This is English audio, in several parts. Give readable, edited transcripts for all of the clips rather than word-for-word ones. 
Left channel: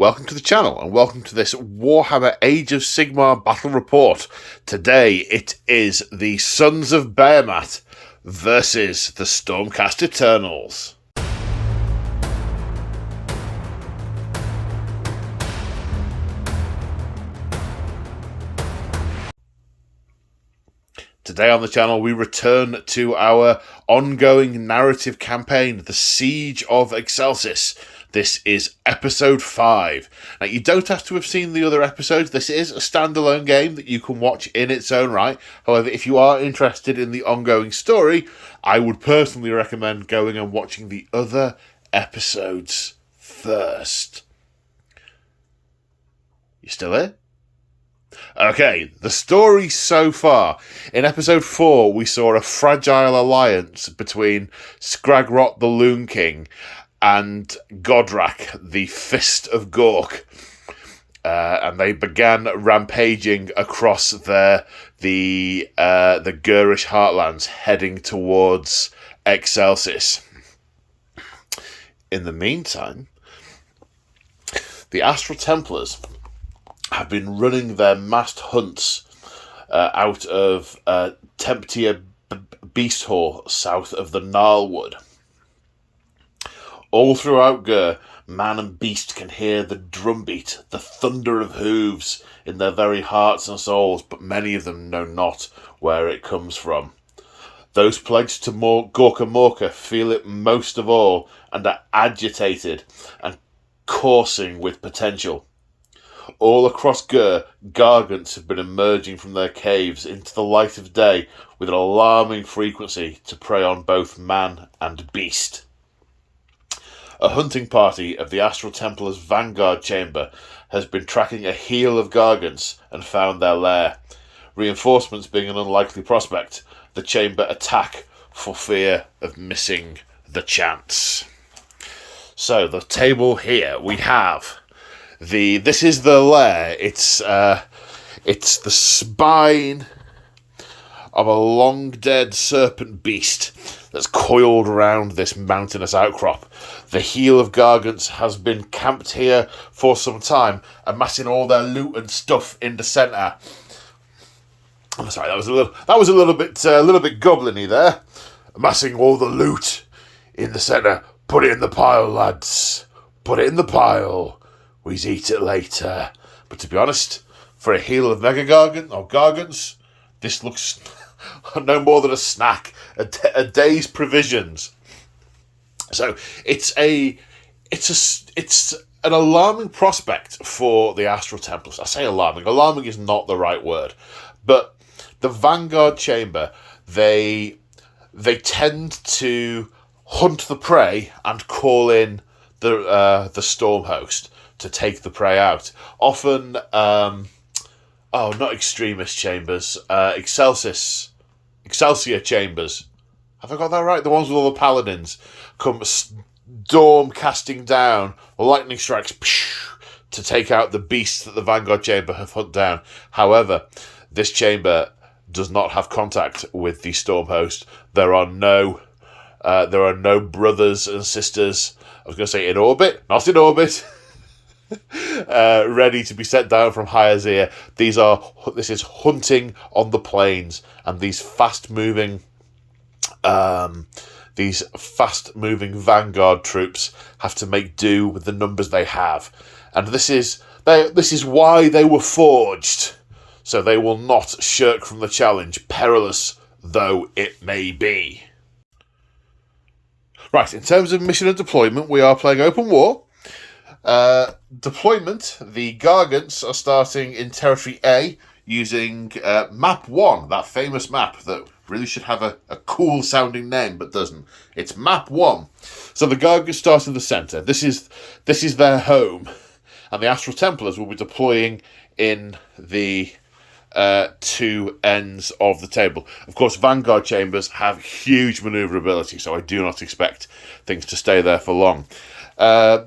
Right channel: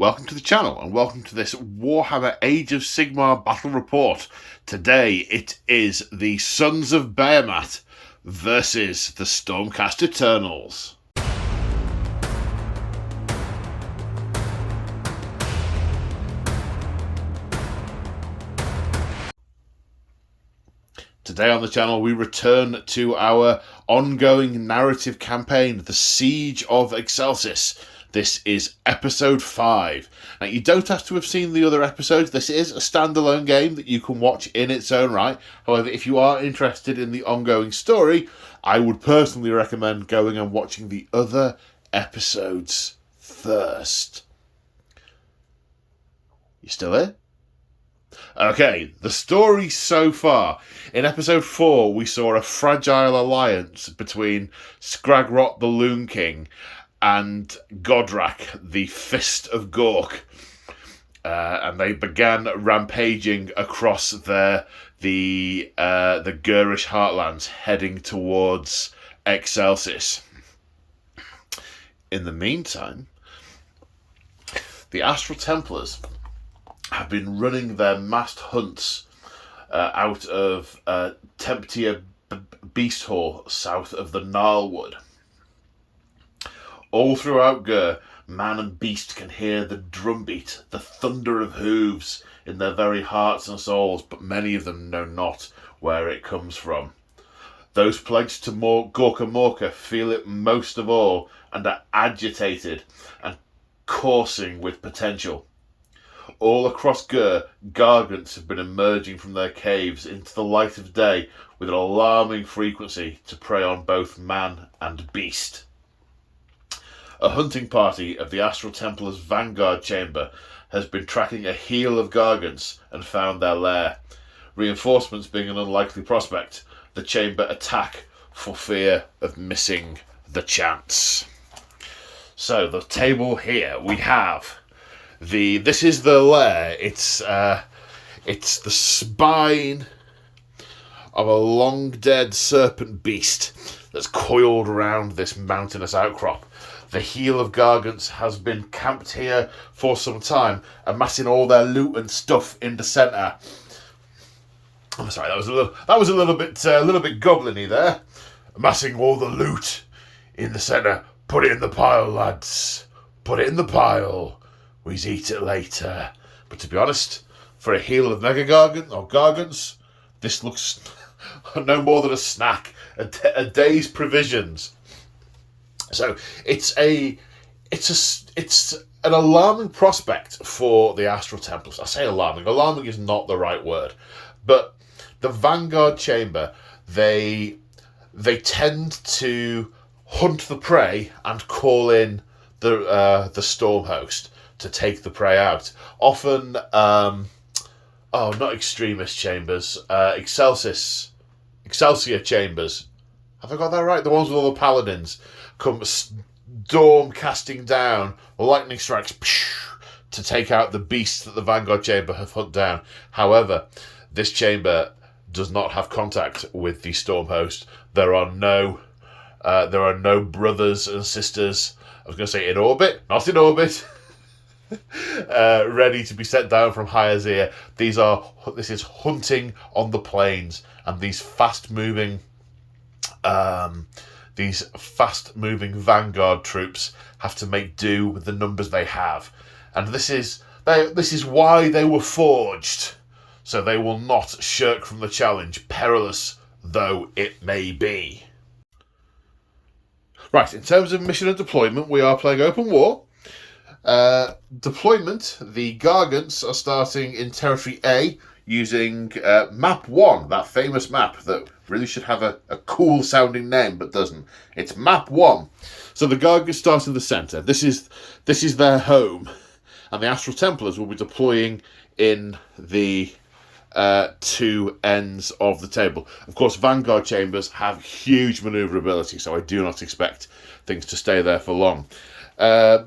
welcome to the channel and welcome to this Warhammer Age of Sigmar Battle Report. Today it is the Sons of Behemat versus the Stormcast Eternals. Today on the channel we return to our ongoing narrative campaign, The Siege of Excelsis. This is episode 5. Now, you don't have to have seen the other episodes. This is a standalone game that you can watch in its own right. However, if you are interested in the ongoing story, I would personally recommend going and watching the other episodes first. You still here? Okay, the story so far. In episode 4, we saw a fragile alliance between Skragrot the Loon King and Godrak, the Fist of Gork, and they began rampaging across the Gurish heartlands, heading towards Excelsis. In the meantime, the Astral Templars have been running their massed hunts out of Temptia Beast Hall, south of the Gnarlwood. All throughout Gur, man and beast can hear the drumbeat, the thunder of hooves in their very hearts and souls, but many of them know not where it comes from. Those pledged to Gorka Morka feel it most of all and are agitated and coursing with potential. All across Gur, gargants have been emerging from their caves into the light of day with an alarming frequency to prey on both man and beast. A hunting party of the Astral Templars' Vanguard Chamber has been tracking a heel of gargants and found their lair. Reinforcements being an unlikely prospect, the chamber attack for fear of missing the chance. So, the table here, we have this is the lair. It's the spine of a long dead serpent beast that's coiled around this mountainous outcrop. The heel of gargants has been camped here for some time, amassing all their loot and stuff in the centre. I'm sorry, that was a little bit goblin-y there. Amassing all the loot in the centre. Put it in the pile, lads. Put it in the pile. We's eat it later. But to be honest, for a heel of mega gargants, this looks no more than a snack, a day's provisions. So it's an alarming prospect for the Astral Templars. I say alarming. Alarming is not the right word, but the Vanguard Chamber, they tend to hunt the prey and call in the Storm Host to take the prey out. Often, not Extremist Chambers, Excelsior Chambers. Have I got that right? The ones with all the paladins come storm casting down, lightning strikes to take out the beasts that the Vanguard Chamber have hunted down. However, this chamber does not have contact with the Storm Host. There are no brothers and sisters. I was going to say in orbit, not in orbit. Ready to be set down from high as air. This is hunting on the plains, and these fast-moving Vanguard troops have to make do with the numbers they have, and this is why they were forged. So they will not shirk from the challenge, perilous though it may be. Right, in terms of mission and deployment, we are playing open war. Deployment, the Gargants are starting in Territory A using Map 1, that famous map that really should have a cool sounding name but doesn't. It's Map 1. So the Gargants start in the centre. This is their home, and the Astral Templars will be deploying in the two ends of the table. Of course, Vanguard Chambers have huge manoeuvrability, so I do not expect things to stay there for long.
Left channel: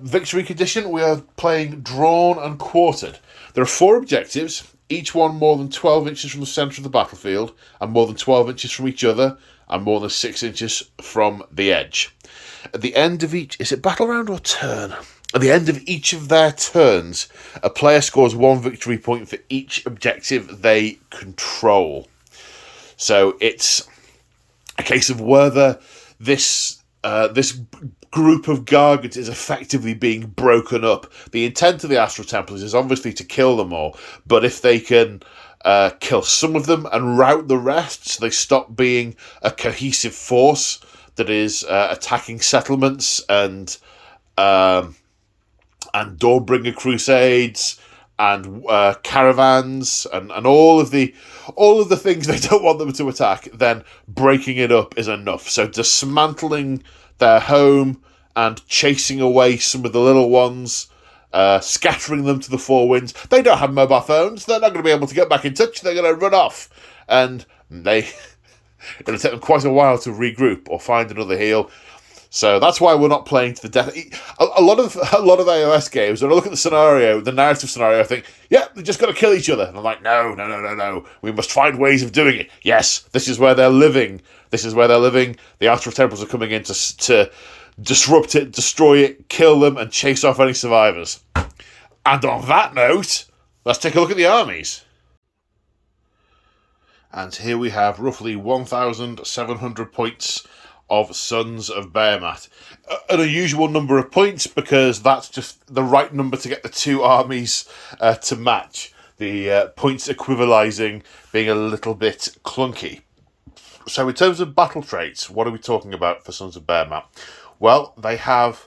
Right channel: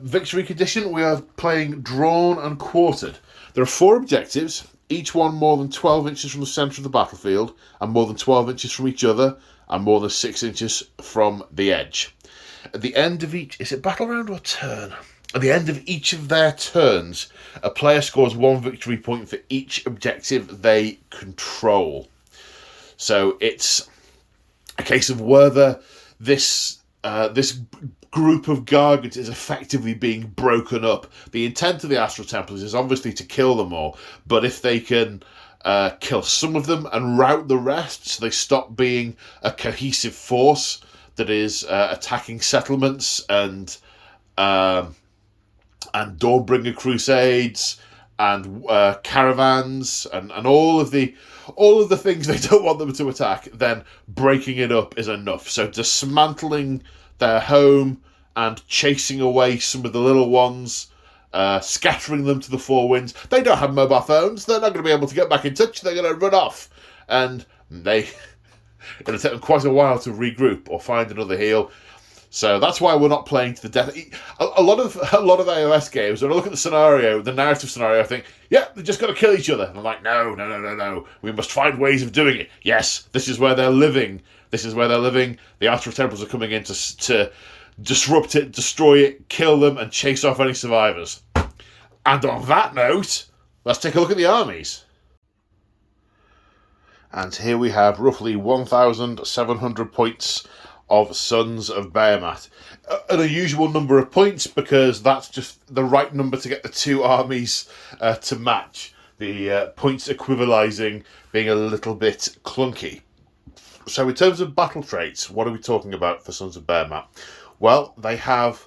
Victory condition, we are playing drawn and quartered. There are 4 objectives, each one more than 12 inches from the centre of the battlefield, and more than 12 inches from each other, and more than 6 inches from the edge. At the end of each... Is it battle round or turn? At the end of each of their turns, a player scores 1 victory point for each objective they control. So it's a case of whether this group of Gargants is effectively being broken up. The intent of the Astral Templars is obviously to kill them all, but if they can kill some of them and rout the rest, so they stop being a cohesive force that is attacking settlements and Dawnbringer crusades and caravans and all of the things they don't want them to attack, then breaking it up is enough. So dismantling their home and chasing away some of the little ones, scattering them to the four winds. They don't have mobile phones. They're not going to be able to get back in touch. They're going to run off. And it's going to take them quite a while to regroup or find another heal. So that's why we're not playing to the death. A lot of AOS games, when I look at the scenario, the narrative scenario, I think, yeah, they're just going to kill each other. And I'm like, no. We must find ways of doing it. Yes, this is where they're living. The Astral Templars are coming in to disrupt it, destroy it, kill them, and chase off any survivors. And on that note, let's take a look at the armies. And here we have roughly 1,700 points of Sons of Behemat. An unusual number of points because that's just the right number to get the two armies to match. The points equivalizing being a little bit clunky. So in terms of battle traits, what are we talking about for Sons of Behemat? Well, they have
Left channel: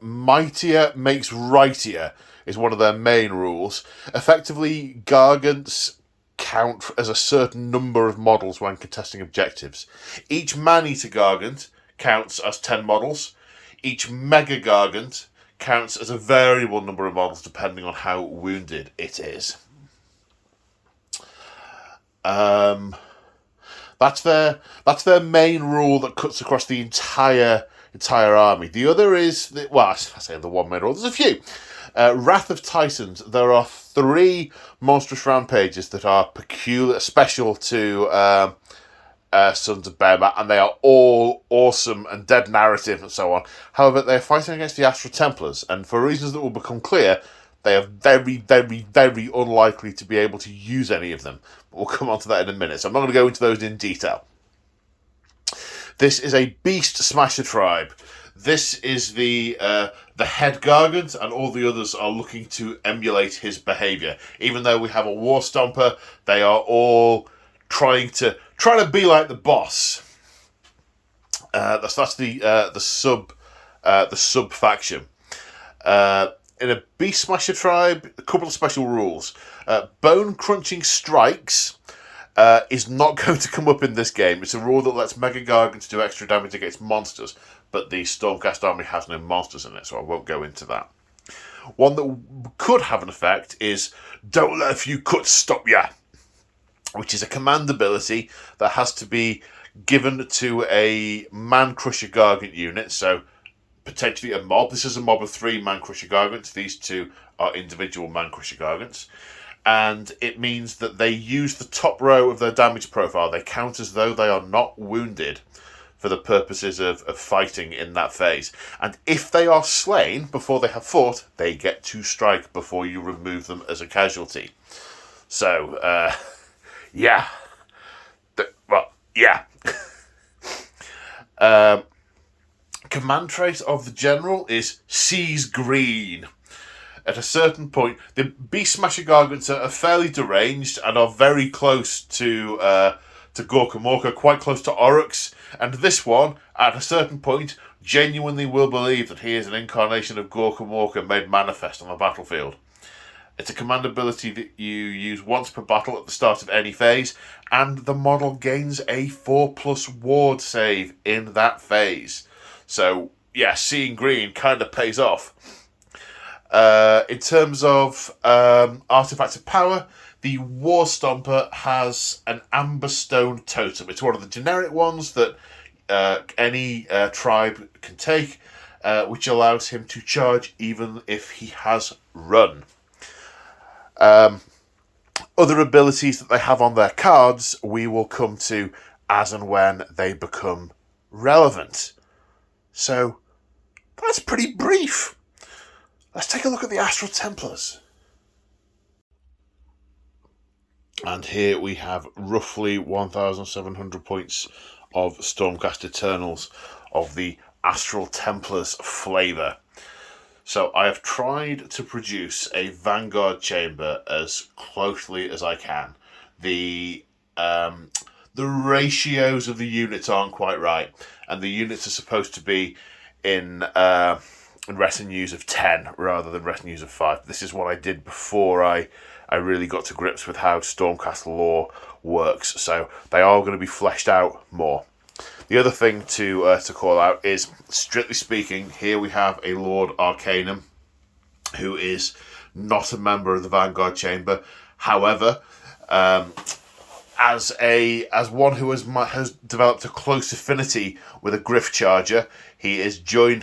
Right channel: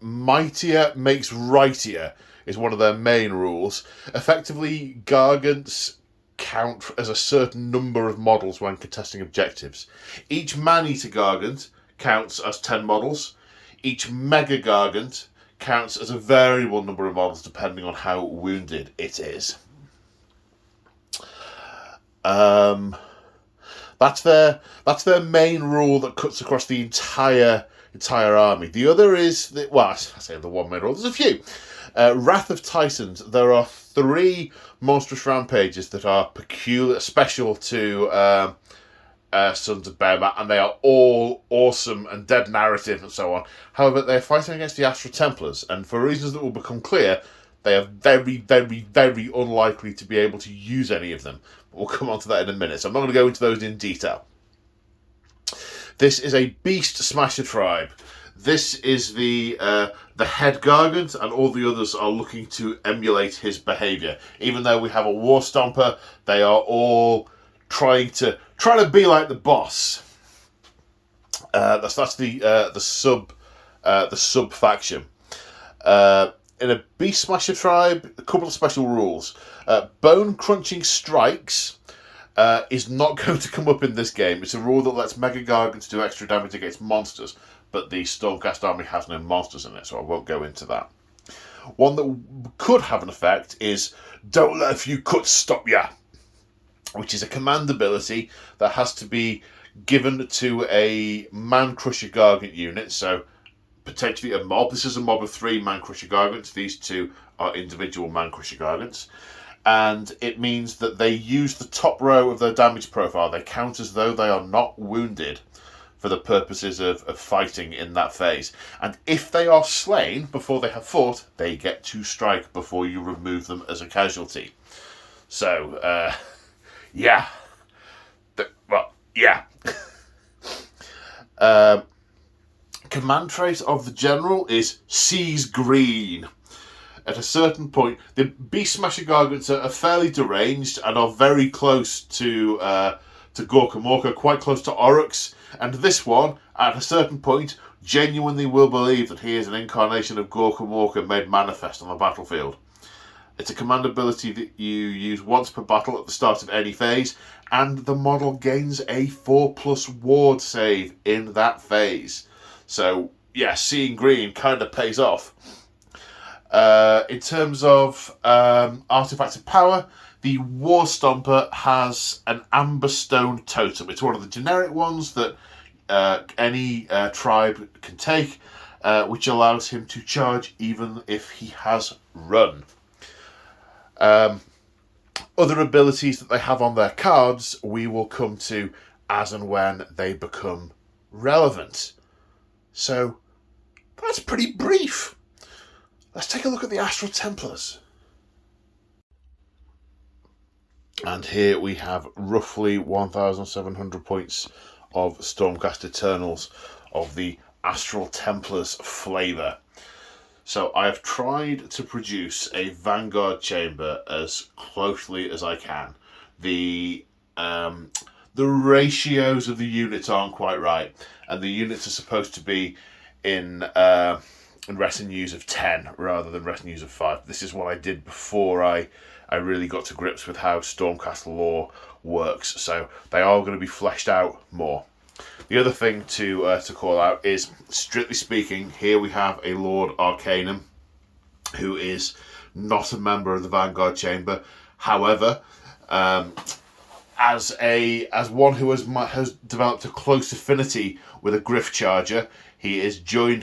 Mightier makes Rightier is one of their main rules. Effectively, Gargants count as a certain number of models when contesting objectives. Each Man-Eater Gargant counts as 10 models. Each Mega Gargant counts as a variable number of models depending on how wounded it is. That's their main rule that cuts across the entire army. The other is, I say the one main rule. There's a few. Wrath of Titans. There are 3 monstrous rampages that are special to Sons of Behemat, and they are all awesome and dead narrative and so on. However, they're fighting against the Astral Templars, and for reasons that will become clear, they are very, very, very unlikely to be able to use any of them. But we'll come on to that in a minute, so I'm not going to go into those in detail. This is a Beast Smasher tribe. This is the head Gargant, and all the others are looking to emulate his behaviour. Even though we have a War Stomper, they are all trying to be like the boss. That's the sub faction. In a Beast Smasher tribe, a couple of special rules. Bone Crunching Strikes is not going to come up in this game. It's a rule that lets Mega Gargants do extra damage against monsters, but the Stormcast army has no monsters in it, so I won't go into that. One that could have an effect is Don't Let a Few Cuts Stop Ya, which is a command ability that has to be given to a Man Crusher Gargant unit, so potentially a mob. This is a mob of 3 Man Crusher Gargants. These 2 are individual Man Crusher Gargants. And it means that they use the top row of their damage profile. They count as though they are not wounded for the purposes of fighting in that phase. And if they are slain before they have fought, they get to strike before you remove them as a casualty. So, yeah. Command trait of the general is Sees Green. At a certain point, the Beast Smasher Gargants are fairly deranged and are very close to Gorka Morka, quite close to Oryx. And this one, at a certain point, genuinely will believe that he is an incarnation of Gorka Morka made manifest on the battlefield. It's a command ability that you use once per battle at the start of any phase, and the model gains a 4+ ward save in that phase. So, yeah, seeing green kind of pays off. In terms of artifacts of power, the War Stomper has an Amber Stone Totem. It's one of the generic ones that any tribe can take, which allows him to charge even if he has run. Other abilities that they have on their cards, we will come to as and when they become relevant. So, that's pretty brief. Let's take a look at the Astral Templars. And here we have roughly 1,700 points of Stormcast Eternals of the Astral Templars flavour. So I have tried to produce a Vanguard chamber as closely as I can. The ratios of the units aren't quite right, and the units are supposed to be in retinues of 10 rather than retinues of 5. This is what I did before I really got to grips with how Stormcast lore works, so they are going to be fleshed out more. The other thing to call out is, strictly speaking, here we have a Lord Arcanum who is not a member of the Vanguard Chamber. However, as one who has developed a close affinity with a Griff Charger, he has joined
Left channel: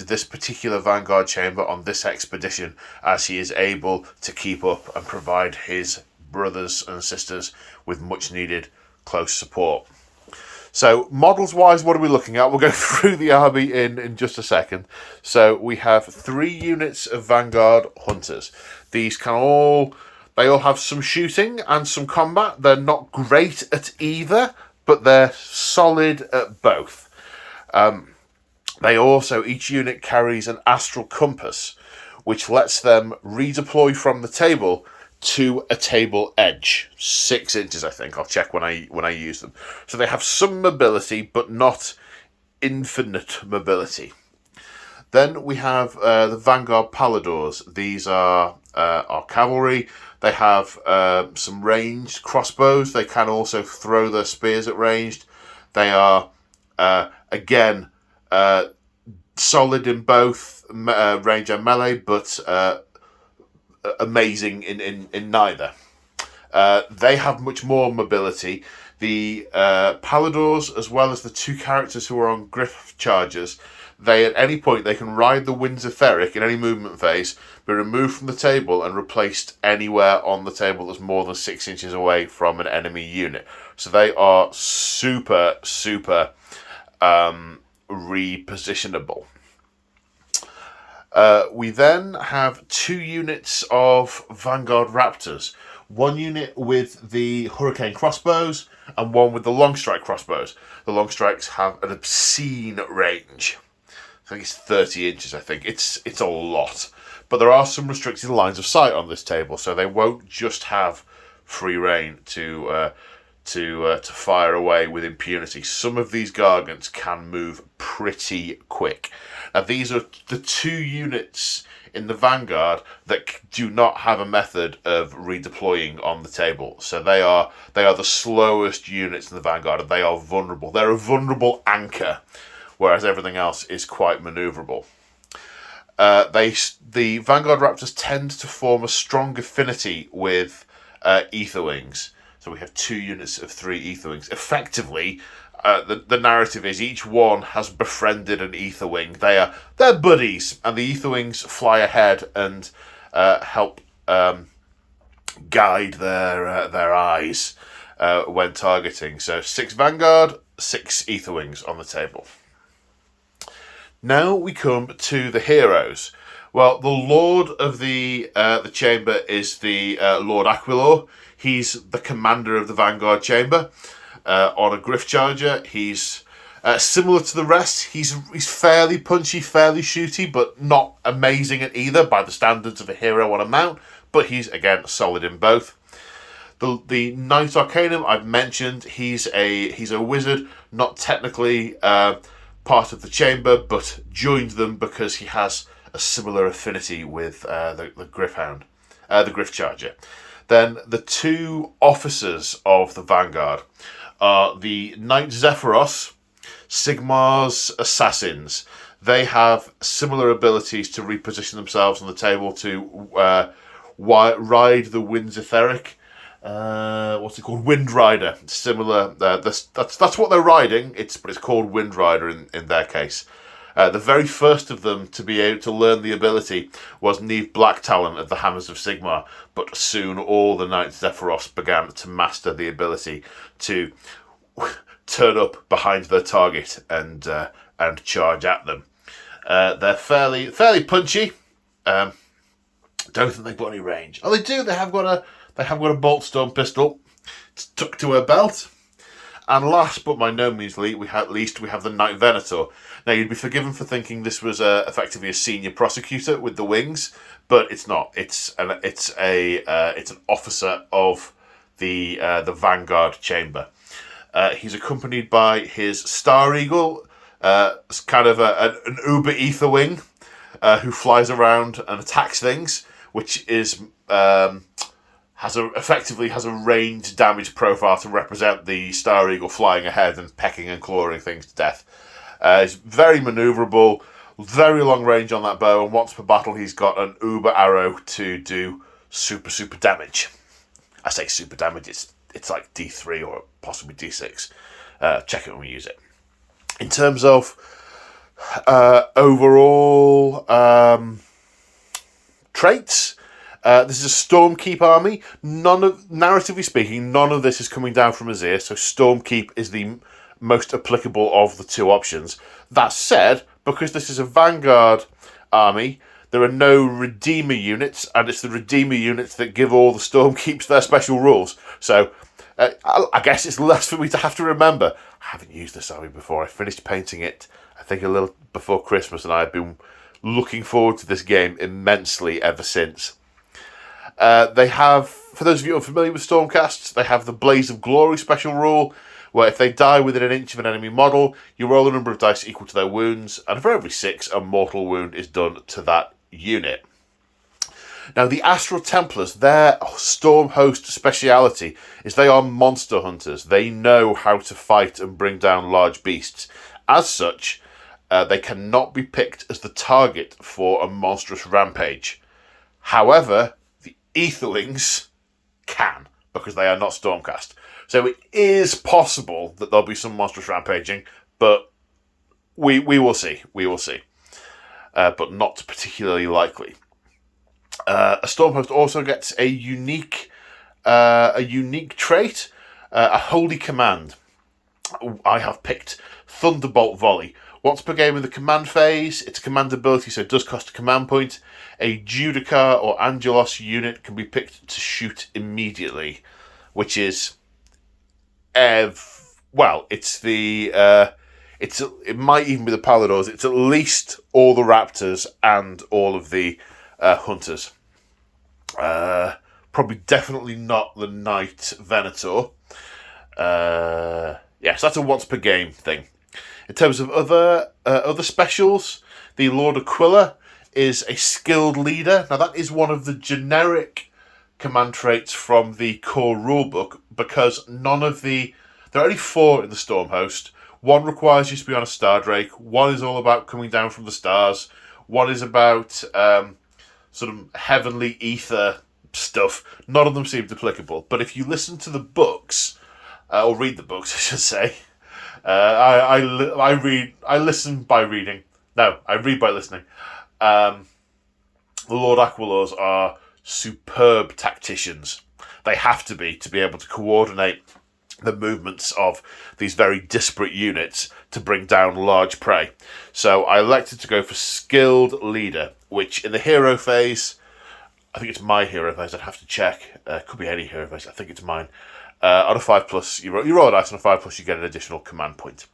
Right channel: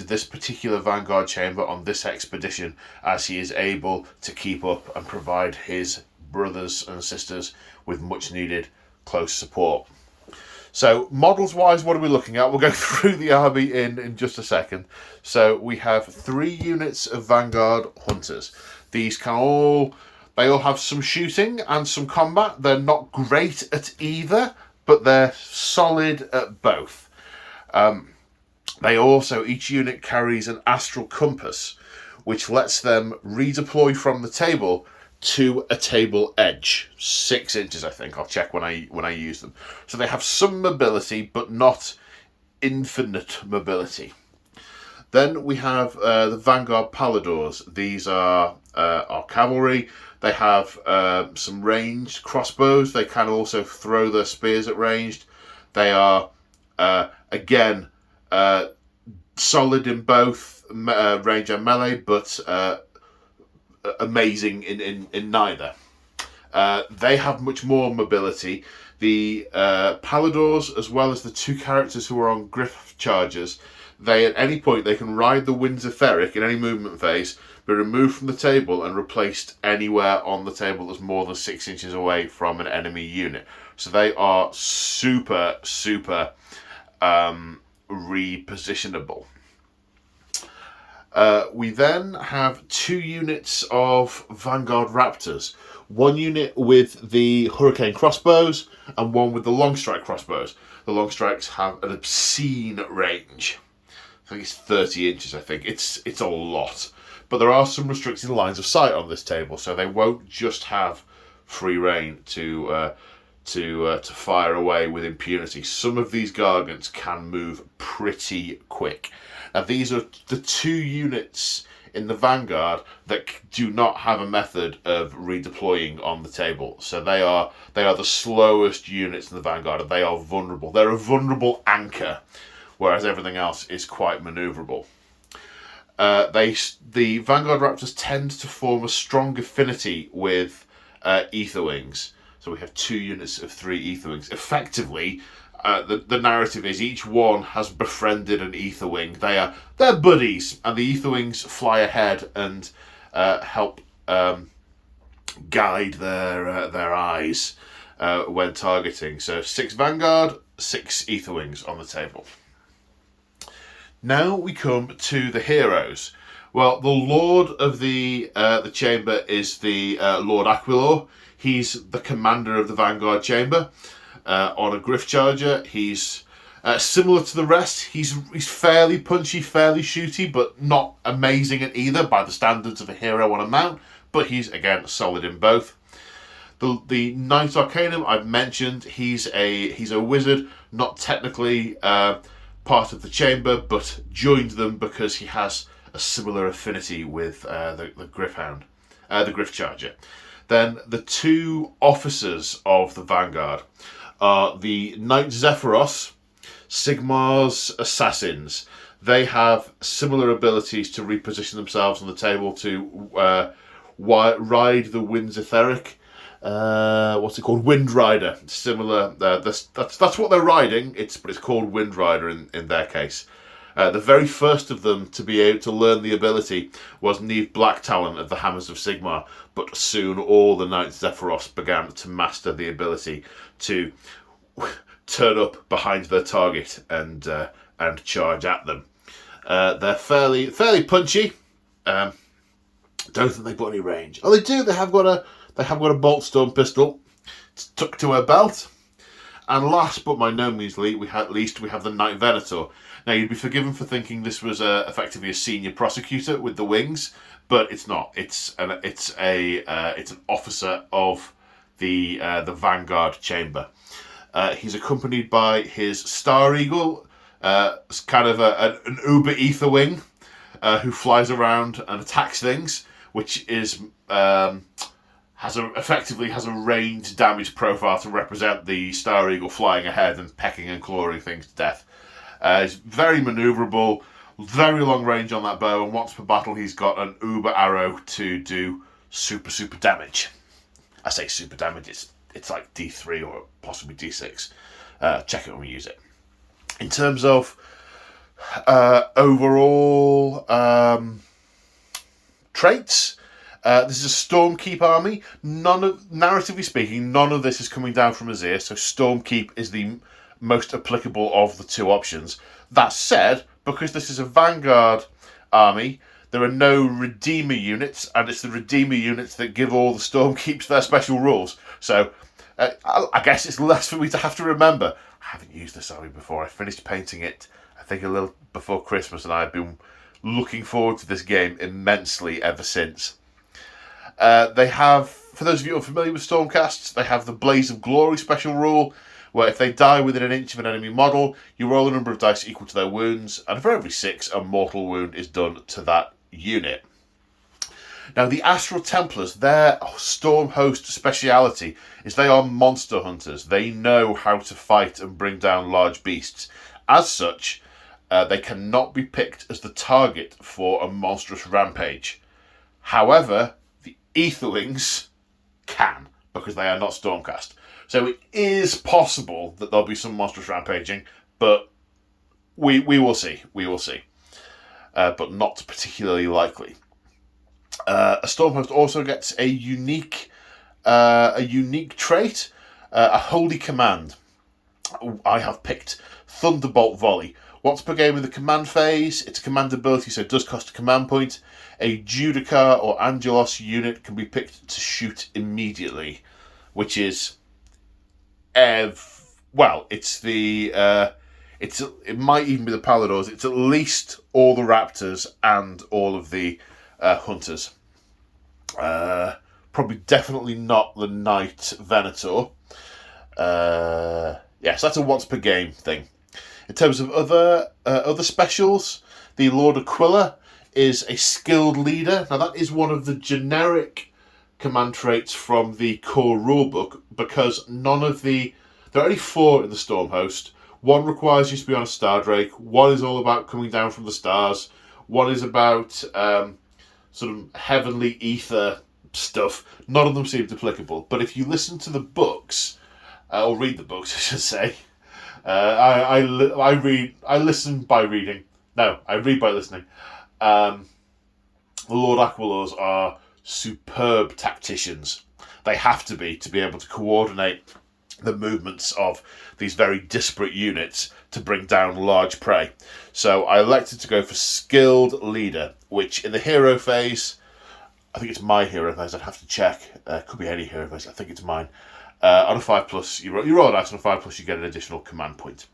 this particular Vanguard Chamber on this expedition, as he is able to keep up and provide his brothers and sisters with much needed close support. So, models-wise, what are we looking at? We'll go through the army in just a second. So, we have 3 units of Vanguard Hunters. They all have some shooting and some combat. They're not great at either, but they're solid at both. Each unit carries an Astral Compass, which lets them redeploy from the table to a table edge, 6 inches, I think. I'll check when I use them. So they have some mobility, but not infinite mobility. Then we have the Vanguard Paladors. These are our cavalry. They have some ranged crossbows. They can also throw their spears at ranged. They are again solid in both range and melee, but amazing in neither. They have much more mobility. The Paladors, as well as the 2 characters who are on Griff Chargers, at any point they can ride the Winds of Theric in any movement phase, be removed from the table and replaced anywhere on the table that's more than 6 inches away from an enemy unit. So they are super repositionable. We then have 2 units of Vanguard Raptors. 1 unit with the Hurricane crossbows and 1 with the Long Strike crossbows. The Long Strikes have an obscene range. I think it's 30 inches, I think. It's a lot. But there are some restricted lines of sight on this table, so they won't just have free reign to fire away with impunity. Some of these Gargants can move pretty quick. Now, these are the 2 units in the Vanguard that do not have a method of redeploying on the table. So they are the slowest units in the Vanguard, and they are vulnerable. They're a vulnerable anchor, whereas everything else is quite manoeuvrable. The Vanguard Raptors tend to form a strong affinity with Aetherwings. So we have 2 units of 3 Aetherwings. Effectively, the narrative is each one has befriended an Aetherwing. They're buddies, and the Aetherwings fly ahead and help guide their eyes when targeting. So 6 Vanguard, 6 Aetherwings on the table. Now we come to the heroes. Well, the Lord of the chamber is the Lord Aquilor. He's the commander of the Vanguard Chamber. On a Griff Charger, he's similar to the rest. He's fairly punchy, fairly shooty, but not amazing at either by the standards of a hero on a mount. But he's, again, solid in both. The Knight Arcanum I've mentioned. He's a wizard, not technically part of the chamber, but joined them because he has a similar affinity with the Griffhound, the Griff Charger. Then the 2 officers of the Vanguard are the Knight Zephyros, Sigmar's assassins. They have similar abilities to reposition themselves on the table to ride the Winds of Theric. What's it called? Wind Rider. Similar. That's what they're riding. But it's called Wind Rider in their case. The very first of them to be able to learn the ability was Neve Blacktalon of the Hammers of Sigmar, but soon all the Knights Zephyros began to master the ability to turn up behind their target and charge at them. They're fairly punchy. Don't think they've got any range. Oh, they do. They have got a bolt storm pistol. It's tucked to her belt. And last but by no means least, we have the Knight Venator. Now, you'd be forgiven for thinking this was effectively a senior prosecutor with the wings, but it's not. It's an officer of the Vanguard Chamber. He's accompanied by his Star Eagle, kind of an Uber Ether wing, who flies around and attacks things, which is effectively has a ranged damage profile to represent the Star Eagle flying ahead and pecking and clawing things to death. It's very manoeuvrable, very long range on that bow, and once per battle he's got an Uber arrow to do super damage. I say super damage, it's like D3 or possibly D6. Check it when we use it. In terms of overall traits, this is a Stormkeep army. Narratively speaking, none of this is coming down from Azir, so Stormkeep is the most applicable of the two options. That said, because this is a Vanguard army, there are no Redeemer units, and it's the Redeemer units that give all the Stormkeeps their special rules. So I guess it's less for me to have to remember. I haven't used this army before. I finished painting it, I think, a little before Christmas, and I have been looking forward to this game immensely ever since. They have, for those of you who are familiar with Stormcasts, they have the Blaze of Glory special rule, where if they die within an inch of an enemy model, you roll a number of dice equal to their wounds, and for every 6, a mortal wound is done to that unit. Now, the Astral Templars, their Storm Host speciality is they are monster hunters. They know how to fight and bring down large beasts. As such, they cannot be picked as the target for a monstrous rampage. However, the Aetherwings can, because they are not Stormcast. So it is possible that there'll be some monstrous rampaging, but we will see. We will see. But not particularly likely. A Stormhost also gets a unique trait, a Holy Command. I have picked Thunderbolt Volley. Once per game in the command phase, it's a command ability, so it does cost a command point. A Judicar or Angelos unit can be picked to shoot immediately, which is, it might even be the Paladors. It's at least all the Raptors and all of the Hunters. Probably definitely not the Knight Venator. Yes, that's a once per game thing. In terms of other specials, the Lord Aquila is a skilled leader. Now that is one of the generic command traits from the core rulebook, because there are only 4 in the Stormhost. One requires you to be on a Star Drake. One is all about coming down from the stars. One is about sort of heavenly ether stuff. None of them seemed applicable. But if you listen to the books, or read the books, I should say, I listen by reading. No, I read by listening. The Lord Aquilors are superb tacticians. They have to be able to coordinate the movements of these very disparate units to bring down large prey. So I elected to go for skilled leader, which in the hero phase, I think it's my hero phase, I'd have to check. Could be any hero phase, I think it's mine. On a 5+, you roll a dice, on a 5+, you get an additional command point.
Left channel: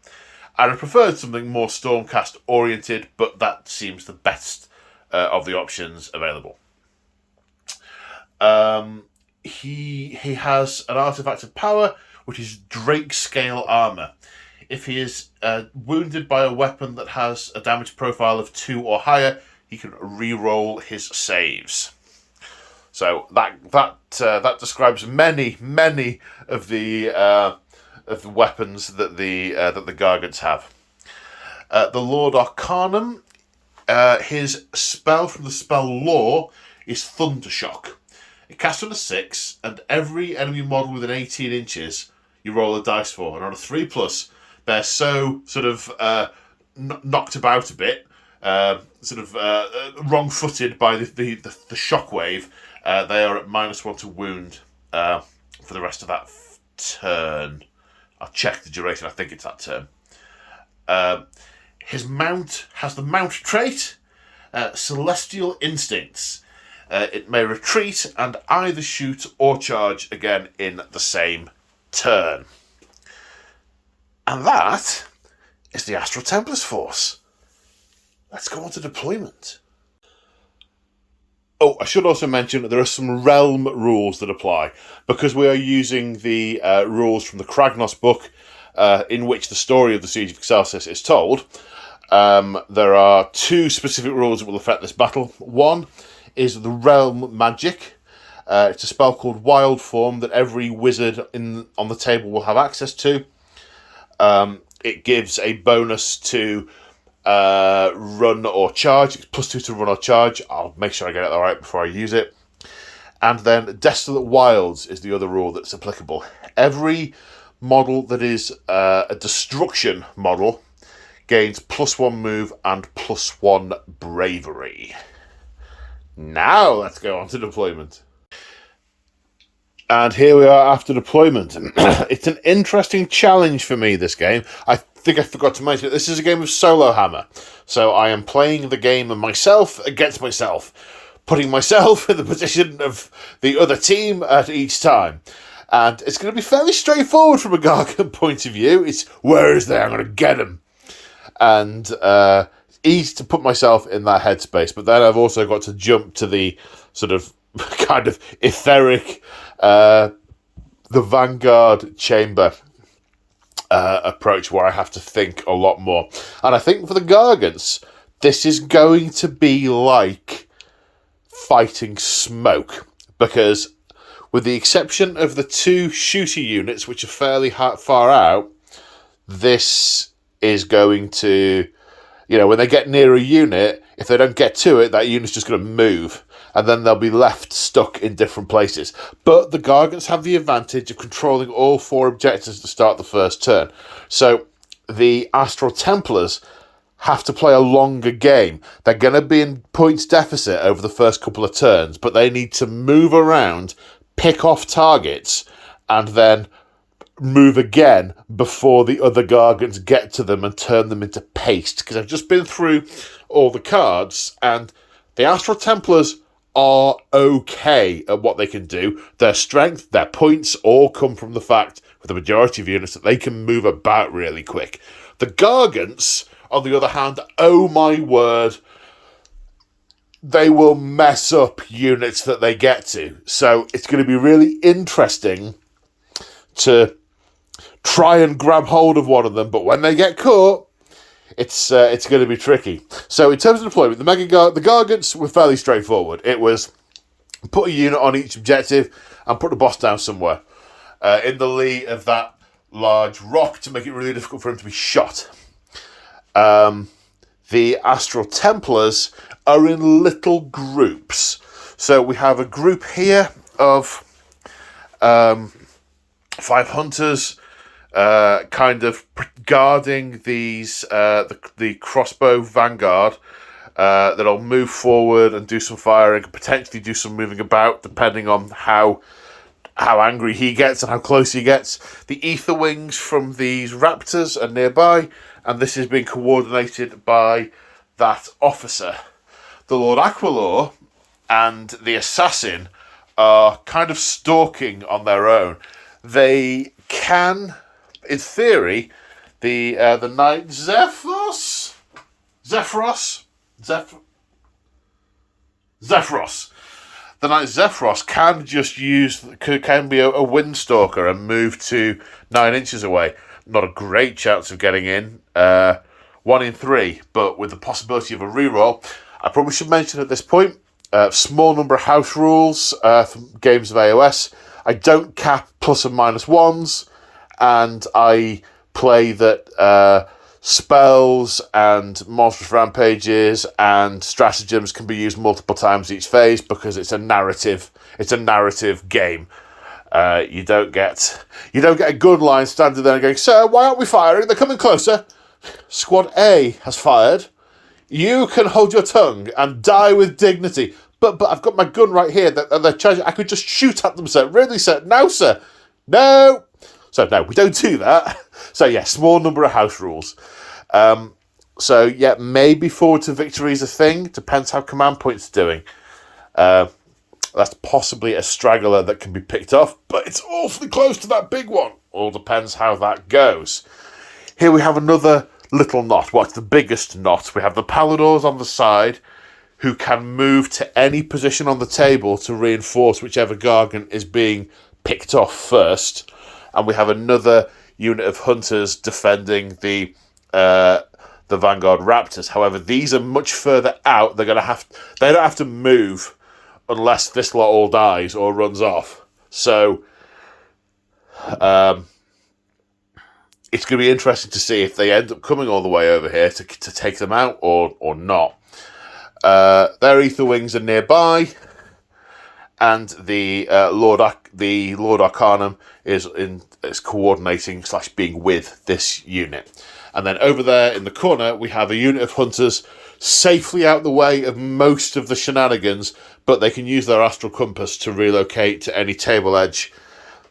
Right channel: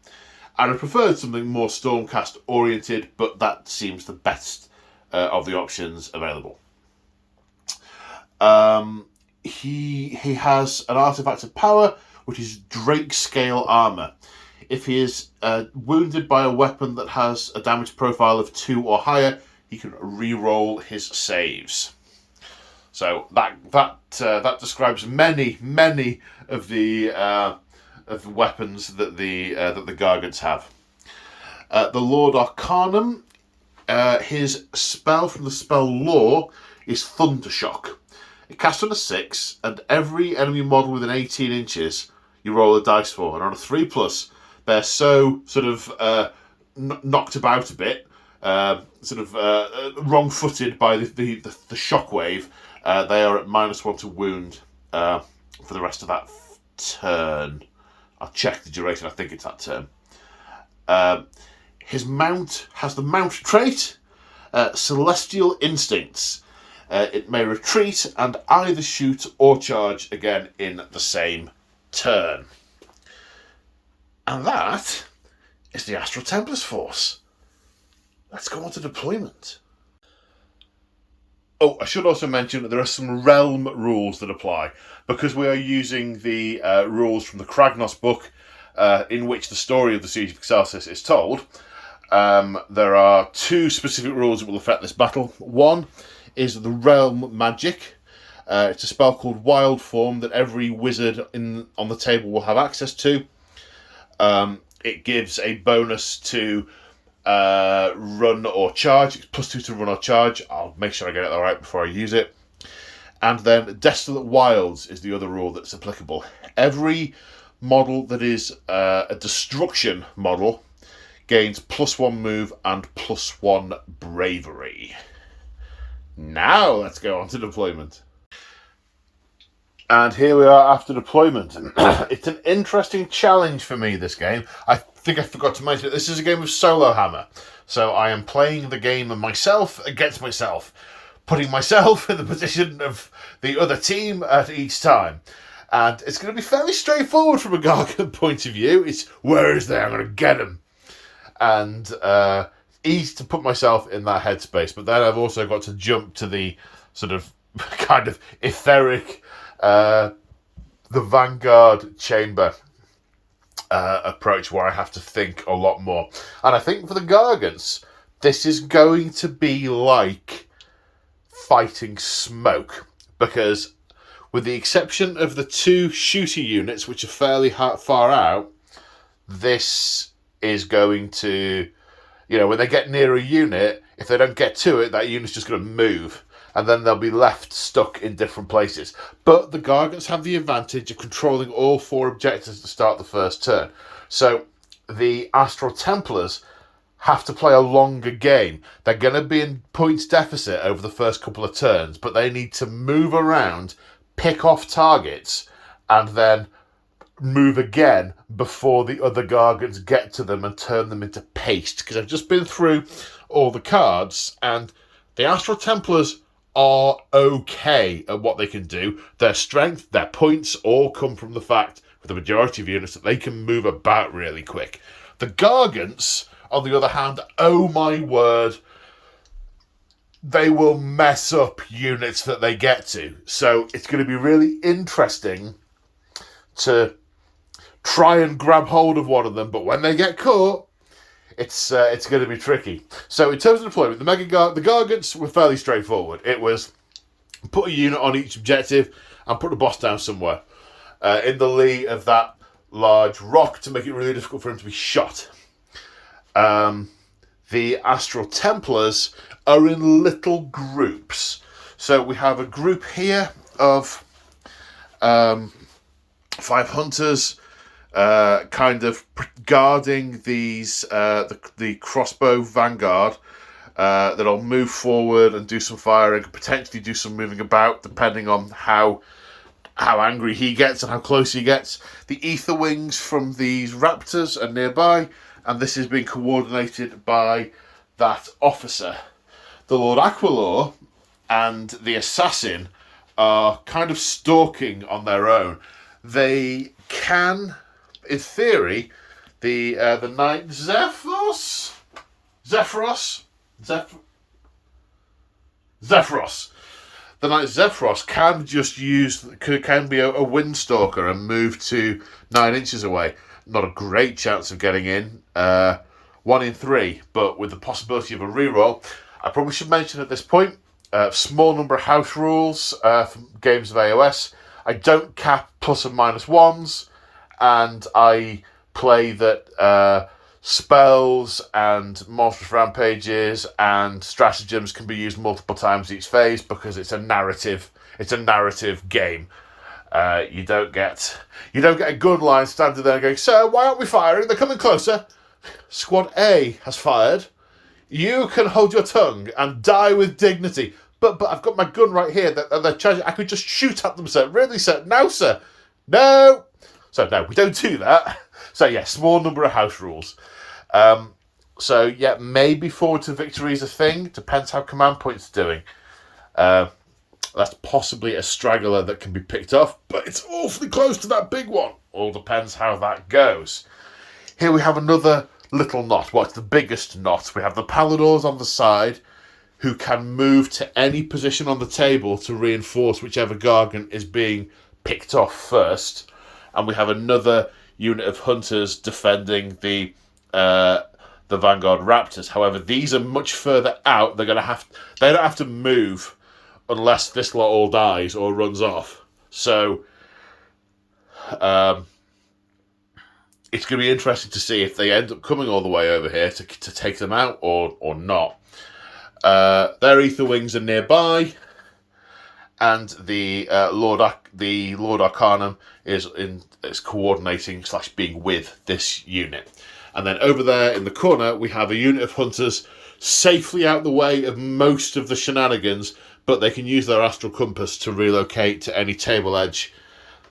I would prefer something more Stormcast oriented, but that seems the best of the options available. He has an artifact of power, which is Drake Scale Armor. If he is wounded by a weapon that has a damage profile of 2 or higher, he can re-roll his saves. So that describes many of the weapons that the Gargants have. The Lord Arcanum, his spell from the spell lore is Thundershock. It casts on a 6, and every enemy model within 18 inches you roll a dice for. And on a 3+, they're so sort of knocked about a bit, wrong-footed by the shockwave. They are at -1 to wound for the rest of that turn. I'll check the duration. I think it's that turn. His mount has the mount trait. Celestial Instincts. It may retreat and either shoot or charge again in the same turn. And that is the Astral Templars force. Let's go on to deployment. Oh, I should also mention that there are some realm rules that apply, because we are using the rules from the Kragnos book, in which the story of the Siege of Excelsis is told. There are 2 specific rules that will affect this battle. One is the realm magic. It's a spell called Wild Form that every wizard on the table will have access to. It gives a bonus to run or charge. It's +2 to run or charge. I'll make sure I get it all right before I use it. And then Desolate Wilds is the other rule that's applicable. Every model that is a destruction model gains +1 move and +1 bravery. Now let's go on to deployment. And here we are after deployment. It's an interesting challenge for me, this game. I think I forgot to mention it. This is a game of solo hammer. So I am playing the game of myself against myself, putting myself in the position of the other team at each time. And it's going to be fairly straightforward from a Gargant point of view. It's, where is they? I'm going to get him. And easy to put myself in that headspace. But then I've also got to jump to the sort of kind of etheric, the Vanguard chamber approach, where I have to think a lot more. And I think for the Gargants, this is going to be like fighting smoke, because with the exception of the 2 shooter units, which are fairly far out, this is going to, when they get near a unit, if they don't get to it, that unit's just going to move, and then they'll be left stuck in different places. But the Gargants have the advantage of controlling all 4 objectives to start the first turn. So the Astral Templars have to play a longer game. They're going to be in points deficit over the first couple of turns, but they need to move around, pick off targets, and then move again before the other Gargants get to them and turn them into paste. Because I've just been through all the cards, and the Astral Templars are okay at what they can do. Their strength, their points, all come from the fact, with the majority of units, that they can move about really quick. The Gargants, on the other hand, oh my word, they will mess up units that they get to. So it's going to be really interesting to try and grab hold of one of them, but when they get caught, it's going to be tricky. So in terms of deployment, the Gargants were fairly straightforward. It was put a unit on each objective and put the boss down somewhere in the lee of that large rock to make it really difficult for him to be shot. The Astral Templars are in little groups. So we have a group here of 5 hunters, kind of guarding these the crossbow vanguard that'll move forward and do some firing, and potentially do some moving about depending on how angry he gets and how close he gets. The ether wings from these raptors are nearby, and this is being coordinated by that officer. The Lord Aquilor and the assassin are kind of stalking on their own. They can, in theory, the knight Zephyros. The knight Zephyros can be a windstalker and move to 9 inches away. Not a great chance of getting in. 1 in 3, but with the possibility of a reroll. I probably should mention at this point, small number of house rules from games of AOS. I don't cap plus and minus ones, and I play that spells and monstrous rampages and stratagems can be used multiple times each phase, because it's a narrative game. You don't get a good line standing there and going, "Sir, why aren't we firing? They're coming closer. Squad A has fired. You can hold your tongue and die with dignity. But I've got my gun right here. They're charging. I could just shoot at them, sir. Really, sir? No, sir. No." So no, we don't do that. So yeah, small number of house rules. So, yeah, maybe forward to victory is a thing. Depends how command points are doing. That's possibly a straggler that can be picked off, but it's awfully close to that big one. All depends how that goes. Here we have another little knot. What's the biggest knot? We have the Paladors on the side, who can move to any position on the table to reinforce whichever Gargant is being picked off first. And we have another unit of hunters defending the Vanguard Raptors. However, these are much further out. They don't have to move unless this lot all dies or runs off. So it's going to be interesting to see if they end up coming all the way over here to take them out or not. Their Ether Wings are nearby, and the Lord Arcanum is coordinating / being with this unit. And then over there in the corner, we have a unit of hunters safely out the way of most of the shenanigans, but they can use their astral compass to relocate to any table edge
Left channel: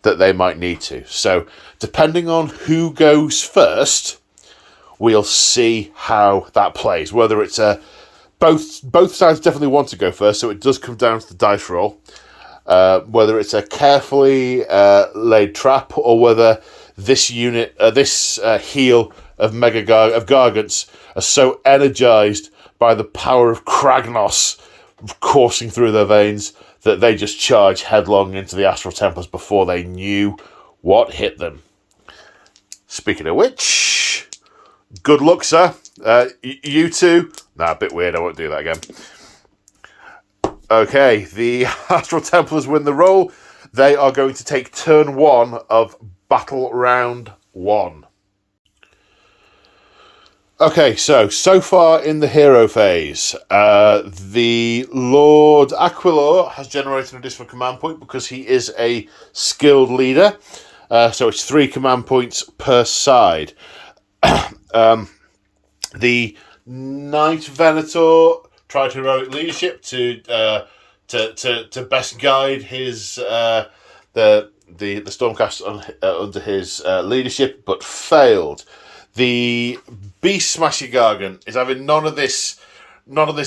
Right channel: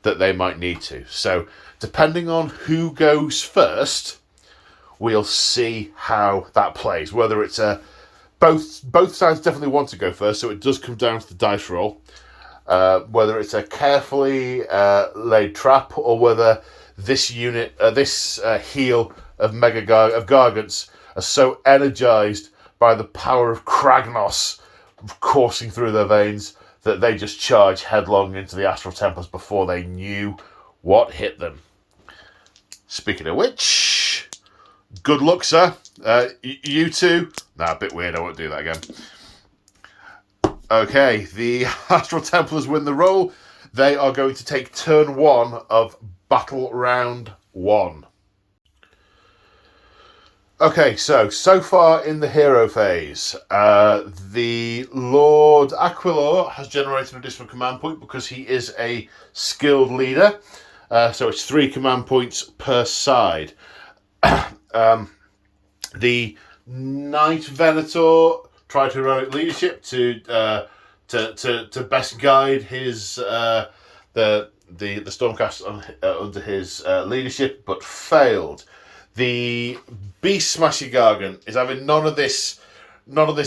that they might need to. So, depending on who goes first, we'll see how that plays. Whether it's both sides definitely want to go first, so it does come down to the dice roll. Whether it's a carefully laid trap, or whether this unit, this heel of Gargants are so energized by the power of Kragnos coursing through their veins that they just charge headlong into the Astral Templars before they knew what hit them. Speaking of which, good luck, sir. You two. Nah, a bit weird. I won't do that again. Okay, the Astral Templars win the roll. They are going to take turn 1 of battle round 1. Okay, so far in the hero phase, the Lord Aquilor has generated an additional command point because he is a skilled leader. So it's 3 command points per side. The Knight Venator tried heroic leadership to best guide his the Stormcast under his leadership, but failed. The Beast Smasher Gargant is having none of this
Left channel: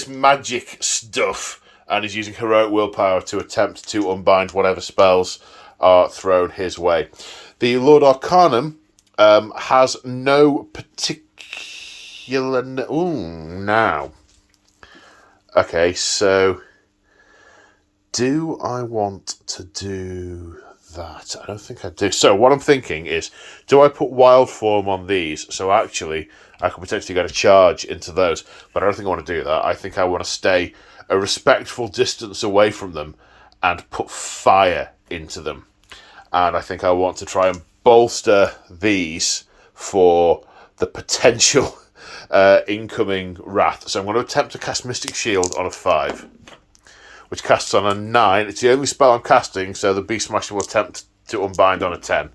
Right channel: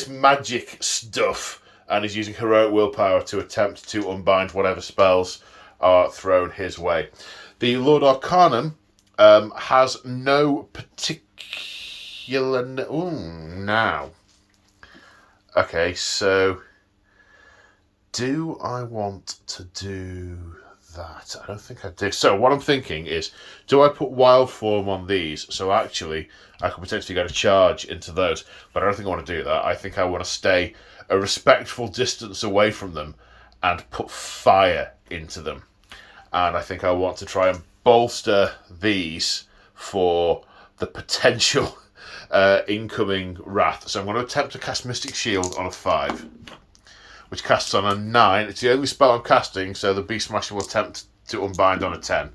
magic stuff, and is using heroic willpower to attempt to unbind whatever spells are thrown his way. The Lord Arcanum has no particular... now. Okay, so do I want to do that? I don't think I do. So what I'm thinking is, do I put wild form on these? So actually, I could potentially get a charge into those, but I don't think I want to do that. I think I want to stay a respectful distance away from them and put fire into them. And I think I want to try and bolster these for the potential incoming wrath. So I'm going to attempt to cast Mystic Shield on a 5, which casts on a 9. It's the only spell I'm casting, so the Beast Smasher will attempt to unbind on a 10,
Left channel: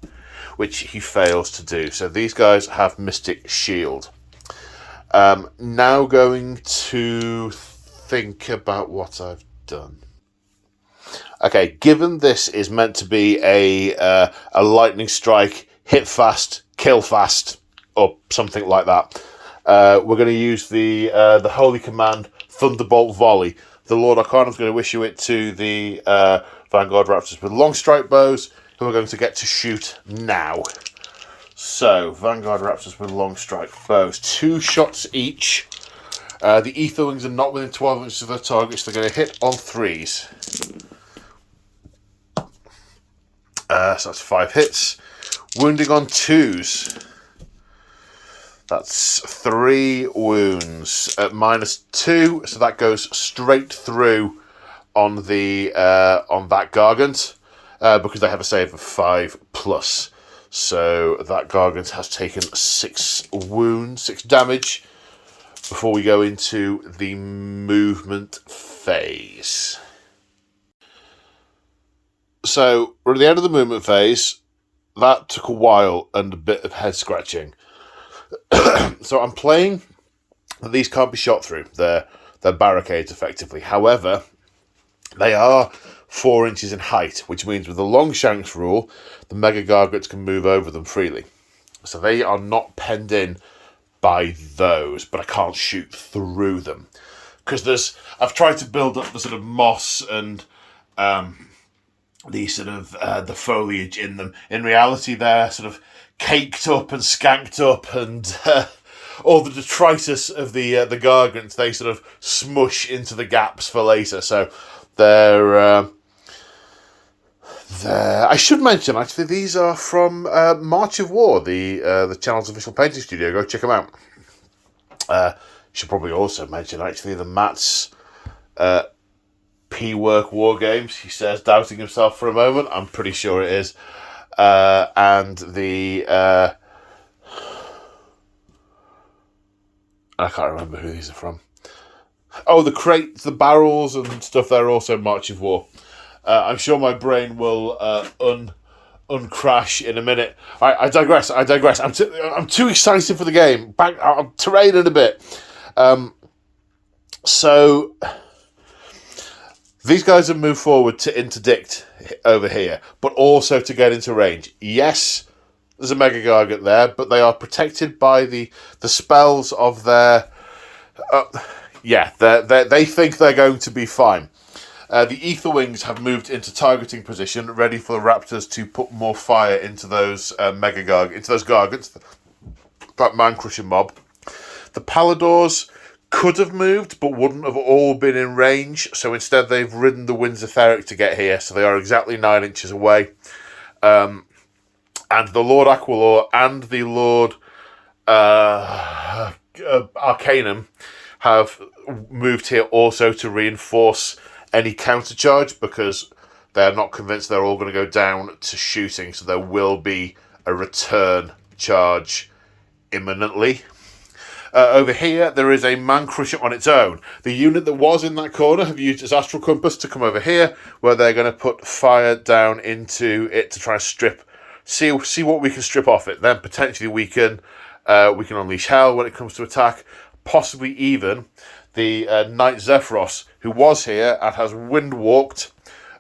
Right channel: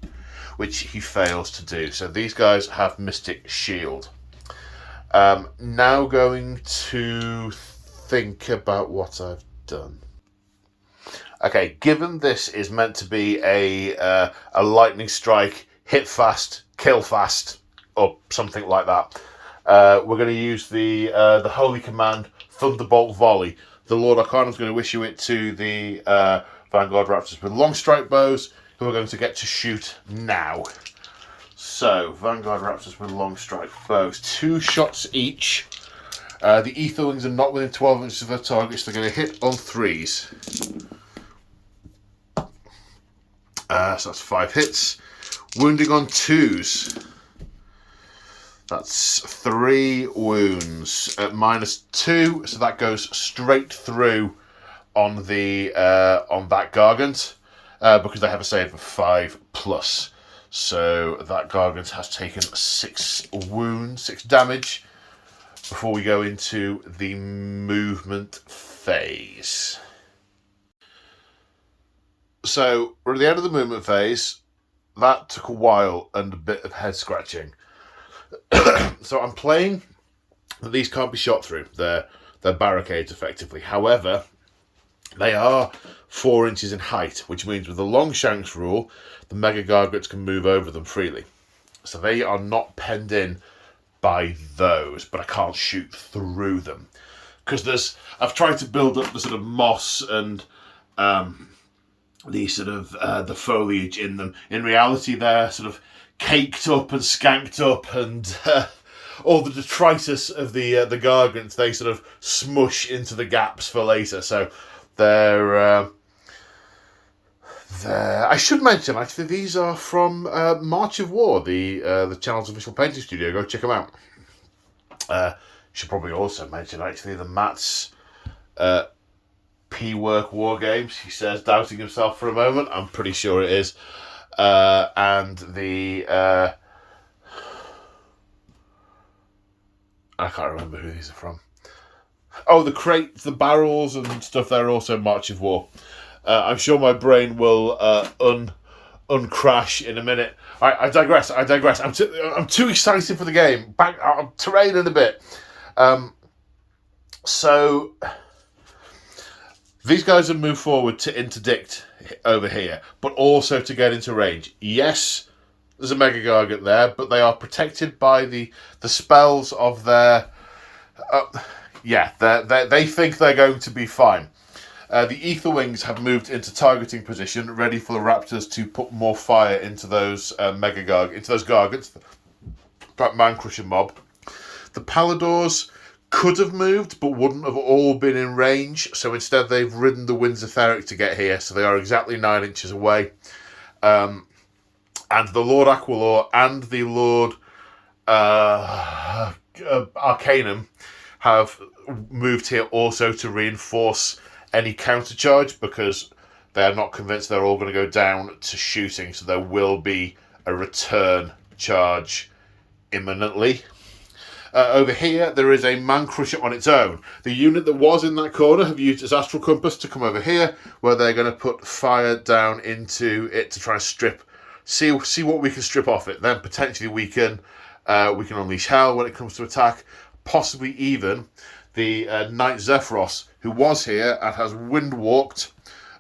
which he fails to do. So these guys have Mystic Shield. Now going to think about what I've done. Okay, given this is meant to be a lightning strike, hit fast, kill fast, or something like that, we're going to use the Holy Command Thunderbolt Volley. The Lord Arcanum is going to issue it to the Vanguard Raptors with long strike bows, who are going to get to shoot now. So, Vanguard Raptors with long strike bows. 2 shots each. The Ether Wings are not within 12 inches of their targets. They're going to hit on 3s. So that's 5 hits. Wounding on 2s. That's 3 wounds at -2, so that goes straight through on the on that Gargant because they have a save of 5+. So that Gargant has taken 6 wounds, 6 damage before we go into the movement phase. So we're at the end of the movement phase. That took a while and a bit of head scratching. So I'm playing that these can't be shot through. They're barricades, effectively. However, they are 4 inches in height, which means with the long shanks rule, the Mega Gargants can move over them freely. So they are not penned in by those, but I can't shoot through them. Because I've tried to build up the sort of moss and the sort of the foliage in them. In reality, they're sort of caked up and skanked up, and all the detritus of the gargants, they sort of smush into the gaps for later. So they're I should mention, actually, these are from March of War, the channel's official painting studio. Go check them out. Should probably also mention, actually, the Matt's P-Work War Games. He says, doubting himself for a moment. I'm pretty sure it is. And the... I can't remember who these are from. Oh, the crates, the barrels and stuff, they're also March of War. I'm sure my brain will uncrash in a minute. I digress. I'm too excited for the game. I'm terraining a bit. So these guys have moved forward to interdict over here, but also to get into range. Yes, there's a Mega Gargant there, but they are protected by the spells of their... they think they're going to be fine. The Ether Wings have moved into targeting position, ready for the Raptors to put more fire into those into those Gargants, that man-crushing mob. The Paladors could have moved, but wouldn't have all been in range, so instead they've ridden the Winds of Theric to get here, so they are exactly 9 inches away. And the Lord Aquilor and the Lord Arcanum have moved here also to reinforce any countercharge, because they're not convinced they're all going to go down to shooting, so there will be a return charge imminently. Over here, there is a Man Crusher on its own. The unit that was in that corner have used its Astral Compass to come over here, where they're going to put fire down into it to try and see what we can strip off it. Then potentially we can unleash hell when it comes to attack, possibly even the Knight Zephyros, who was here and has wind walked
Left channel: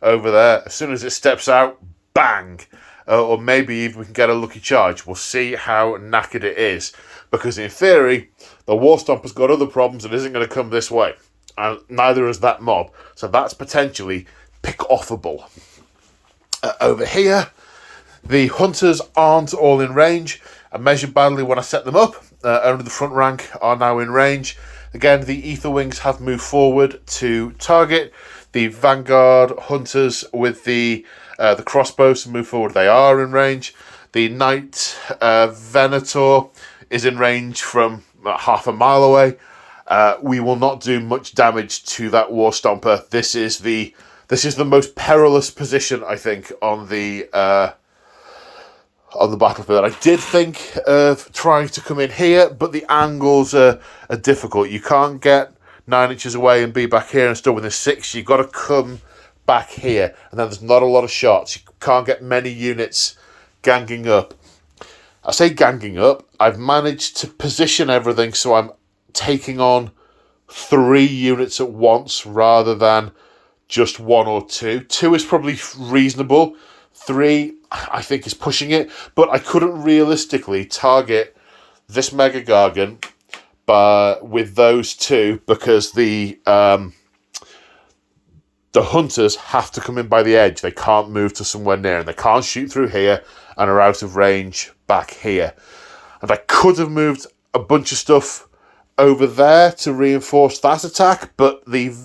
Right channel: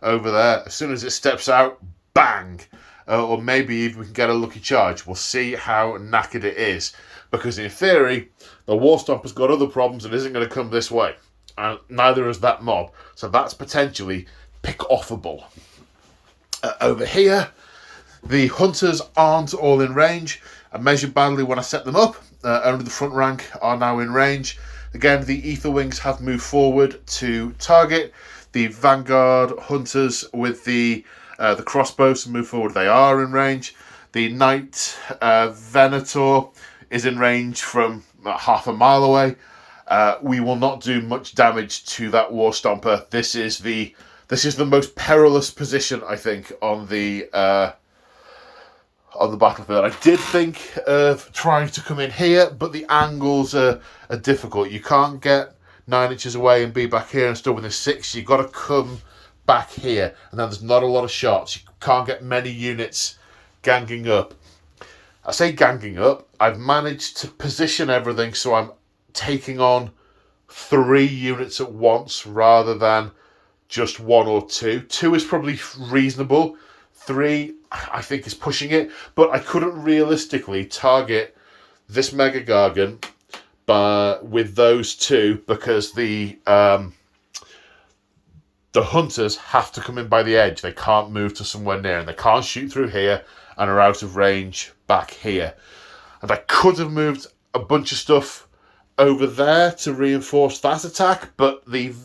over there. As soon as it steps out, bang! Or maybe even we can get a lucky charge. We'll see how knackered it is. Because in theory, the War Stomper's got other problems and isn't going to come this way. And neither is that mob. So that's potentially pick-offable. Over here, the Hunters aren't all in range. I measured badly when I set them up. Only the front rank are now in range. Again, the Ether Wings have moved forward to target. The Vanguard Hunters with the crossbows have moved forward. They are in range. The Knight Venator is in range from about half a mile away. We will not do much damage to that War Stomper. This is the most perilous position, I think, on the battlefield. I did think of trying to come in here, but the angles are difficult. You can't get 9 inches away and be back here and still within 6. You've got to come back here, and then there's not a lot of shots. You can't get many units ganging up. I say ganging up. I've managed to position everything so I'm taking on 3 units at once rather than just 1 or 2. 2 is probably reasonable. 3, I think, is pushing it. But I couldn't realistically target this Mega Gargant with those 2 because the Hunters have to come in by the edge. They can't move to somewhere near, and they can't shoot through here and are out of range back here. And I could have moved a bunch of stuff over there to reinforce that attack, but the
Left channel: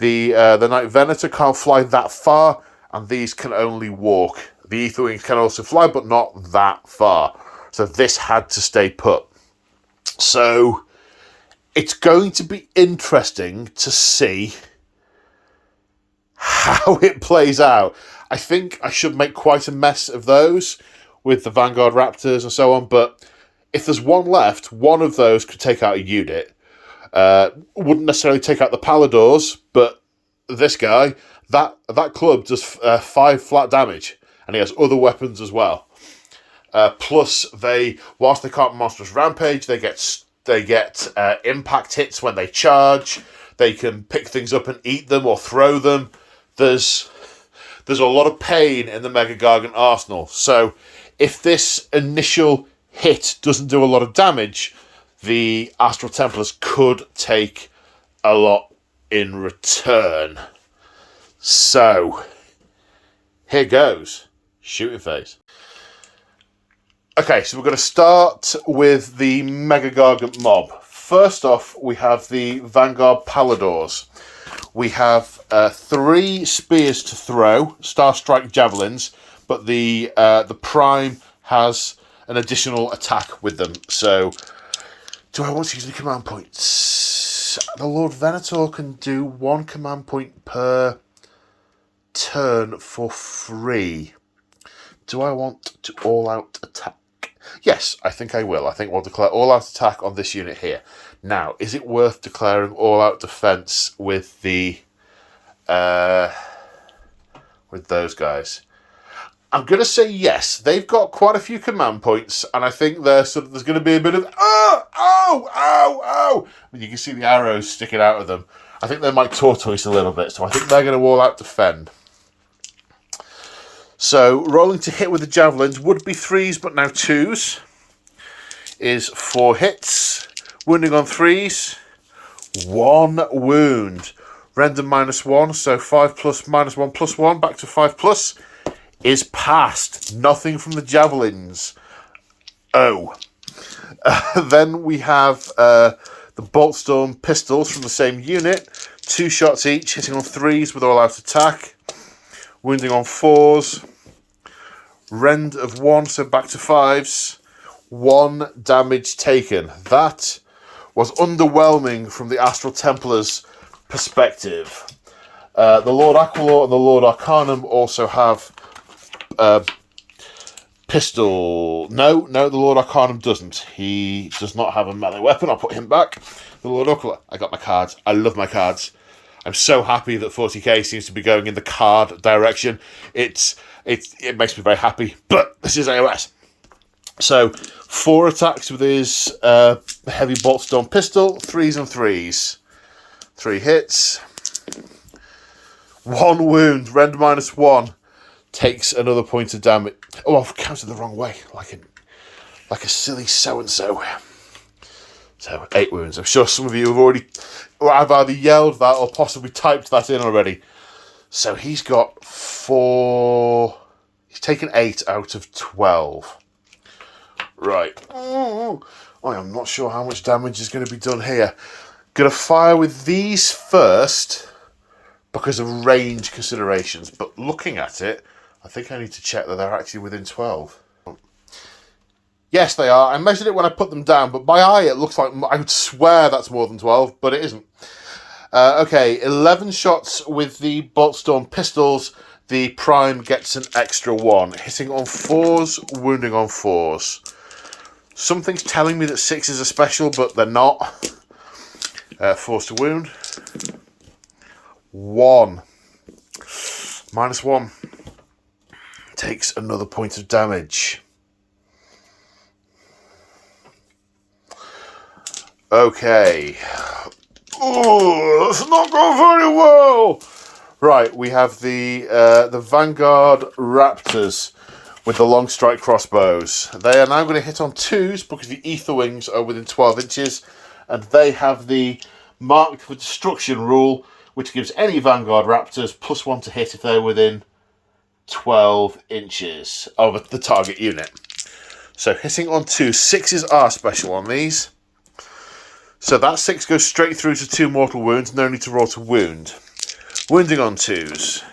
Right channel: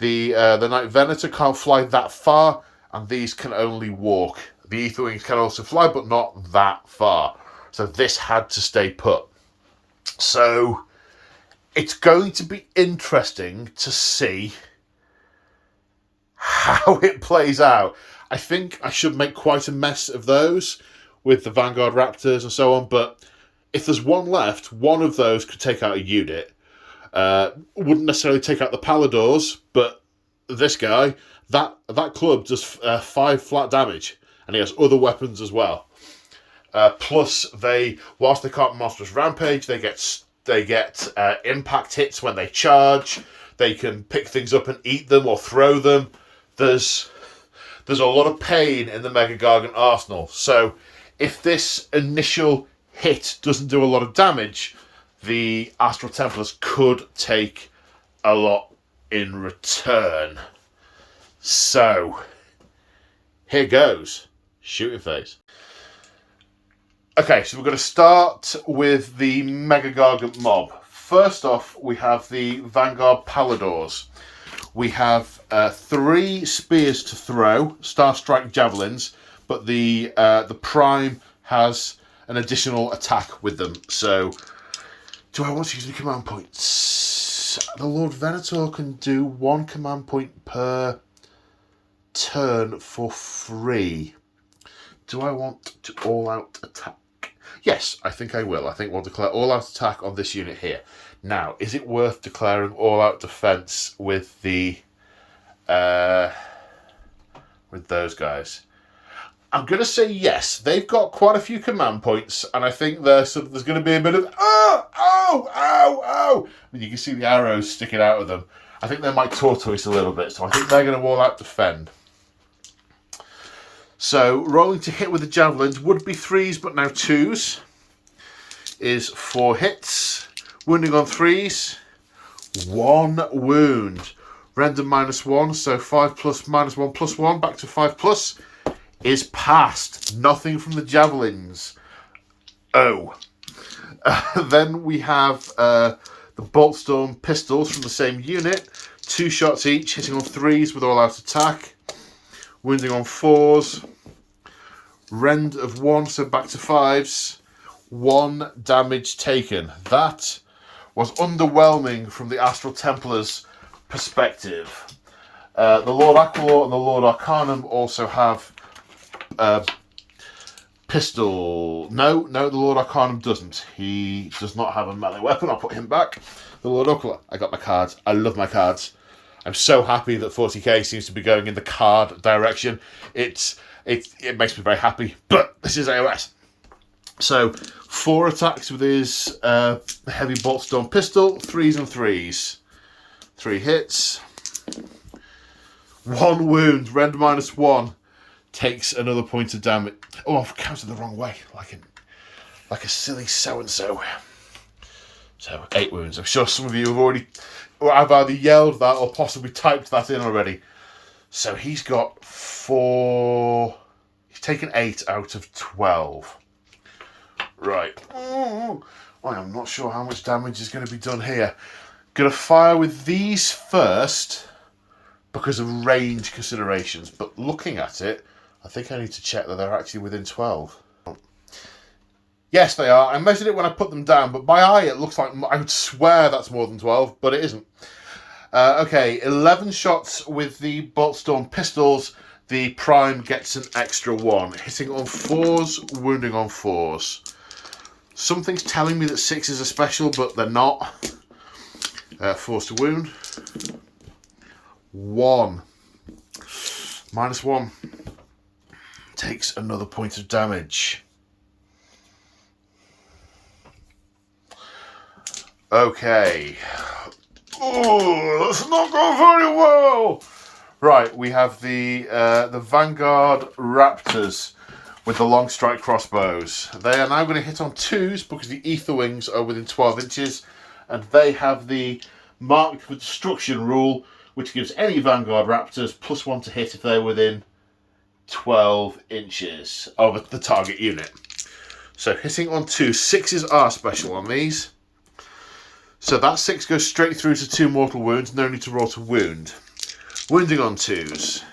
Knight Venator can't fly that far, and these can only walk. The Ether Wings can also fly, but not that far. So this had to stay put. So it's going to be interesting to see how it plays out. I think I should make quite a mess of those with the Vanguard Raptors and so on, but if there's one left, one of those could take out a unit. Wouldn't necessarily take out the Paladors, but this guy, that club does 5 flat damage, and he has other weapons as well. Plus, whilst they can't monstrous rampage, they get impact hits when they charge. They can pick things up and eat them or throw them. There's a lot of pain in the Mega Gargant arsenal. So if this initial hit doesn't do a lot of damage, the Astral Templars could take a lot in return. So, here goes. Shooting phase. Okay, so we're going to start with the Mega Gargant mob. First off, we have the Vanguard Paladors. We have 3 spears to throw, Star Strike javelins, but the Prime has an additional attack with them. So, do I want to use the command points? The Lord Venator can do 1 command point per turn for free. Do I want to all-out attack? Yes, I think I will. I think we'll declare all-out attack on this unit here. Now, is it worth declaring all-out defense with the with those guys? I'm going to say yes. They've got quite a few command points, and I think there's going to be a bit of ow. And you can see the arrows sticking out of them. I think they might tortoise a little bit, so I think they're going to all-out defend. So, rolling to hit with the javelins would be 3s, but now 2s. Is 4 hits. Wounding on 3s. 1 wound. Render -1, so 5 plus -1 plus 1, back to 5 plus. Is passed. Nothing from the javelins. Oh. Then we have the Boltstorm pistols from the same unit. 2 shots each, hitting on 3s with all-out attack. Wounding on 4s. Rend of 1, so back to 5s. 1 damage taken. That was underwhelming from the Astral Templars' perspective. The Lord Aquilor and the Lord Arcanum also have pistol. No, the Lord Arcanum doesn't. He does not have a melee weapon. I'll put him back. The Lord Aquilor. I got my cards. I love my cards. I'm so happy that 40k seems to be going in the card direction. It makes me very happy. But this is AOS. So 4 attacks with his heavy Boltstorm pistol. 3s and 3s. 3 hits. 1 wound. Rend -1. Takes another point of damage. Oh, I've counted the wrong way. Like a silly so-and-so. So 8 wounds. I'm sure some of you have already... I've either yelled that or possibly typed that in already. So he's got 4... He's taken 8 out of 12. Right. I am not sure how much damage is going to be done here. Going to fire with these first because of range considerations. But looking at it, I think I need to check that they're actually within 12. Yes, they are. I measured it when I put them down, but by eye it looks like... I would swear that's more than 12, but it isn't. Okay, 11 shots with the Boltstorm pistols. The Prime gets an extra 1. Hitting on 4s, wounding on 4s. Something's telling me that 6s are special, but they're not. 4s to wound. 1. -1. Takes another point of damage. Okay. Oh, that's not going very well. Right, we have the Vanguard Raptors with the long strike crossbows. They are now going to hit on 2s because the Ether Wings are within 12 inches, and they have the Marked for Destruction rule, which gives any Vanguard Raptors +1 to hit if they're within 12 inches of the target unit. So hitting on 2, 6s are special on these. So that 6 goes straight through to 2 mortal wounds, no need to roll to wound. Wounding on 2s.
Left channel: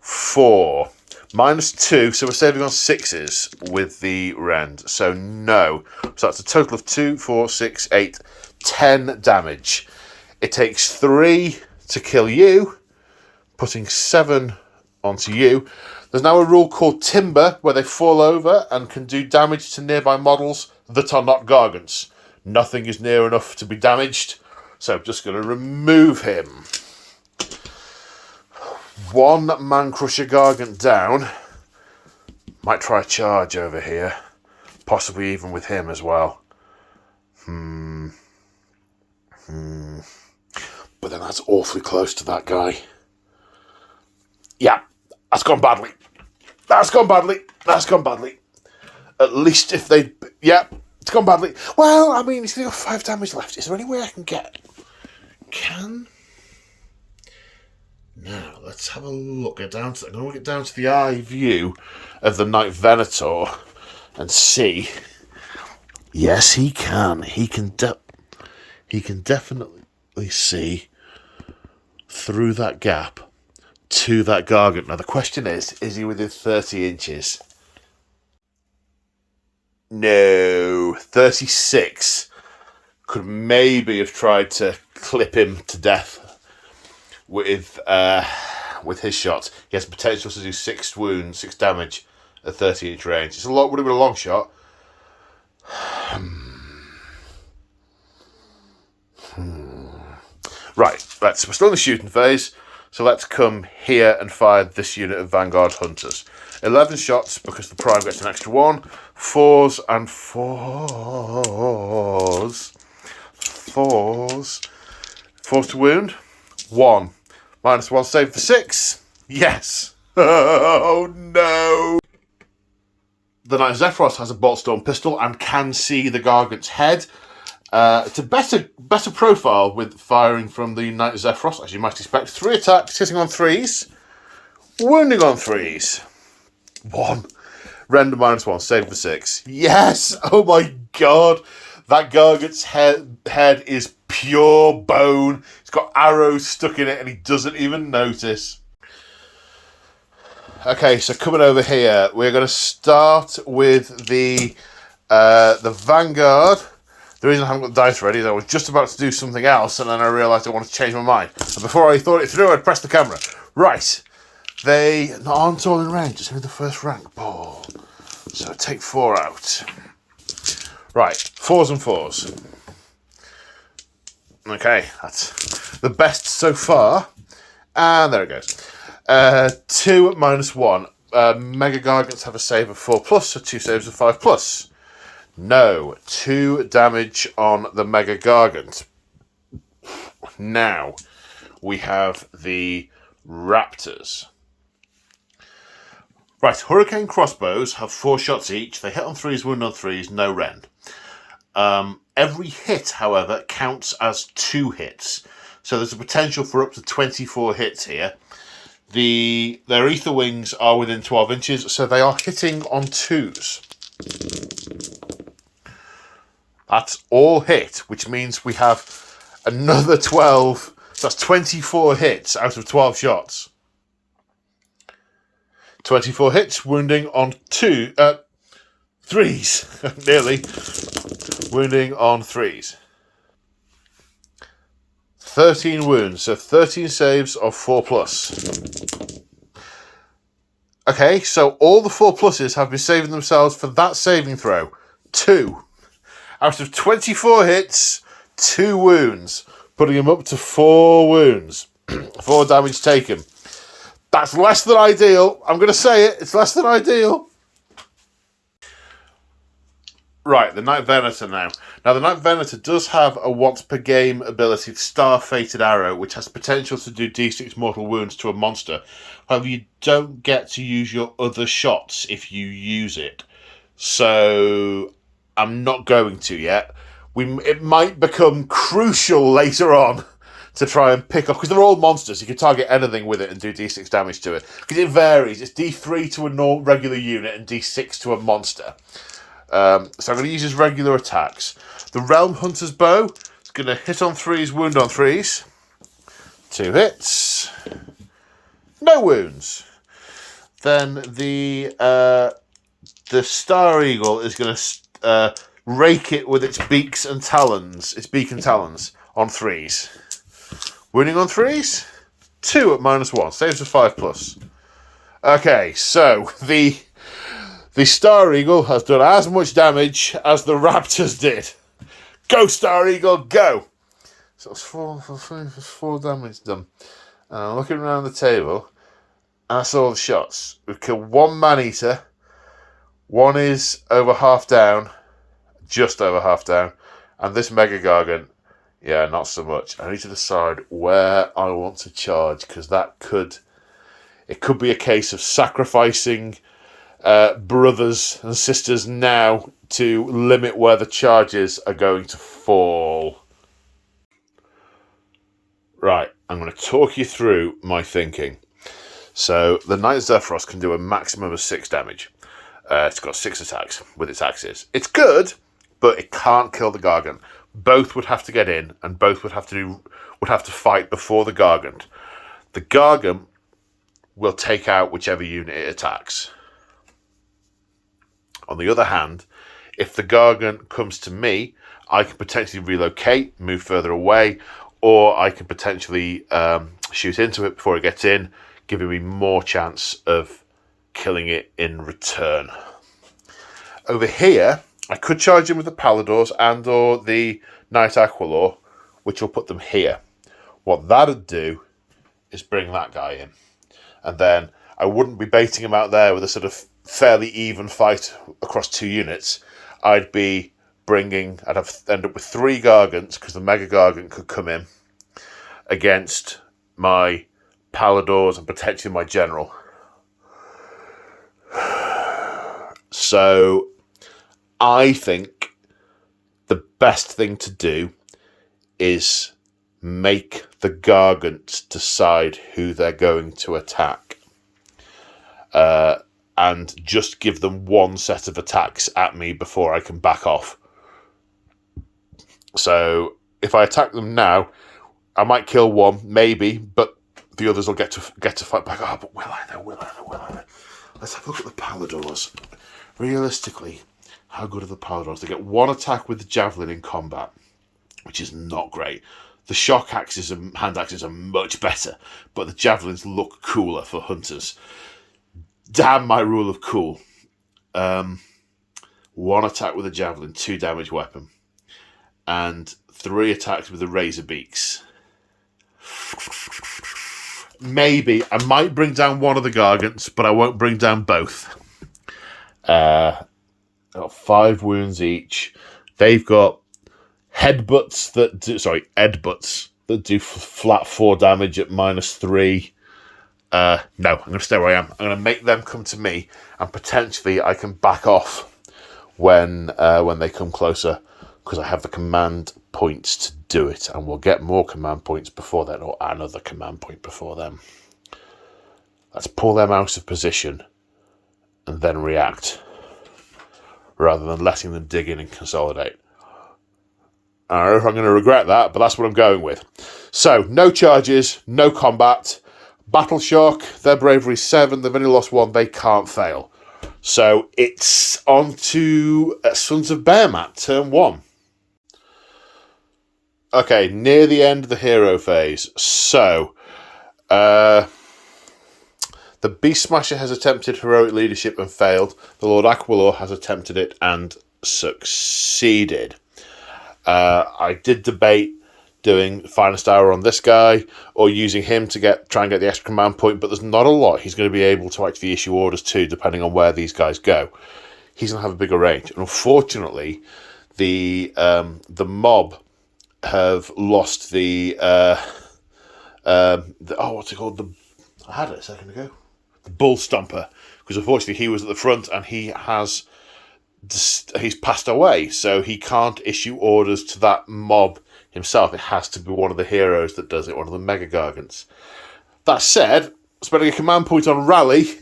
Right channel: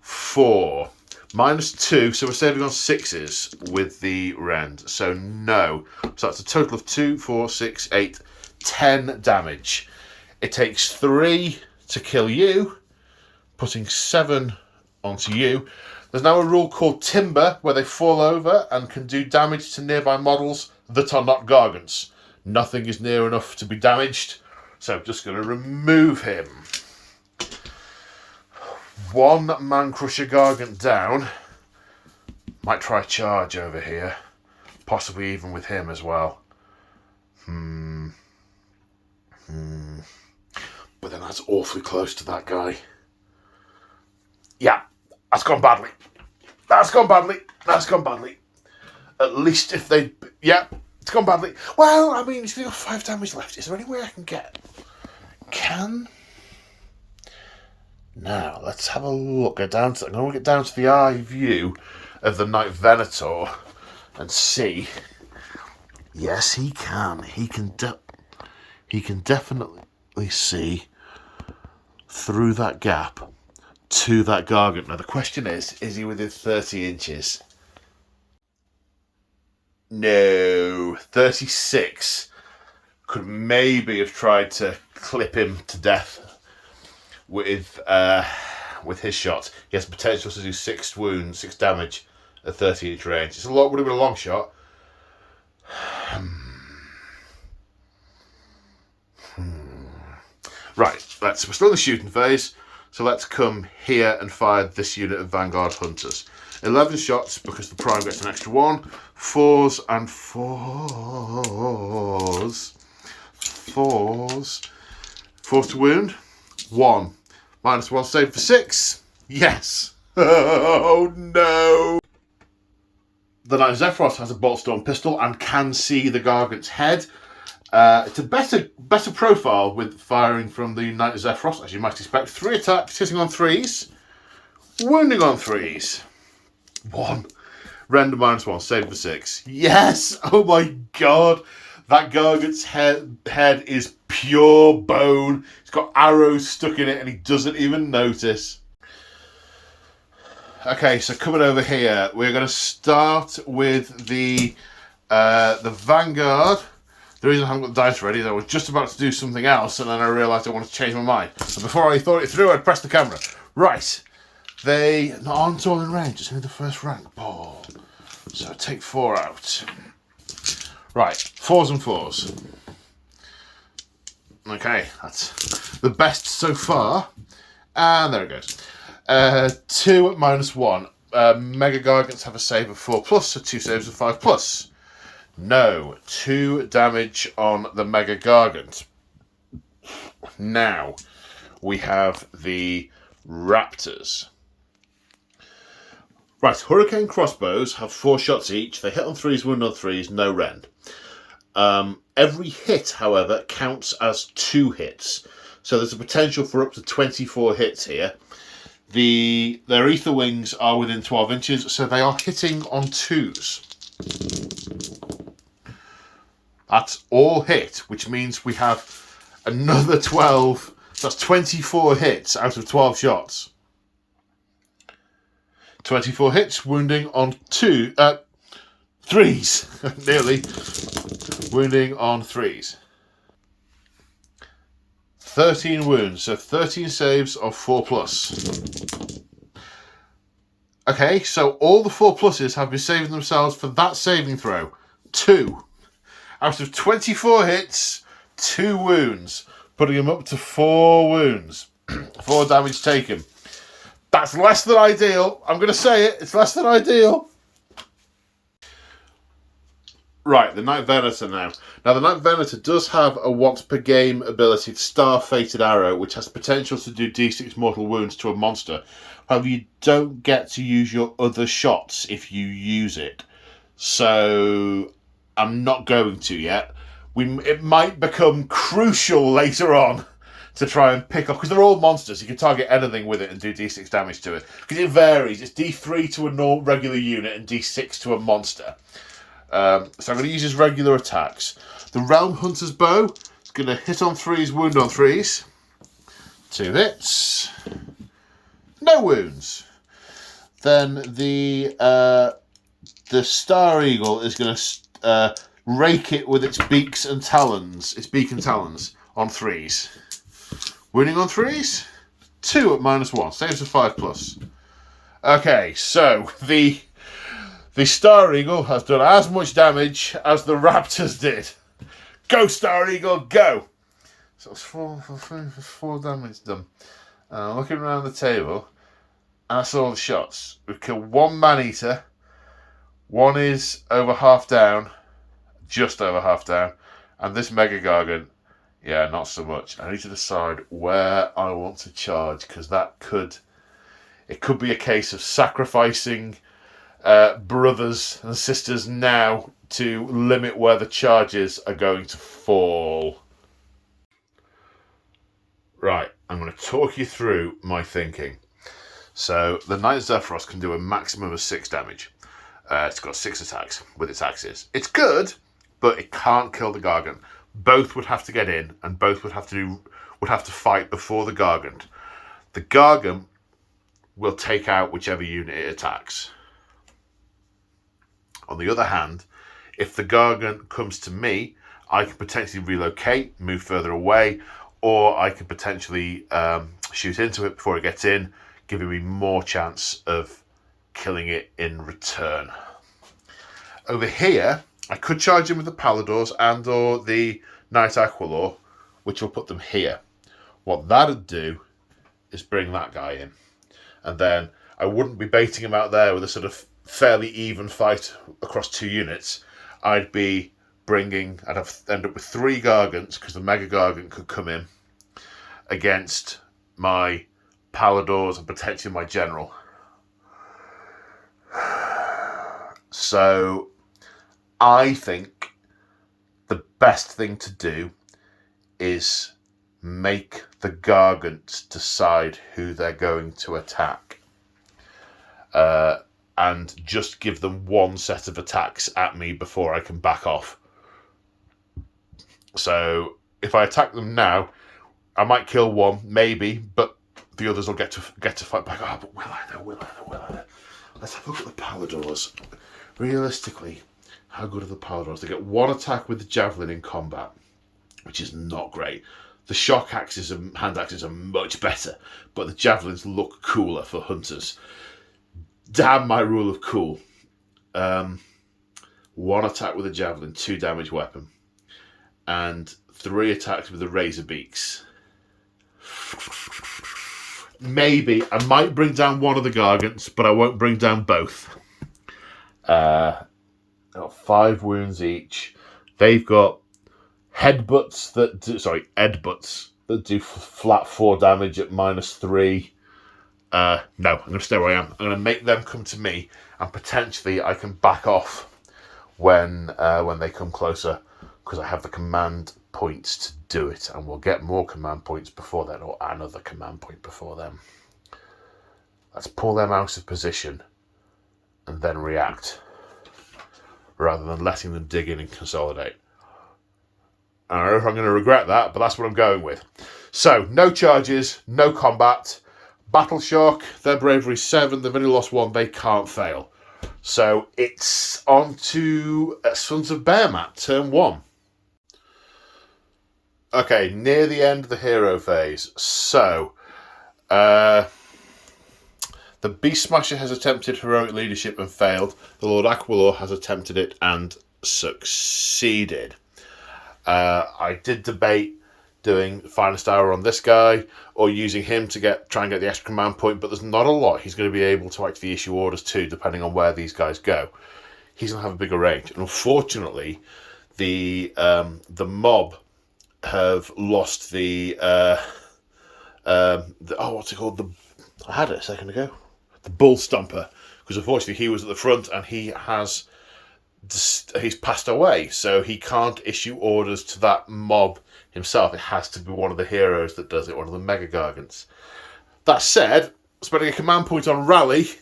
4. -2, so we're saving on 6s with the rend. So no. So that's a total of 2, 4, 6, 8, 10 damage. It takes 3 to kill you, putting 7 onto you. There's now a rule called Timber, where they fall over and can do damage to nearby models that are not Gargants. Nothing is near enough to be damaged, so I'm just going to remove him. 1 Man Crusher Gargant down. Might try a charge over here. Possibly even with him as well. But then that's awfully close to that guy. Yeah, that's gone badly. That's gone badly. At least if they... Yeah, It's gone badly. Well, I mean, it's only got 5 damage left. Is there any way I can get... Now, let's have a look. I'm going to get down to the eye view of the Knight Venator and see. Yes, he can. He can definitely see through that gap to that Gargant. Now, the question is he within 30 inches? No, 36. Could maybe have tried to clip him to death with his shots. He has potential to do 6 wounds, 6 damage at 30-inch range. It's would have been a long shot. Right, we're still in the shooting phase, so let's come here and fire this unit of Vanguard Hunters. 11 shots because the Prime gets an extra 1. 4s and 4s. 4s to wound. 1. -1 save for 6. Yes. Oh no. The Knight Zephyros has a Boltstorm pistol and can see the Gargant's head. It's a better profile with firing from the Knight Zephyros, as you might expect. 3 attacks, hitting on 3s, wounding on 3s. 1. Render -1, save for 6. Yes! Oh my god! That Gargant's head is pure bone. It's got arrows stuck in it and he doesn't even notice. Okay, so coming over here, we're going to start with the Vanguard. The reason I haven't got the dice ready is I was just about to do something else and then I realised I wanted to change my mind. And before I thought it through, I'd press the camera. Right. They aren't all in range. It's only the first rank ball. So take 4 out. Right. 4s and 4s. Okay. That's the best so far. And there it goes. 2 at -1. Mega Gargants have a save of 4+, so 2 saves of 5+. No, 2 damage on the Mega Gargant. Now, we have the Raptors. Right, Hurricane Crossbows have 4 shots each. They hit on 3s, wound on 3s, no rend. Every hit, however, counts as 2 hits. So there's a potential for up to 24 hits here. Their ether wings are within 12 inches, so they are hitting on 2s. That's all hit, which means we have another 12. So that's 24 hits out of 12 shots. 24 hits, wounding on 3s. Nearly. Wounding on 3s. 13 wounds, so 13 saves of 4+. Okay, so all the 4+s have been saving themselves for that saving throw. 2. Out of 24 hits, 2 wounds, putting him up to 4 wounds. 4 damage taken. That's less than ideal. I'm going to say it. It's less than ideal. Right, the Knight Venator now. Now, the Knight Venator does have a once-per-game ability, Star-Fated Arrow, which has potential to do d6 mortal wounds to a monster. However, you don't get to use your other shots if you use it. So, I'm not going to yet. It might become crucial later on to try and pick up, because they're all monsters. You can target anything with it and do d6 damage to it. Because it varies. It's d3 to a regular unit and d6 to a monster. So I'm going to use his regular attacks. The Realm Hunter's Bow is going to hit on 3s, wound on 3s. 2 hits. No wounds. Then the Star Eagle is going to rake it with its beaks and talons. Its beak and talons on 3s. Wounding on 3s. 2 at -1. Saves of 5+. Okay, so the Star Eagle has done as much damage as the Raptors did. Go, Star Eagle, go! So it's 4 damage done. Looking around the table, and that's all the shots. We've killed 1 Man-Eater. 1 is over half down. Just over half down. And this Mega Gargant, yeah, not so much. I need to decide where I want to charge, because it could be a case of sacrificing brothers and sisters now to limit where the charges are going to fall. Right, I'm going to talk you through my thinking. So the Knight Zephyros can do a maximum of 6 damage. It's got 6 attacks with its axes. It's good, but it can't kill the Gargant. Both would have to get in, and both would have to fight before the Gargant. The Gargant will take out whichever unit it attacks. On the other hand, if the Gargant comes to me, I can potentially relocate, move further away, or I can potentially shoot into it before it gets in, giving me more chance of killing it in return. Over here, I could charge in with the Paladors and or the Knight Aquilor, which will put them here. What that'd do is bring that guy in. And then I wouldn't be baiting him out there with a sort of fairly even fight across 2 units. I'd end up with 3 Gargants, because the Mega Gargant could come in against my Paladors and potentially my General. So I think the best thing to do is make the Gargants decide who they're going to attack. And just give them 1 set of attacks at me before I can back off. So if I attack them now, I might kill 1, maybe, but the others will get to fight back. Oh, but will I though? Let's have a look at the Paladors. Realistically, how good are the Paladors? They get 1 attack with the Javelin in combat, which is not great. The shock axes and hand axes are much better, but the Javelins look cooler for hunters. Damn my rule of cool. 1 attack with a Javelin, 2 damage weapon, and 3 attacks with the Razor Beaks. Maybe. I might bring down 1 of the Gargants, but I won't bring down both. Got 5 wounds each. They've got edbutts that do flat 4 damage at -3. No, I'm going to stay where I am. I'm going to make them come to me, and potentially I can back off when they come closer, because I have the command points to do it, and we'll get more command points before then, or another command point before them. Let's pull them out of position and then react, rather than letting them dig in and consolidate. I don't know if I'm going to regret that, but that's what I'm going with. So, no charges, no combat. Battle shock, their bravery 7, they've only lost 1, they can't fail. So it's on to Sons of Behemat, turn 1. Okay, near the end of the hero phase. So, the Beast Smasher has attempted heroic leadership and failed. The Lord Aquilor has attempted it and succeeded. I did debate doing Finest Hour on this guy, or using him to try and get the extra command point, but there's not a lot he's going to be able to actually issue orders to, depending on where these guys go. He's going to have a bigger range. And unfortunately, the mob have lost the what's it called? I had it a second ago. The Bull Stomper, because unfortunately he was at the front and he's passed away, so he can't issue orders to that mob himself. It has to be one of the heroes that does it, one of the Mega Gargants. That said, spending a command point on Rally,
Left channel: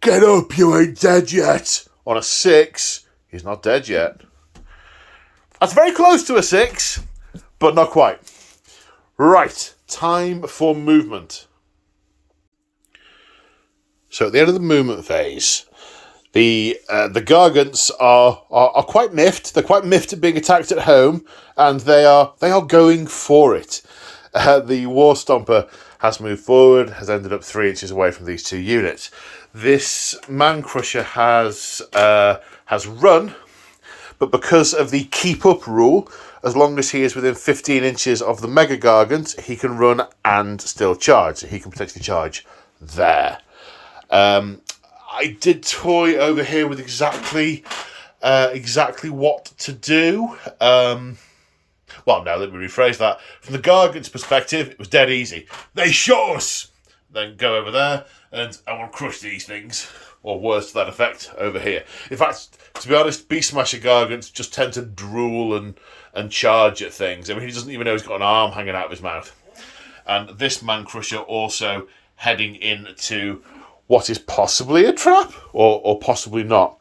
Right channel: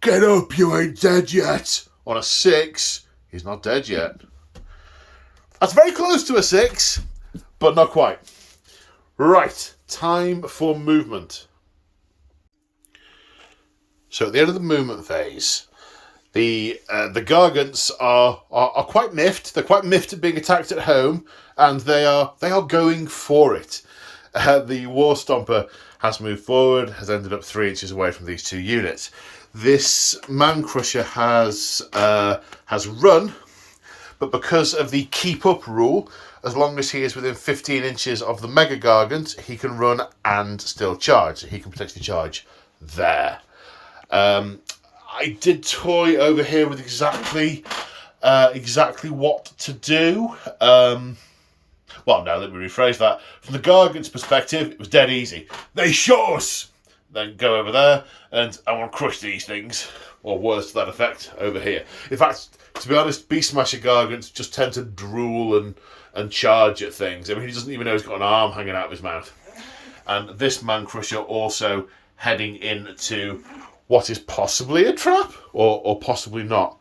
get up, you ain't dead yet, on a 6, he's not dead yet. That's very close to a 6, but not quite. Right, time for movement. So at the end of the movement phase, the Gargants are quite miffed. They're quite miffed at being attacked at home, and they are going for it. The War Stomper has moved forward, has ended up 3 inches away from these 2 units. This Man Crusher has run, but because of the keep up rule, as long as he is within 15 inches of the Mega Gargant, he can run and still charge. He can potentially charge there. I did toy over here with exactly what to do. Well, no, let me rephrase that. From the Gargant's perspective, it was dead easy. They shot us! then go over there, and I want to crush these things, or words to that effect, over here. In fact, to be honest, Beast Smasher Gargants just tend to drool and charge at things. I mean, he doesn't even know he's got an arm hanging out of his mouth. And this Man Crusher also heading into what is possibly a trap, or possibly not.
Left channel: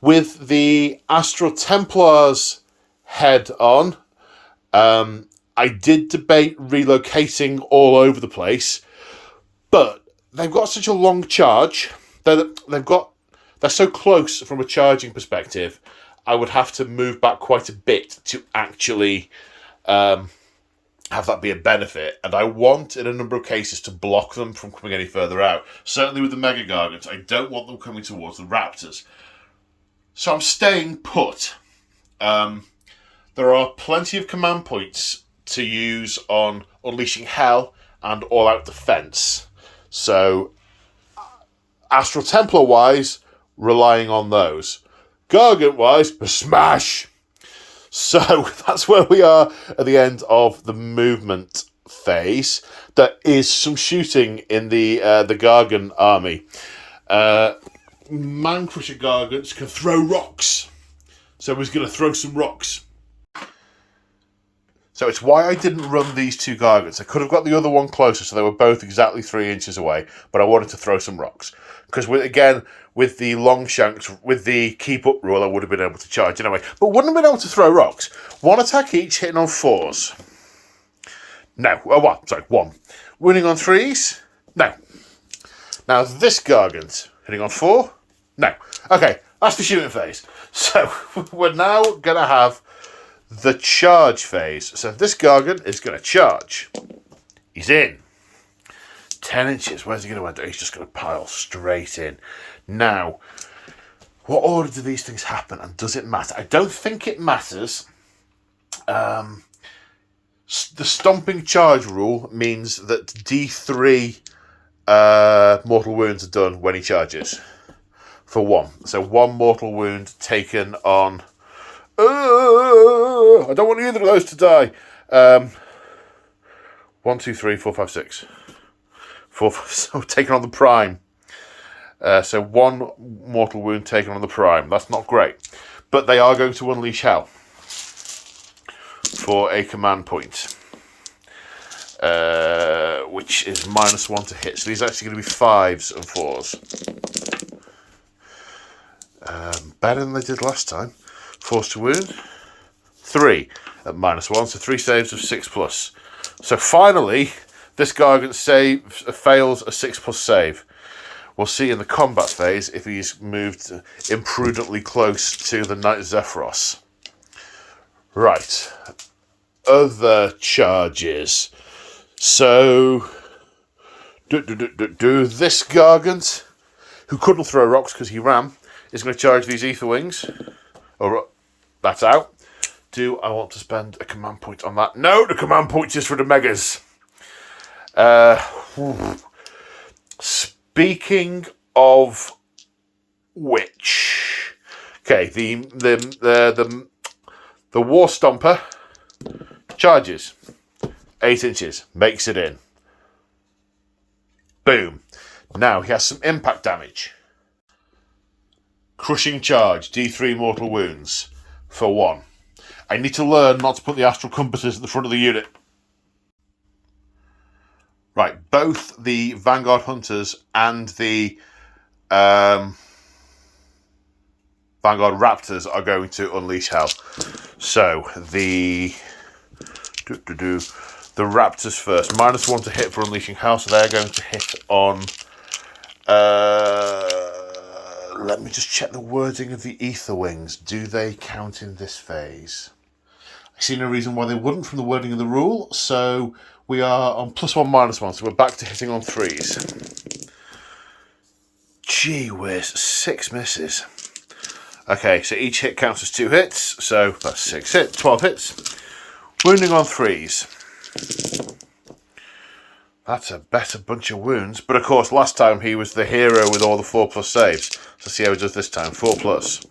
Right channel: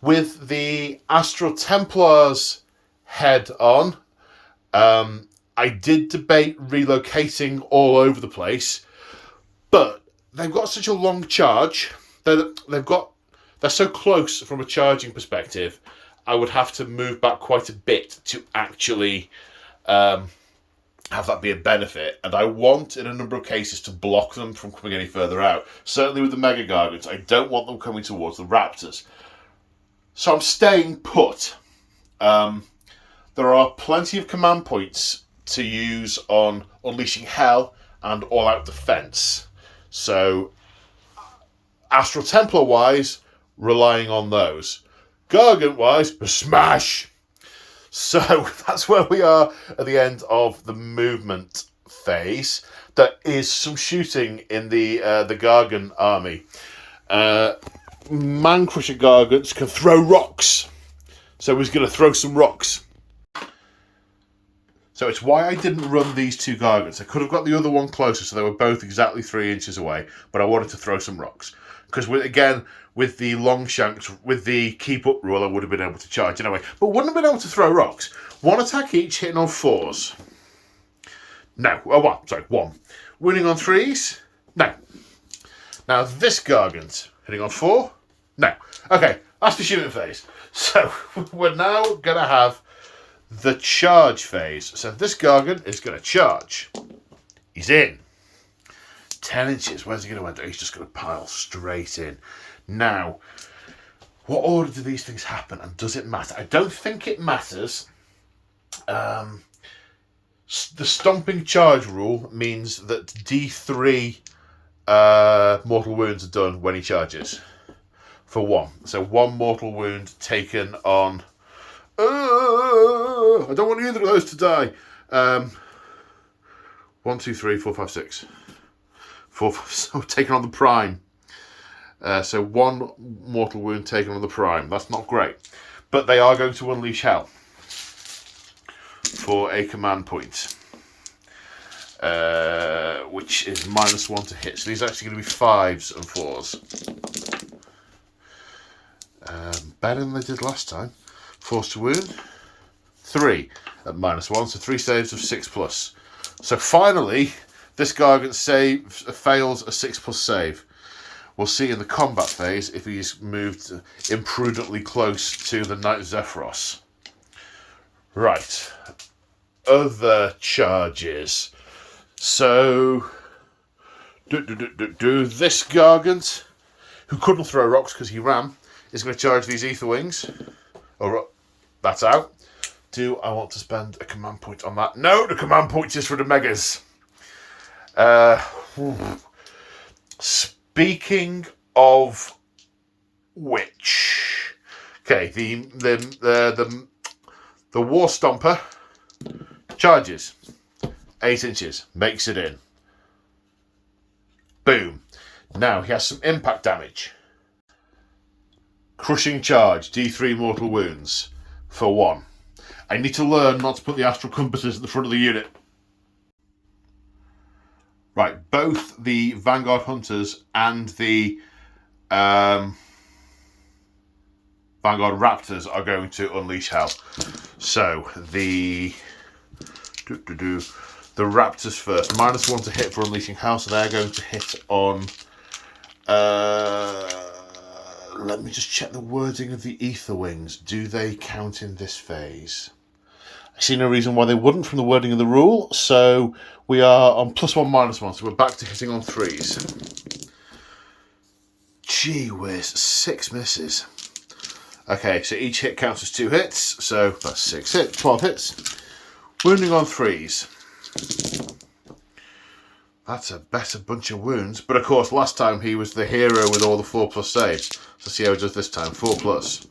With the Astral Templars head on, I did debate relocating all over the place, but they've got such a long charge. They're so close from a charging perspective, I would have to move back quite a bit to actually have that be a benefit. And I want, in a number of cases, to block them from coming any further out. Certainly with the Mega Gargants, I don't want them coming towards the Raptors. So I'm staying put. There are plenty of command points to use on Unleashing Hell and All Out Defense. So, Astral Templar-wise, relying on those. Gargant-wise, smash! So, that's where we are at the end of the movement phase. There is some shooting in the Gargant army. Man Crusher Gargants can throw rocks. So he's going to throw some rocks. So it's why I didn't run these two Gargants. I could have got the other one closer, so they were both exactly 3 inches away, but I wanted to throw some rocks. Because, with the long shanks, with the keep up rule, I would have been able to charge anyway. But wouldn't have been able to throw rocks. 1 attack each, hitting on 4s. No. Oh, one. Winning on 3s? No. Now, this Gargant, hitting on 4? No. Okay, that's the shooting phase. So, we're now going to have the charge phase. So this Gargant is going to charge. He's in. 10 inches. Where's he going to end? He's just going to pile straight in. Now, what order do these things happen, and does it matter? I don't think it matters. The stomping charge rule means that D3 mortal wounds are done when he charges. For 1. So 1 mortal wound taken on... I don't want either of those to die. 1, 2, 3, 4, 5, 6. 4, 5, so taken on the prime. So 1 mortal wound taken on the prime. That's not great. But they are going to unleash hell for a command point. Which is -1 to hit. So these are actually going to be 5s and 4s. Better than they did last time. Force to wound. 3 at -1, so 3 saves of 6+. So finally, this Gargant fails a 6+ save. We'll see in the combat phase if he's moved imprudently close to the Knight Zephyros. Right. Other charges. So, this Gargant, who couldn't throw rocks because he ran, is going to charge these Ether Wings. Oh, that's out. Do I want to spend a command point on that? No, the command point is for the Megas. Speaking of which, okay, the War Stomper charges 8 inches, makes it in. Boom. Now he has some impact damage. Crushing charge, D3 mortal wounds for 1. I need to learn not to put the astral compasses at the front of the unit. Right, both the Vanguard Hunters and the Vanguard Raptors are going to unleash hell. So the Raptors first. -1 to hit for unleashing hell, so they're going to hit on... let me just check the wording of the Ether Wings. Do they count in this phase? I see no reason why they wouldn't from the wording of the rule, so we are on +1, -1, so we're back to hitting on 3s. Gee whiz, 6 misses. Okay, so each hit counts as 2 hits, so that's 6 hits, 12 hits. Wounding on 3s. That's a better bunch of wounds, but of course last time he was the hero with all the 4+ saves. Let's see how he does this time, 4+.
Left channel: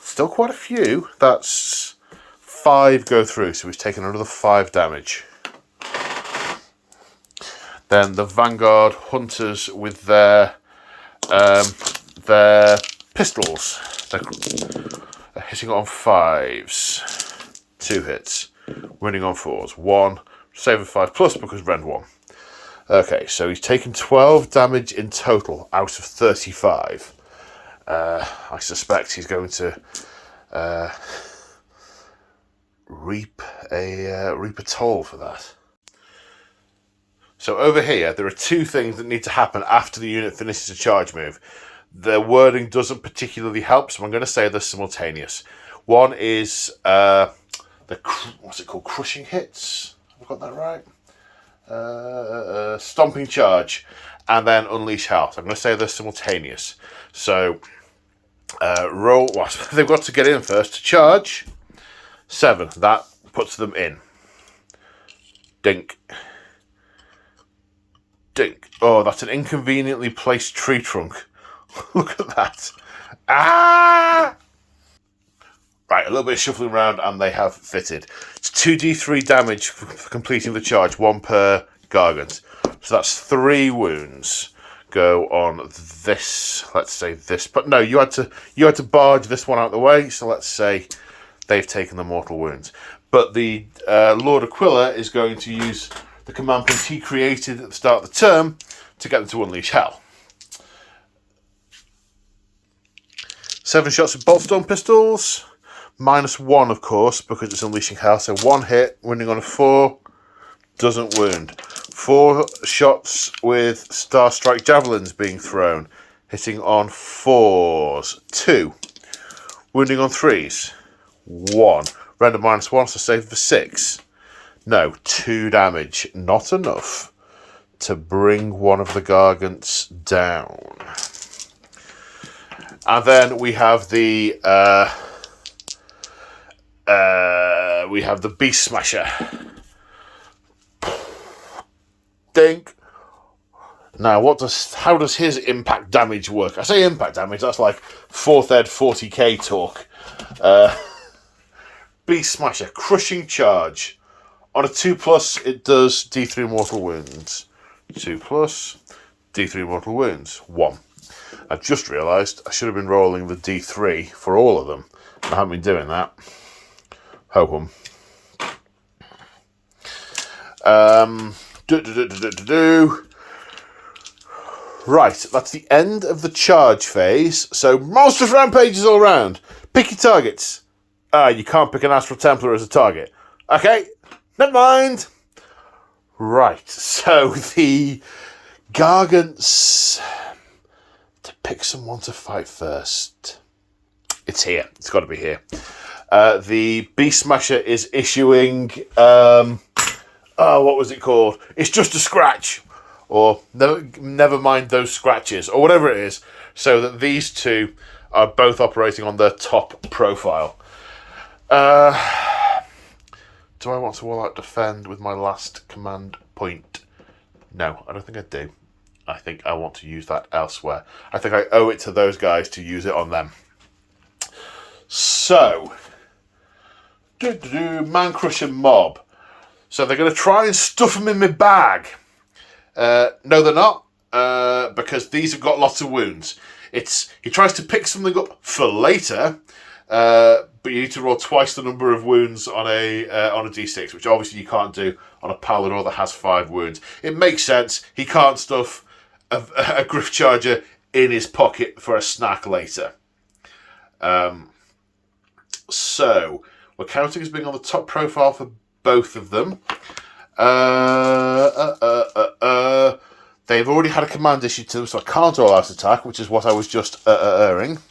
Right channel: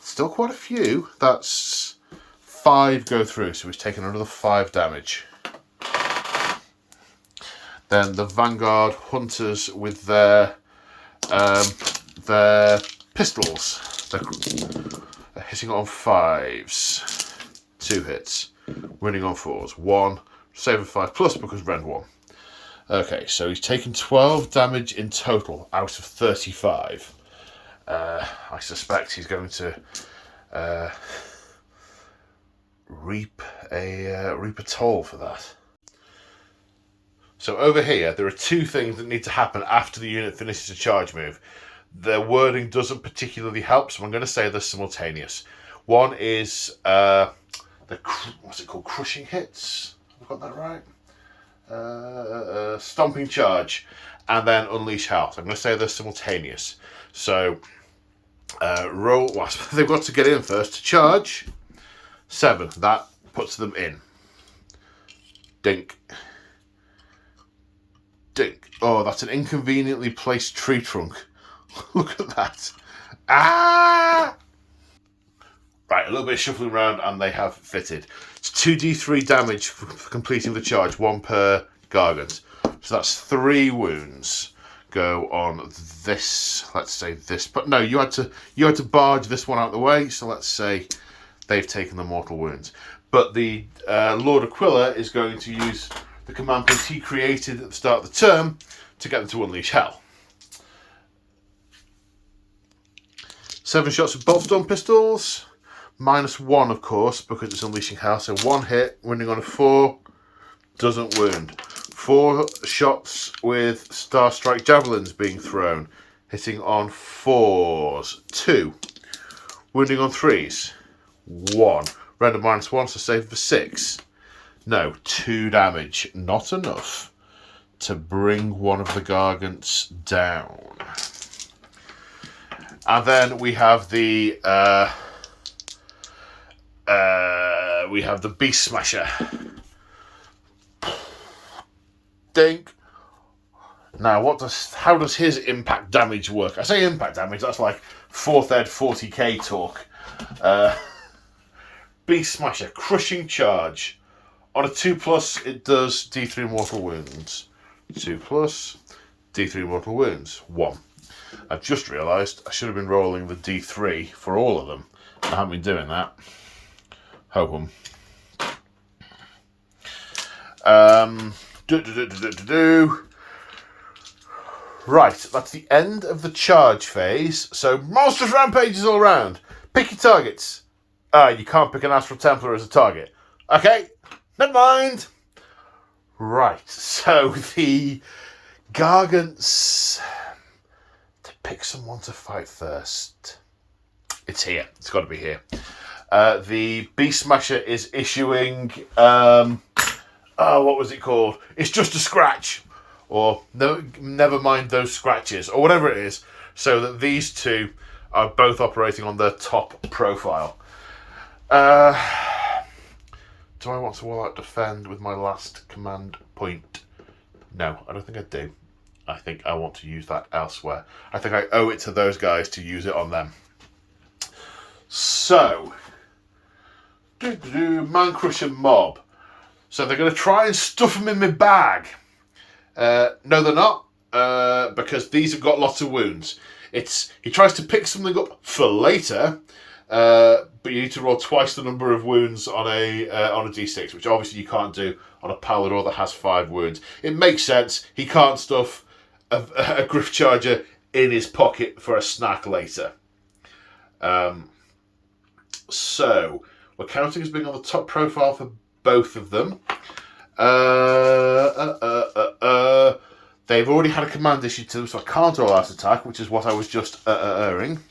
Still quite a few. That's 5 go through, so he's taken another 5 damage. Then the Vanguard Hunters with their pistols. They're hitting on 5s. 2 hits. Winning on 4s. 1. Save of 5+ because Rend 1. Okay, so he's taken 12 damage in total out of 35. I suspect he's going to reap a toll for that. So over here, there are 2 things that need to happen after the unit finishes a charge move. The wording doesn't particularly help, so I'm going to say they're simultaneous. One is what's it called? Crushing hits. Have I got that right? Stomping charge, and then unleash hell. So I'm going to say they're simultaneous. So roll. Well, they've got to get in first to charge. 7. That puts them in. Dink. Dink. Oh, that's an inconveniently placed tree trunk. Look at that. Ah! Right, a little bit of shuffling around and they have fitted. It's 2d3 damage for completing the charge, 1 per Gargant. So that's 3 wounds go on this, let's say this. But no, you had to barge this one out of the way, so let's say they've taken the mortal wounds. But the Lord Aquila is going to use the command point he created at the start of the term to get them to unleash hell. 7 shots of Boltstorm pistols. -1, of course, because it's unleashing hell. So 1 hit, winning on a 4, doesn't wound. 4 shots with Star Strike javelins being thrown, hitting on 4s. 2, wounding on 3s. 1, render -1, so save for 6. No, 2 damage, not enough to bring one of the Gargants down. And then we have the Beast Smasher. Dink. Now, how does his impact damage work? I say impact damage, that's like 4th ed 40k talk. Beast Smasher, crushing charge. On a 2+, it does D3 mortal wounds. 2+, D3 mortal wounds. 1. I've just realised I should have been rolling the D3 for all of them. I haven't been doing that. Ho-hum. Right, that's the end of the charge phase. So, monstrous rampages all around. Pick your targets. You can't pick an Astral Templar as a target. Okay, never mind. Right, so the Gargants... To pick someone to fight first. It's here. It's got to be here. The Beast Smasher is issuing... what was it called? It's just a scratch. Or never mind those scratches. Or whatever it is. So that these 2 are both operating on their top profile. Do I want to all-out defend with my last command point? No, I don't think I do. I think I want to use that elsewhere. I think I owe it to those guys to use it on them. So, Man Crusher Mob. So they're going to try and stuff them in my bag. No, they're not, because these have got lots of wounds. He tries to pick something up for later, but you need to roll twice the number of wounds on a d6, which obviously you can't do on a Palador that has 5 wounds. It makes sense. He can't stuff a Griff Charger in his pocket for a snack later. So, we're counting as being on the top profile for both of them. They've already had a command issued to them, so I can't all-out attack, which is what I was just erring.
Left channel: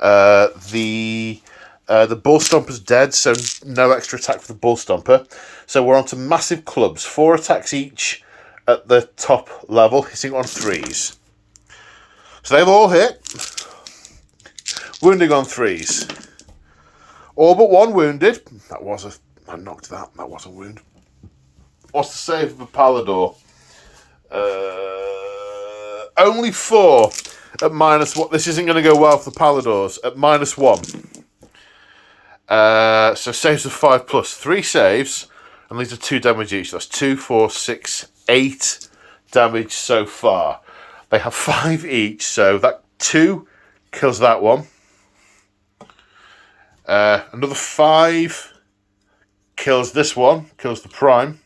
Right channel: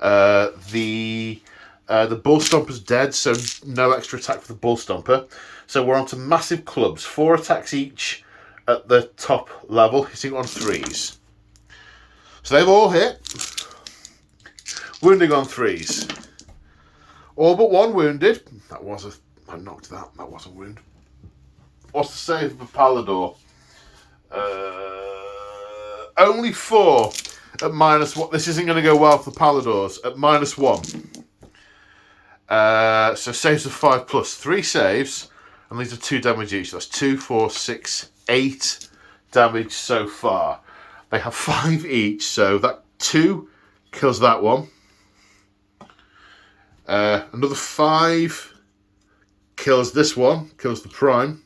The Bull Stomper's dead, so no extra attack for the Bull Stomper. So we're on to massive clubs. 4 attacks each at the top level, hitting on 3s. So they've all hit. Wounding on 3s. All but 1 wounded. I knocked that. That was a wound. What's the save of a Palador? Only 4 at -1. This isn't going to go well for the Paladors. At -1. So saves of 5+. 3 saves. And these are 2 damage each. That's 2, 4, 6, 8 damage so far. They have 5 each, so that 2 kills that one. Another 5 kills this one, kills the prime.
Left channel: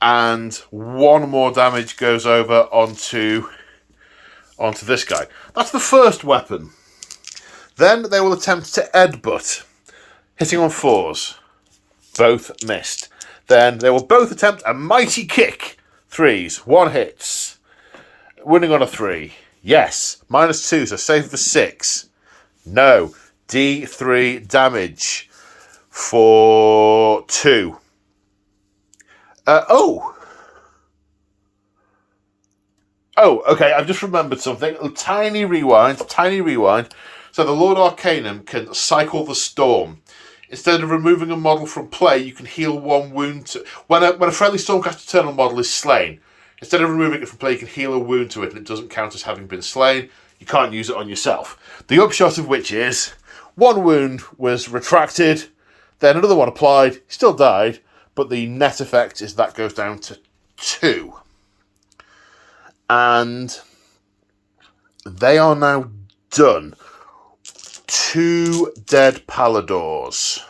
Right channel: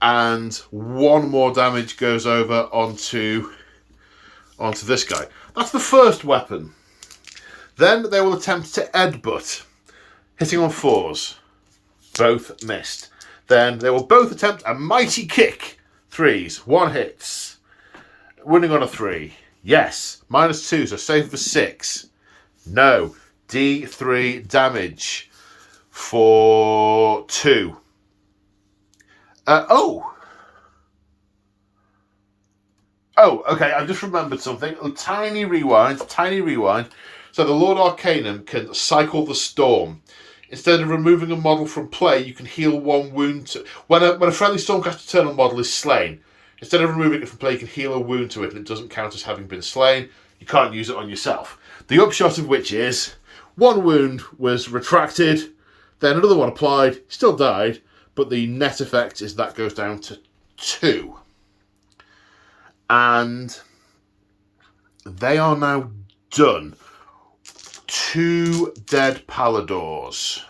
And 1 more damage goes over onto this guy. That's the first weapon. Then they will attempt to headbutt, hitting on 4s. Both missed. Then they will both attempt a mighty kick. 3s. 1 hits. Winning on a 3. Yes. -2, so save for 6. No. D3 damage for 2. Oh, okay, I just remembered something. A tiny rewind. So the Lord Arcanum can cycle the storm. Instead of removing a model from play, you can heal 1 wound to... When a friendly Stormcast Eternal model is slain, instead of removing it from play, you can heal a wound to it, and it doesn't count as having been slain. You can't use it on yourself. The upshot of which is, 1 wound was retracted, then another one applied, still died, but the net effect is that goes down to 2. And they are now done. 2 dead Paladors.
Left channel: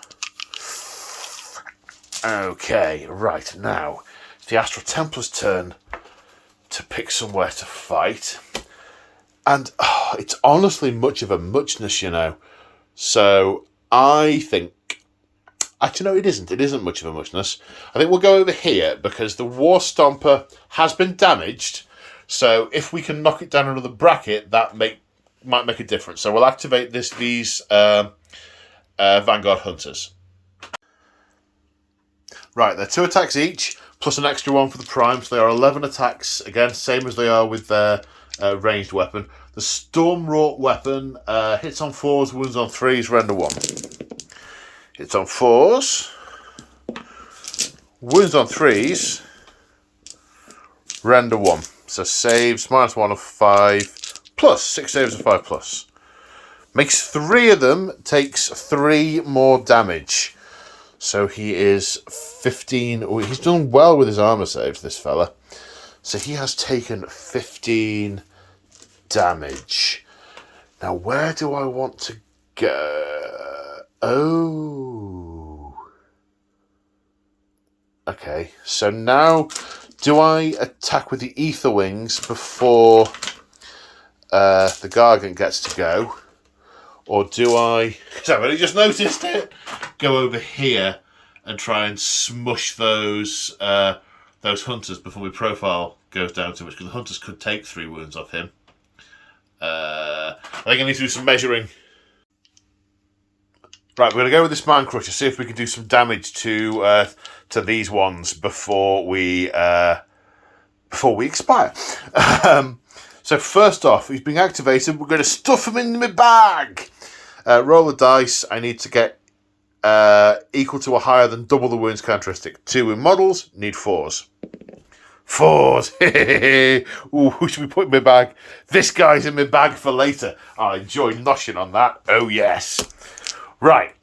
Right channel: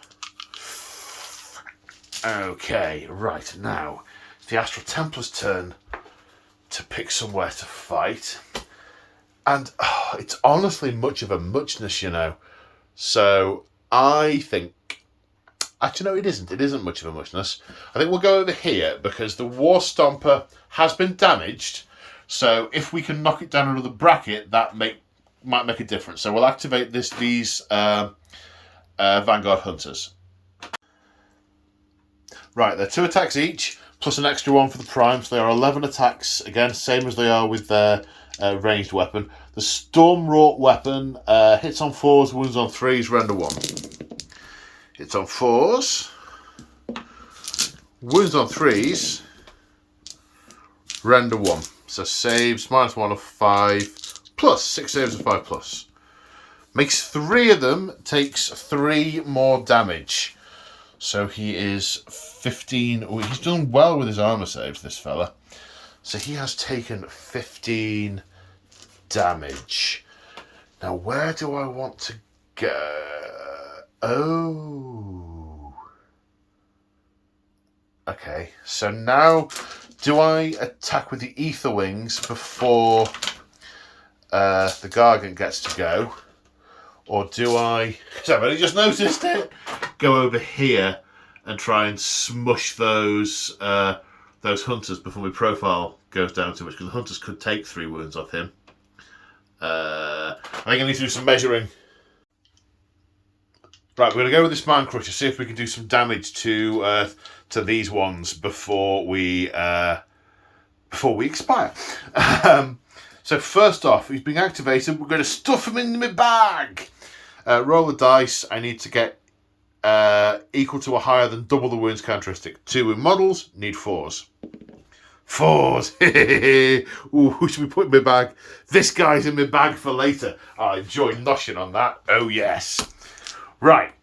Okay, right, now it's the Astral Templars' turn to pick somewhere to fight. And it's honestly much of a muchness, you know. So I think... Actually, no, it isn't. It isn't much of a muchness. I think we'll go over here because the War Stomper has been damaged. So if we can knock it down another bracket, that might make a difference. So we'll activate these Vanguard Hunters. Right, they're 2 attacks each, plus an extra 1 for the prime. So they are 11 attacks, again, same as they are with their ranged weapon. The Storm Wrought weapon hits on 4s, wounds on 3s, render 1. Hits on 4s, wounds on 3s, render 1. So saves -1 of 5, plus 6 saves of 5 plus. Makes 3 of them, takes 3 more damage. So he is 15. Oh, he's done well with his armor saves, this fella. So he has taken 15 damage. Now, where do I want to go? Oh. Okay, so now do I attack with the Ether Wings before the Gargant gets to go? Or do I, because I've only just noticed it, go over here and try and smush those hunters before my profile goes down too much? Because the hunters could take 3 wounds off him. I think I need to do some measuring. Right, we're going to go with this Mind Crusher, see if we can do some damage to these ones before we expire. So first off, he's being activated. We're going to stuff him in my bag. Roll the dice. I need to get equal to or higher than double the wounds characteristic. 2 in models, need 4s. 4s. Ooh, who should we put in my bag? This guy's in my bag for later. I enjoy noshing on that. Oh yes. Right.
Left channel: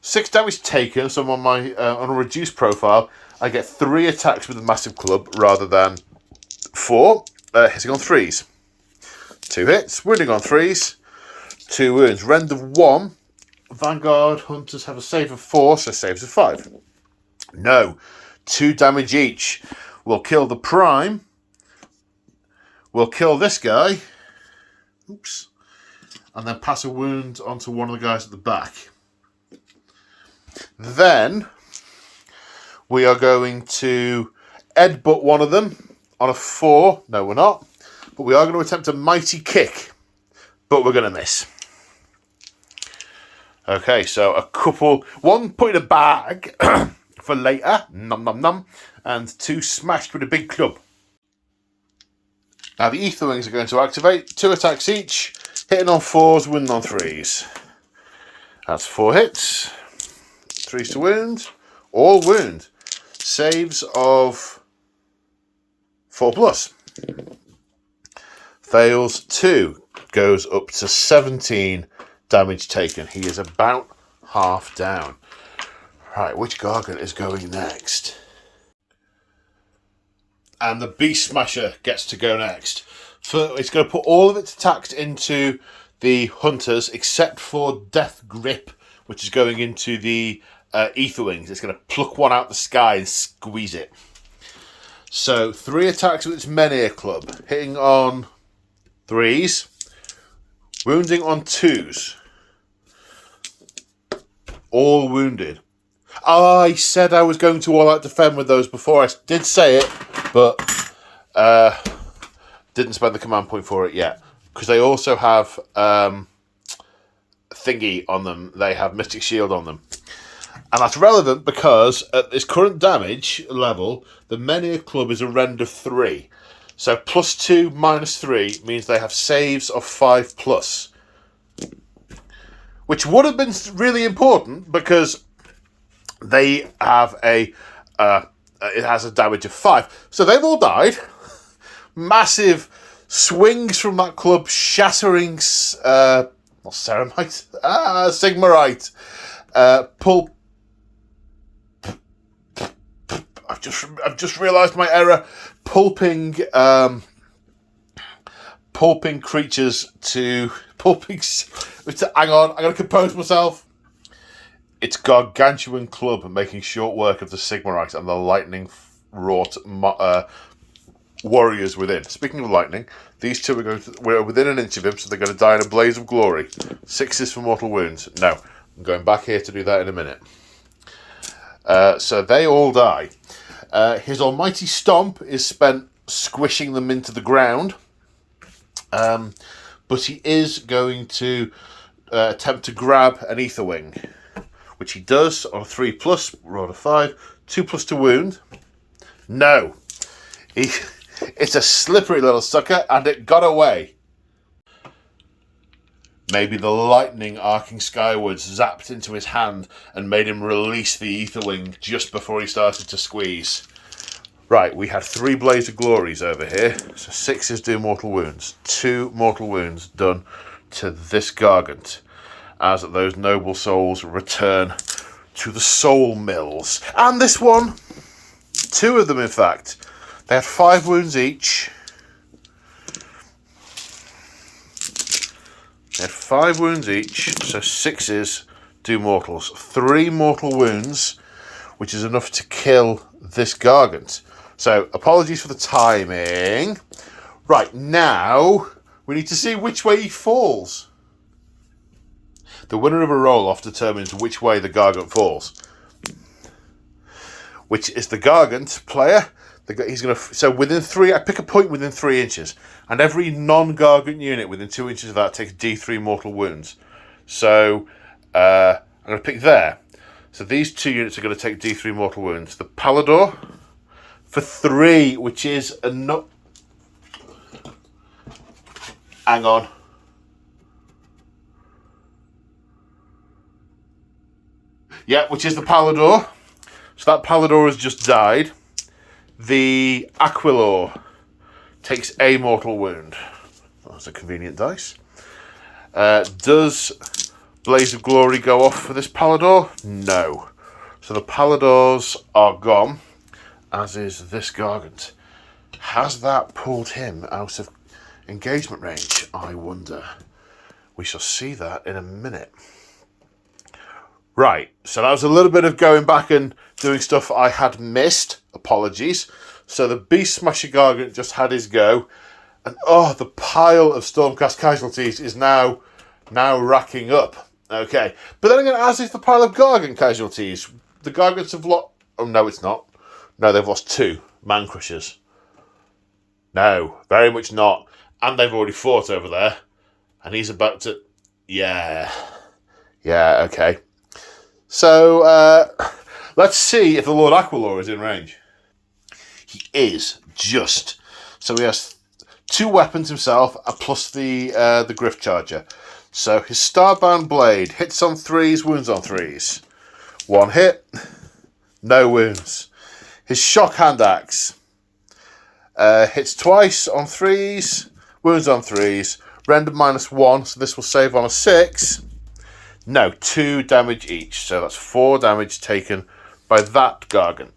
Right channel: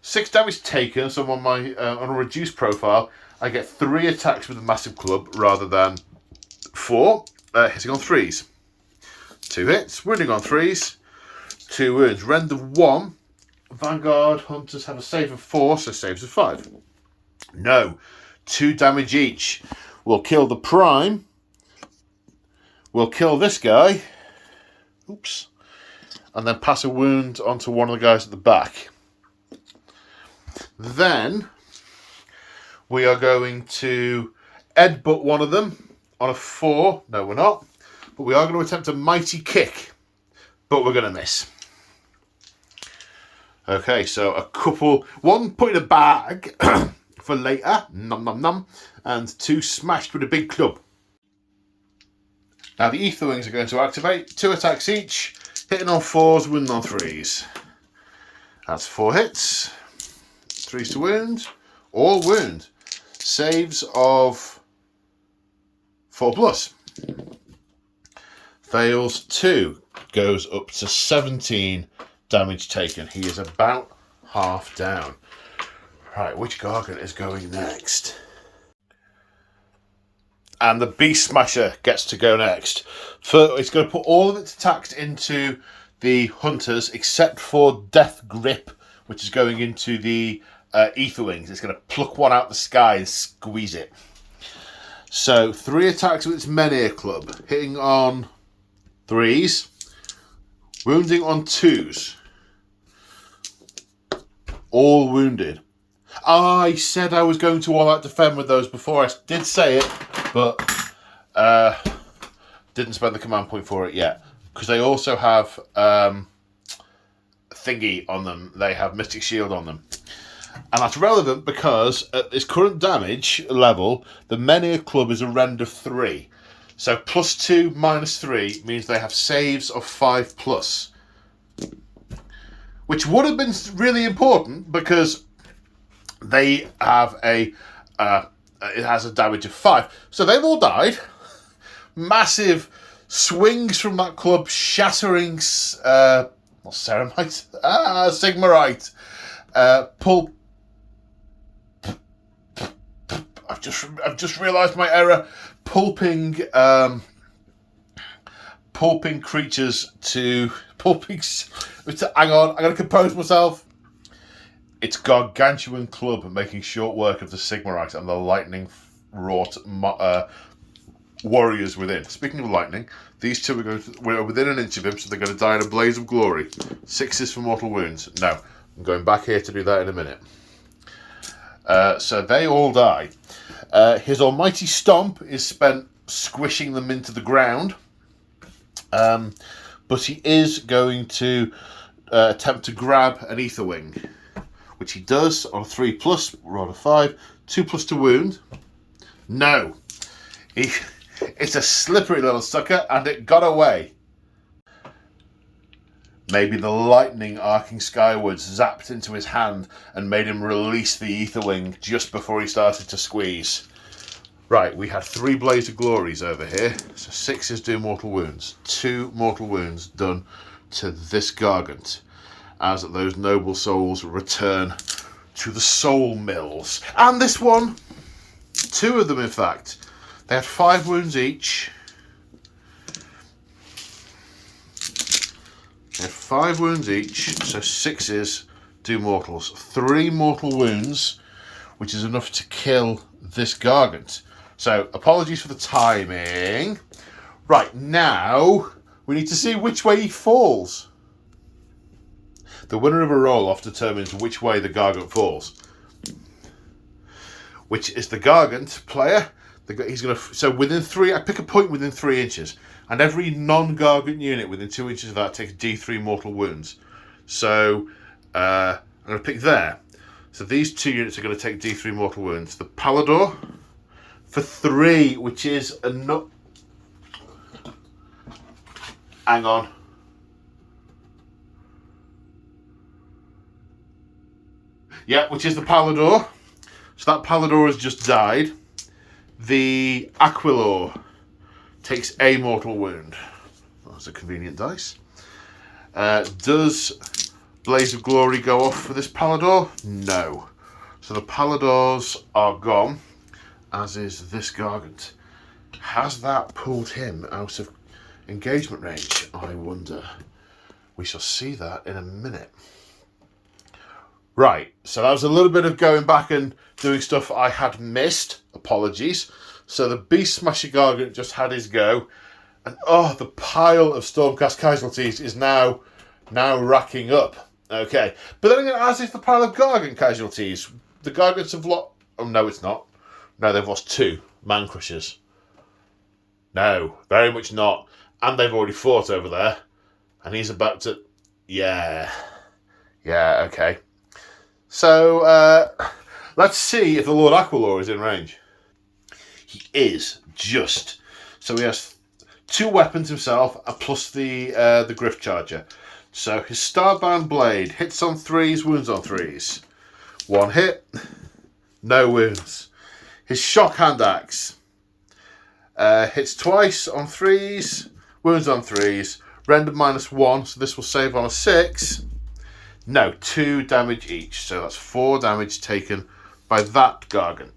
6 damage taken. So on my on a reduced profile, I get 3 attacks with a massive club rather than 4. Hitting on 3s. 2 hits. Wounding on 3s. 2 wounds. Render 1. Vanguard Hunters have a save of 4, so saves of 5. No. 2 damage each. We'll kill the prime. We'll kill this guy. Oops. And then pass a wound onto one of the guys at the back. Then we are going to headbutt one of them on a 4. No, we're not. But we are going to attempt a mighty kick. But we're going to miss. Okay, so a couple... 1 put in a bag for later. Nom nom nom. And 2 smashed with a big club. Now the Ether Wings are going to activate. 2 attacks each. Hitting on 4s, wounding on 3s. That's 4 hits. 3s to wound. All wound. Saves of 4 plus. Fails 2. Goes up to 17 damage taken. He is about half down. Right, which Gargant is going next? And the Beast Smasher gets to go next. It's going to put all of its attacks into the Hunters, except for Death Grip, which is going into the Aetherwings. It's going to pluck one out the sky and squeeze it. So 3 attacks with its Menhir Club, hitting on 3s, wounding on 2s. All wounded. I said I was going to all out defend with those before. I did say it, but didn't spend the command point for it yet. Because they also have thingy on them. They have Mystic Shield on them. And that's relevant because at this current damage level, the Menhir Club is a rend of 3. So +2, -3 means they have saves of 5+. Which would have been really important because they have it has a damage of 5. So they've all died. Massive swings from that club, shattering Ceramite? Sigmarite. I've just realised my error. Pulping creatures to hang on, I'm going to compose myself. It's Gargantuan Club making short work of the Sigmarite and the lightning-wrought warriors within. Speaking of lightning, these two we're within an inch of him, so they're going to die in a blaze of glory. 6s for mortal wounds. No, I'm going back here to do that in a minute. So they all die. His almighty stomp is spent squishing them into the ground. But he is going to attempt to grab an Aetherwing, which he does on a 3+, roll a 5, 2+ to wound. No. It's a slippery little sucker, and it got away. Maybe the lightning arcing skywards zapped into his hand and made him release the Aetherwing just before he started to squeeze. Right, we had 3 Blaze of Glories over here. So 6s do mortal wounds. 2 mortal wounds done to this Gargant as those noble souls return to the soul mills. And this one, 2 of them in fact. They had 5 wounds each. They have 5 wounds each, so 6s do mortals. 3 mortal wounds, which is enough to kill this Gargant. So, apologies for the timing. Right, now we need to see which way he falls. The winner of a roll-off determines which way the Gargant falls. Which is the Gargant player. He's going to. So within 3, I pick a point within 3 inches, and every non-Gargant unit within 2 inches of that takes D3 mortal wounds. So I'm going to pick there. So these 2 units are going to take D3 mortal wounds. The Palador for 3, which is enough. Hang on. Yeah, which is the Palador. So that Palador has just died. The Aquilor takes a mortal wound. That's a convenient dice. Does Blaze of Glory go off for this Palador? No. So the Paladors are gone, as is this Gargant. Has that pulled him out of engagement range? I wonder. We shall see that in a minute. Right, so that was a little bit of going back and doing stuff I had missed. Apologies. So the Beast Smasher Gargant just had his go. And the pile of Stormcast casualties is now racking up. Okay. But then again, as is the pile of Gargant casualties. The Gargants have lost... Oh, no, it's not. No, they've lost 2 Man Crushers. No, very much not. And they've already fought over there. And he's about to... Yeah, okay. So, let's see if the Lord Aquilor is in range. He is, just. So he has 2 weapons himself, plus the Griff Charger. So his Starbound Blade hits on 3s, wounds on 3s. 1 hit, no wounds. His Shock Hand Axe hits twice on 3s, wounds on 3s. Render -1, so this will save on a 6. No, 2 damage each. So that's 4 damage taken by that Gargant.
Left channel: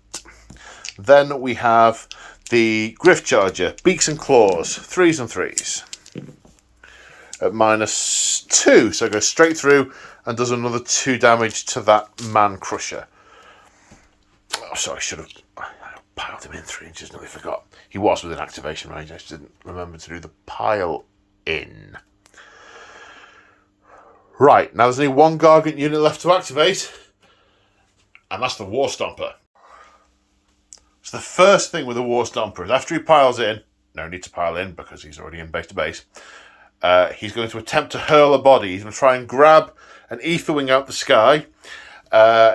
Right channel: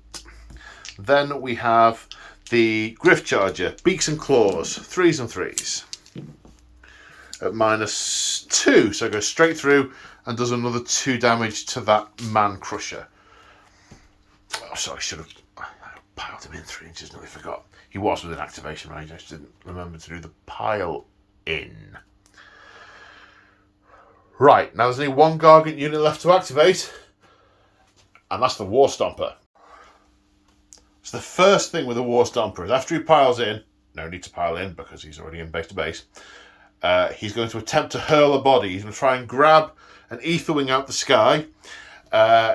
Then we have the Griff Charger, Beaks and Claws, 3s and 3s. At -2, so it goes straight through and does another 2 damage to that Man Crusher. Oh, sorry, I should have piled him in 3 inches, nearly forgot. He was within activation range, I just didn't remember to do the pile in. Right, now there's only 1 Gargant unit left to activate, and that's the War Stomper. So the first thing with the War Stomper is after he piles in, no need to pile in because he's already in base to base, he's going to attempt to hurl a body. He's going to try and grab an Aetherwing out the sky.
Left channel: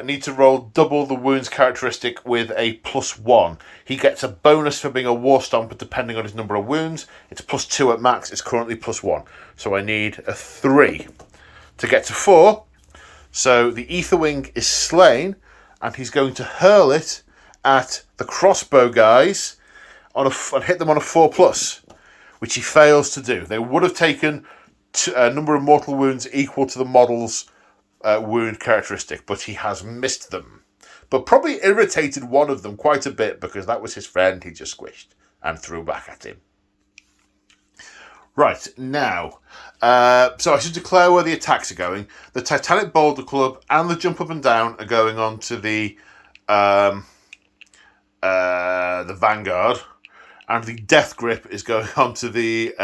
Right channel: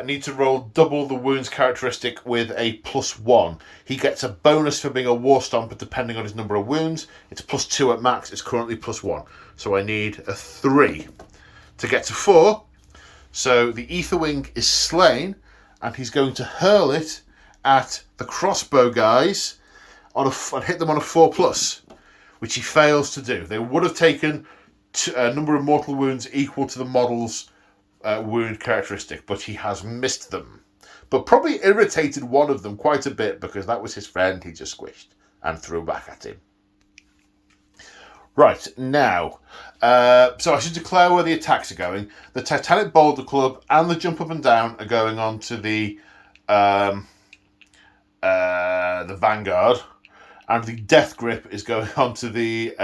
Need to roll double the wounds characteristic with a +1. He gets a bonus for being a War Stomper depending on his number of wounds. It's +2 at max. It's currently +1. So I need a 3 to get to 4. So the Aetherwing is slain, and he's going to hurl it at the crossbow guys and hit them on a 4+, which he fails to do. They would have taken a number of mortal wounds equal to the model's wound characteristic, but he has missed them. But probably irritated one of them quite a bit because that was his friend he just squished and threw back at him. Right, now, so I should declare where the attacks are going. The Titanic Boulder Club and the Jump Up and Down are going on to the Vanguard, and the Death Grip is going on to the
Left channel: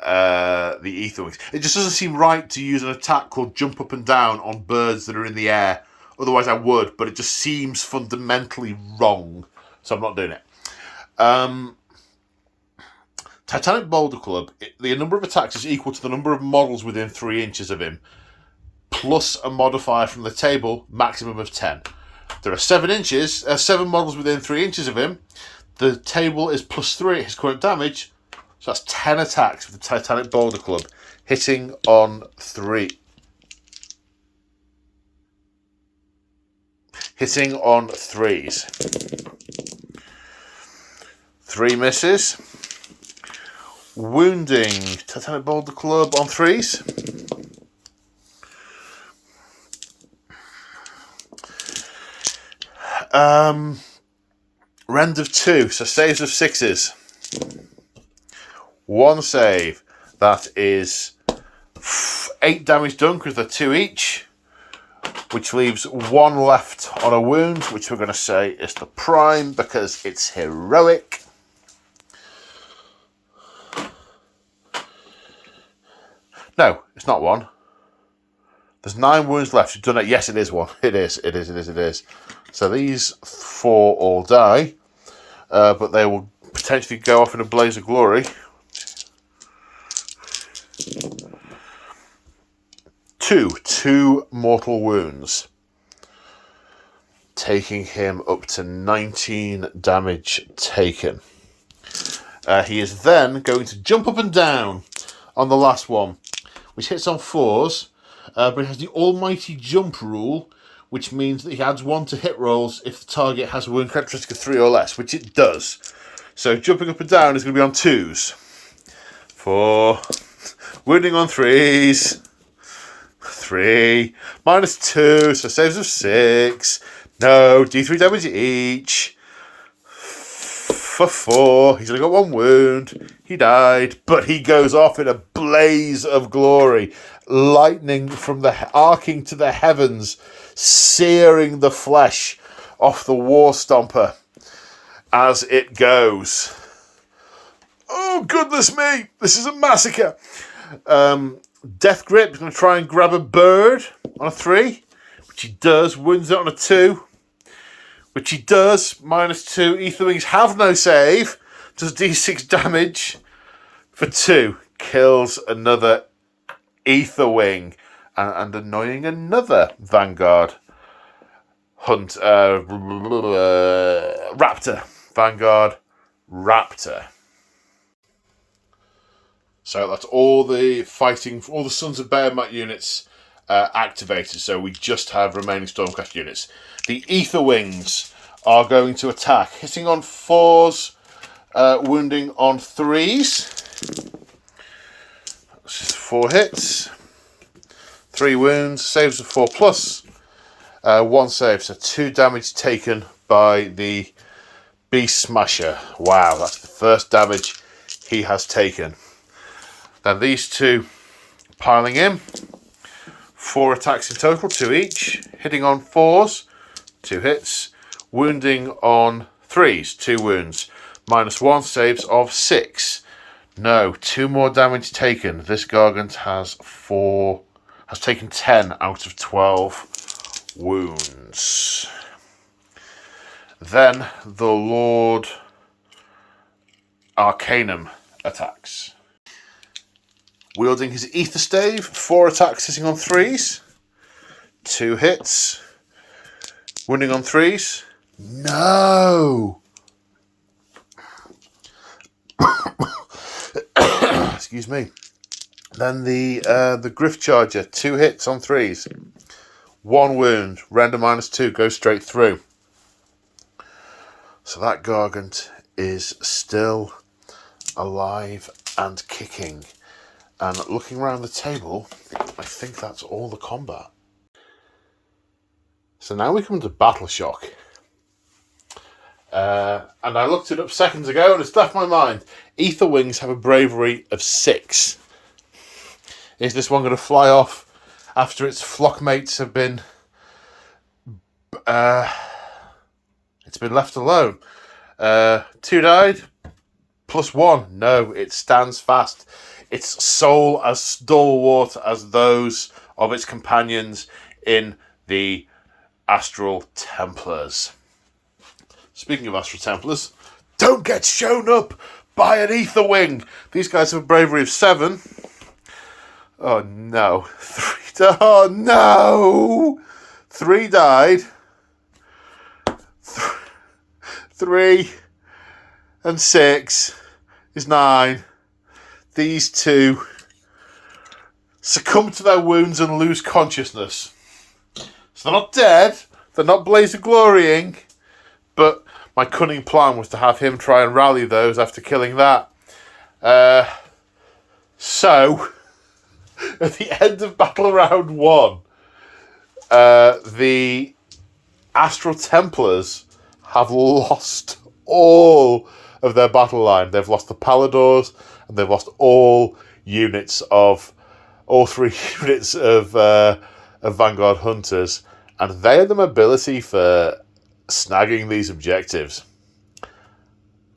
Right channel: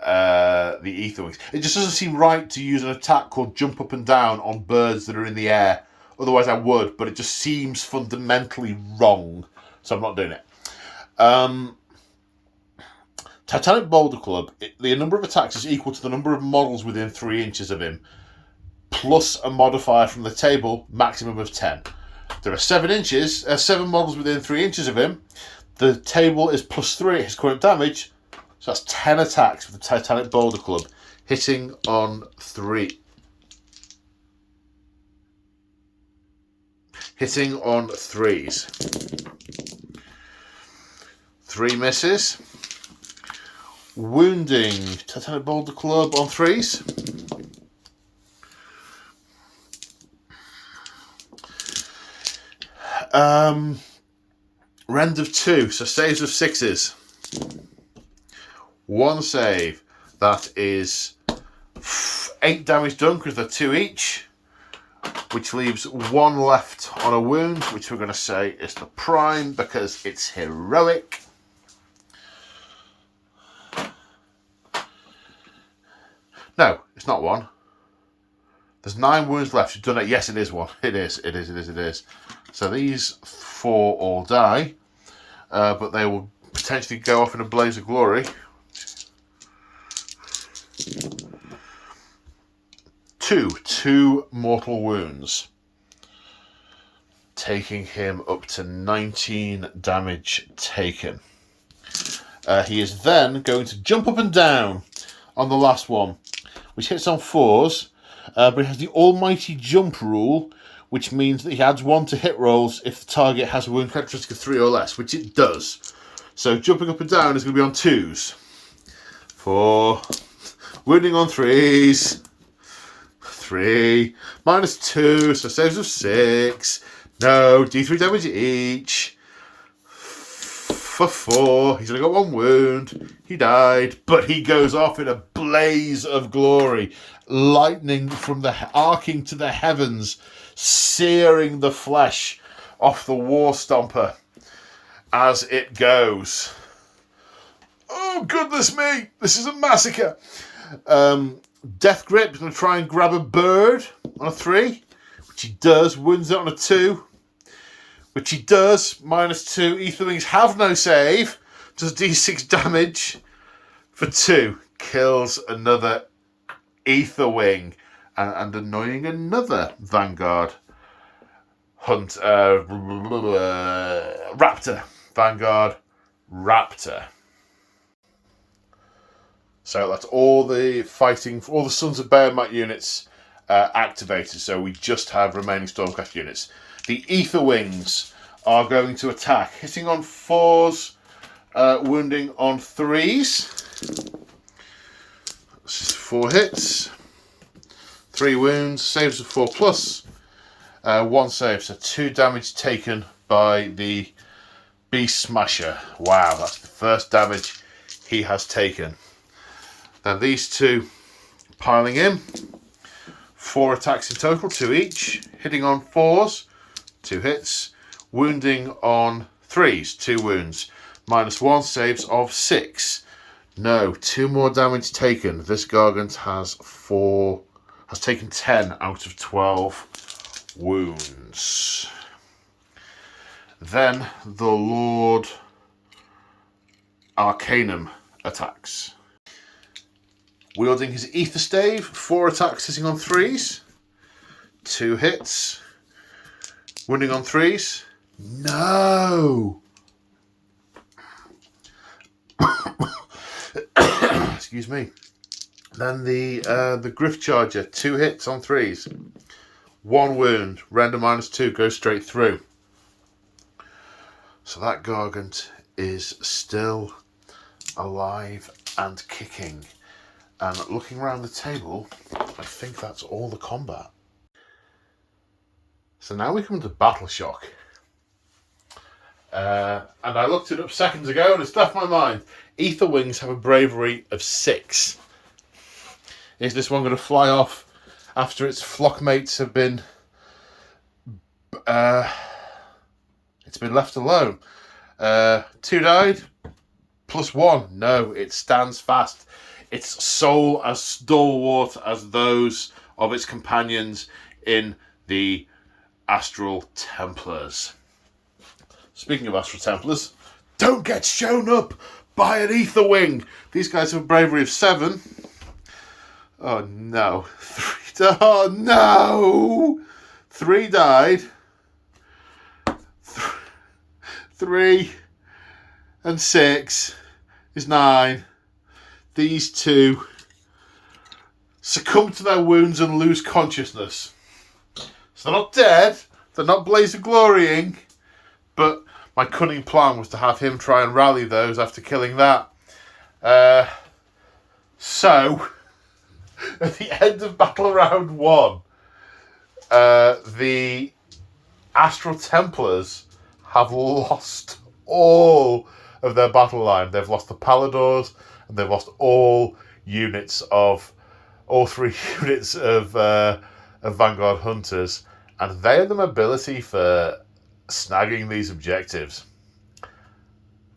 Aetherwings. It just doesn't seem right to use an attack called Jump Up and Down on birds that are in the air. Otherwise I would, but it just seems fundamentally wrong, so I'm not doing it. Titanic Boulder Club, the number of attacks is equal to the number of models within 3 inches of him, plus a modifier from the table, maximum of 10. There are 7 models within 3 inches of him. The table is +3 at his current damage, so that's 10 attacks with the Titanic Boulder Club, hitting on 3. Hitting on 3s. 3 misses. Wounding Titanic Boulder Club on 3s. Rend of 2, so saves of 6s. 1 save. That is 8 damage done because they're 2 each, which leaves 1 left on a wound, which we're going to say is the prime because it's heroic. No, it's not 1. There's 9 wounds left. You've done it. Yes, it is 1. It is. So these 4 all die, but they will potentially go off in a blaze of glory. 2 mortal wounds, taking him up to 19 damage taken. He is then going to jump up and down on the last one, which hits on 4s, but it has the almighty jump rule, which means that he adds 1 to hit rolls if the target has a wound characteristic of 3 or less, which it does. So jumping up and down is going to be on 2s. 4. Wounding on 3s. 3. -2, so saves of 6. No, D3 damage each. For 4. He's only got 1 wound. He died, but he goes off in a blaze of glory. Lightning from the arcing to the heavens, searing the flesh off the War Stomper as it goes. Oh, goodness me. This is a massacre. Death Grip is going to try and grab a bird on a 3, which he does. Wounds it on a 2, which he does. -2. Aetherwings have no save. Does D6 damage for 2. Kills another Aetherwing and annoying another Vanguard Hunt. Raptor. Vanguard Raptor. So that's all the fighting, all the Sons of Behemat units activated. So we just have remaining Stormcast units. The Aetherwings are going to attack, hitting on 4s, wounding on 3s. That's 4 hits. 3 wounds, saves of 4 plus 1 save, so 2 damage taken by the Beast Smasher. Wow, that's the first damage he has taken. Then these 2 piling in. 4 attacks in total, 2 each. Hitting on 4s, 2 hits. Wounding on 3s, 2 wounds. -1, saves of 6. No, 2 more damage taken. This Gargant has taken 10 out of 12 wounds. Then the Lord Arcanum attacks. Wielding his Ether Stave, 4 attacks hitting on 3s. 2 hits. Wounding on 3s. No! Excuse me. Then the Griff Charger, 2 hits on 3s. 1 wound, render -2, goes straight through. So that Gargant is still alive and kicking. And looking around the table, I think that's all the combat. So now we come to Battle Shock. And I looked it up seconds ago and it's left my mind. Ether Wings have a bravery of 6. Is this one going to fly off after its flock mates have been... it's been left alone? 2 died, +1. No, it stands fast. Its soul as stalwart as those of its companions in the Astral Templars. Speaking of Astral Templars, don't get shown up by an Ether Wing. These guys have a bravery of 7. Oh no. 3 no! 3 died. 3 and 6 is 9. These 2 succumb to their wounds and lose consciousness. So they're not dead, they're not blaze of glorying, but my cunning plan was to have him try and rally those after killing that. So, at the end of Battle Round 1, the Astral Templars have lost all of their battle line. They've lost the Paladors, and they've lost all 3 units of Vanguard Hunters, and they have the mobility for snagging these objectives.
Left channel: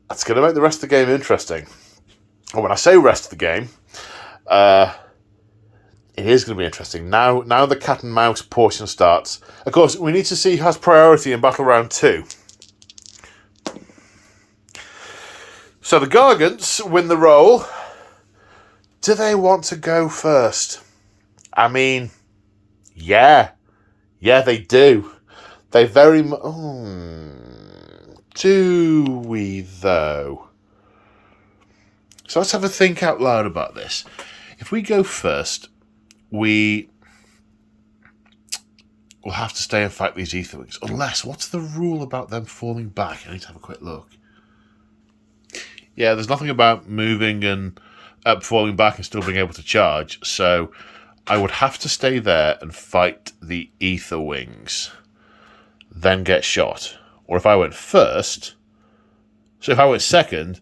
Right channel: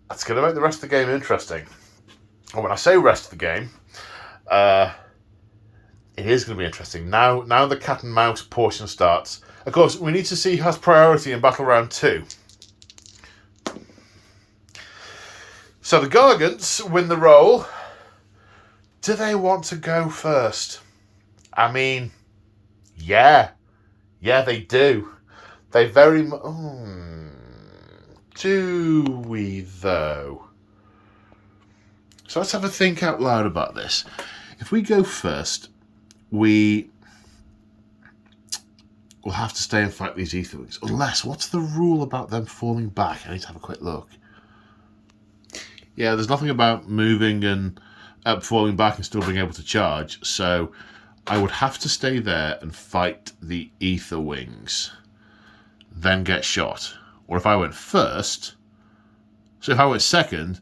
That's going to make the rest of the game interesting. And when I say rest of the game, it is going to be interesting. Now the cat and mouse portion starts. Of course, we need to see who has priority in Battle Round 2. So the Gargants win the roll. Do they want to go first? I mean, yeah. Yeah, they do. They very much... do we, though? So let's have a think out loud about this. If we go first, we will have to stay and fight these Ether Wings. Unless, what's the rule about them falling back? I need to have a quick look. Yeah, there's nothing about moving and falling back and still being able to charge. So I would have to stay there and fight the Ether Wings, then get shot. Or if I went first, so if I went second,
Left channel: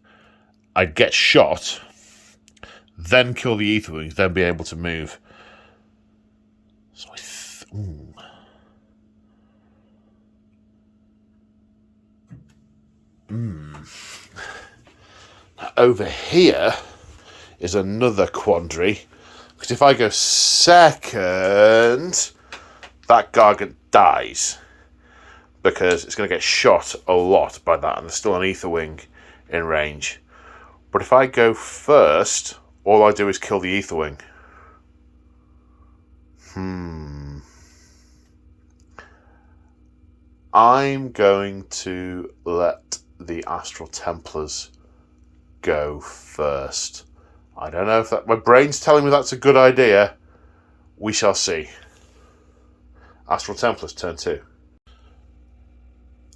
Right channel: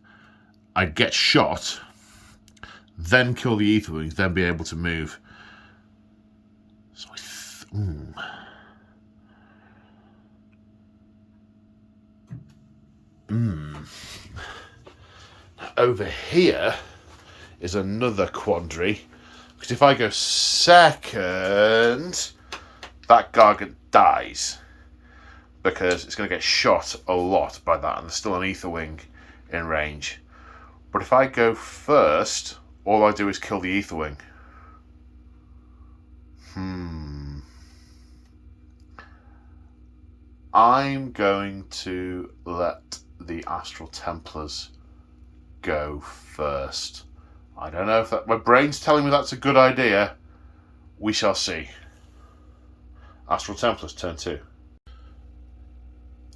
I'd get shot, then kill the Ether Wings, then be able to move. So over here is another quandary, because if I go second, that Gargant dies, because it's going to get shot a lot by that, and there's still an Ether Wing in range. But if I go first, all I do is kill the Ether Wing. I'm going to let the Astral Templars go first. I don't know if that... my brain's telling me that's a good idea. We shall see. Astral Templars, turn 2.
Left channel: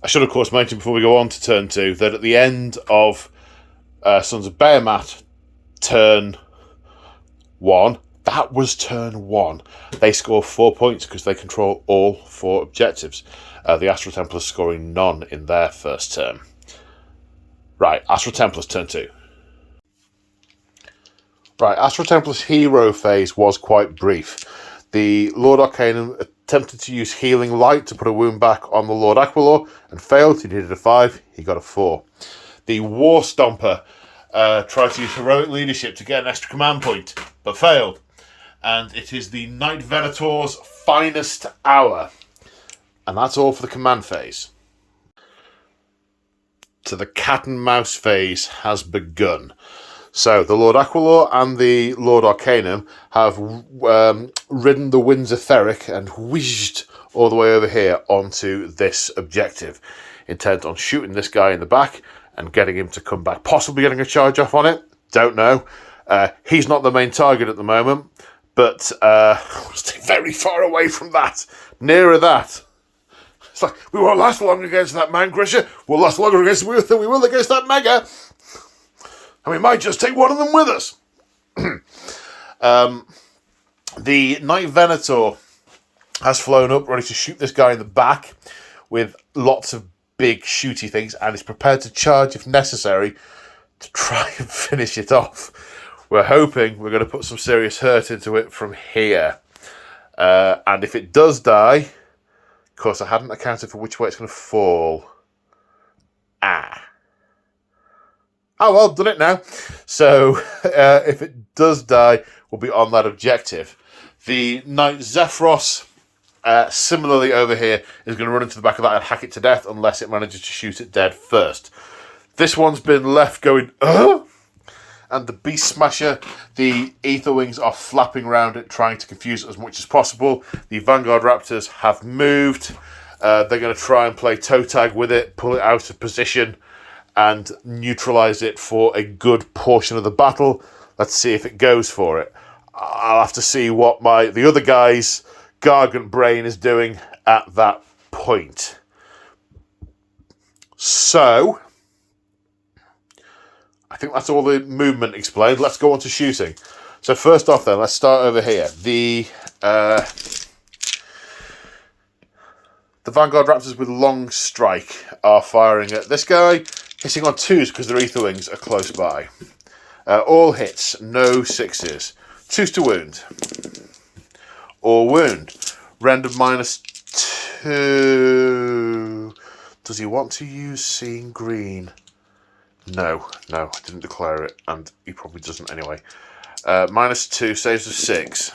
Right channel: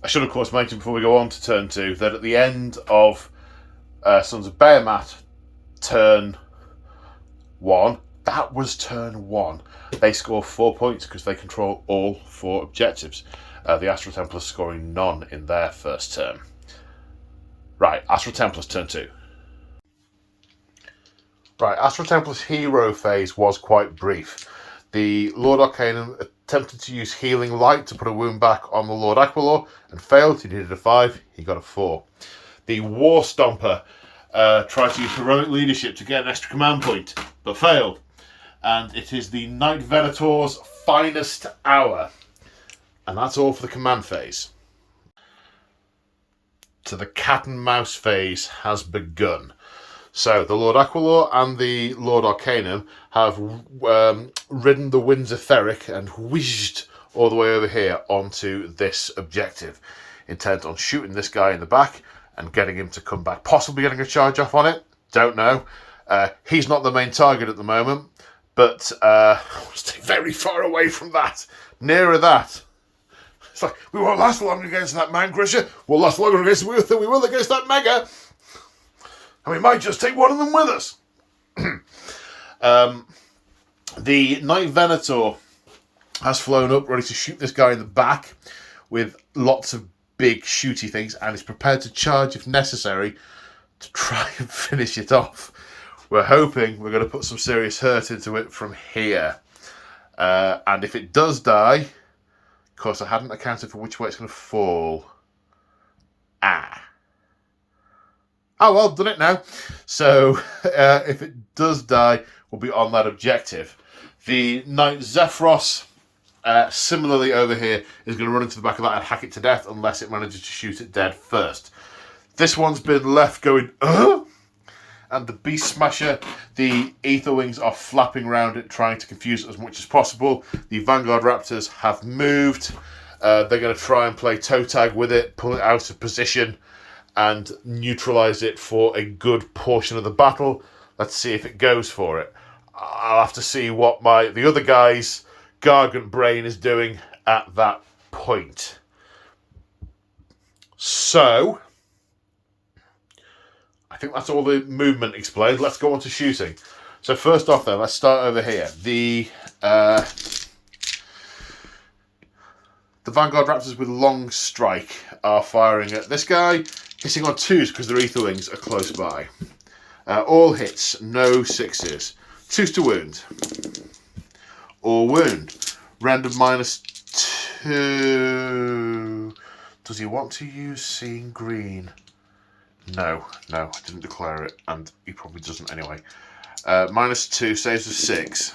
I should, of course, mention before we go on to turn 2 that at the end of Sons of Behemat, turn 1, That was turn 1. They score 4 points because they control all 4 objectives. The Astral Templars scoring none in their first turn. Right, Astral Templars turn 2. Right, Astral Templars hero phase was quite brief. The Lord Arcanum attempted to use Healing Light to put a wound back on the Lord Aquilor and failed. He needed a 5, he got a 4. The War Stomper tried to use Heroic Leadership to get an extra command point, but failed. And it is the Knight Venator's finest hour. And that's all for the command phase. So the cat and mouse phase has begun. So the Lord Aquilor and the Lord Arcanum have ridden the winds of Theric and whizzed all the way over here onto this objective, intent on shooting this guy in the back and getting him to come back, possibly getting a charge off on it. Don't know. He's not the main target at the moment, but stay very far away from that. Nearer that. It's like, we won't last long against that man crusher. We'll last longer against than we will against that mega. And we might just take one of them with us. The Knight Venator has flown up, ready to shoot this guy in the back with lots of big shooty things, and is prepared to charge if necessary to try and finish it off. We're hoping we're going to put some serious hurt into it from here. And if it does die, of course I hadn't accounted for which way it's going to fall. Oh, well, done it now. So, if it does die, we'll be on that objective. The Knight Zephyros, similarly over here, is going to run into the back of that and hack it to death unless it manages to shoot it dead first. This one's been left going, and the Beast Smasher, the Ether Wings are flapping around it, trying to confuse it as much as possible. The Vanguard Raptors have moved. They're going to try and play toe tag with it, pull it out of position, and neutralise it for a good portion of the battle. Let's see if it goes for it. I'll have to see what the other guy's Gargant Brain is doing at that point. So, I think that's all the movement explained. Let's go on to shooting. So first off then, let's start over here. The Vanguard Raptors with Long Strike are firing at this guy, hitting on 2s because their Ether Wings are close by. All hits, no 6s. 2s to wound. All wound. Render -2. Does he want to use Seeing Green? No, I didn't declare it, and he probably doesn't anyway. -2, saves of 6.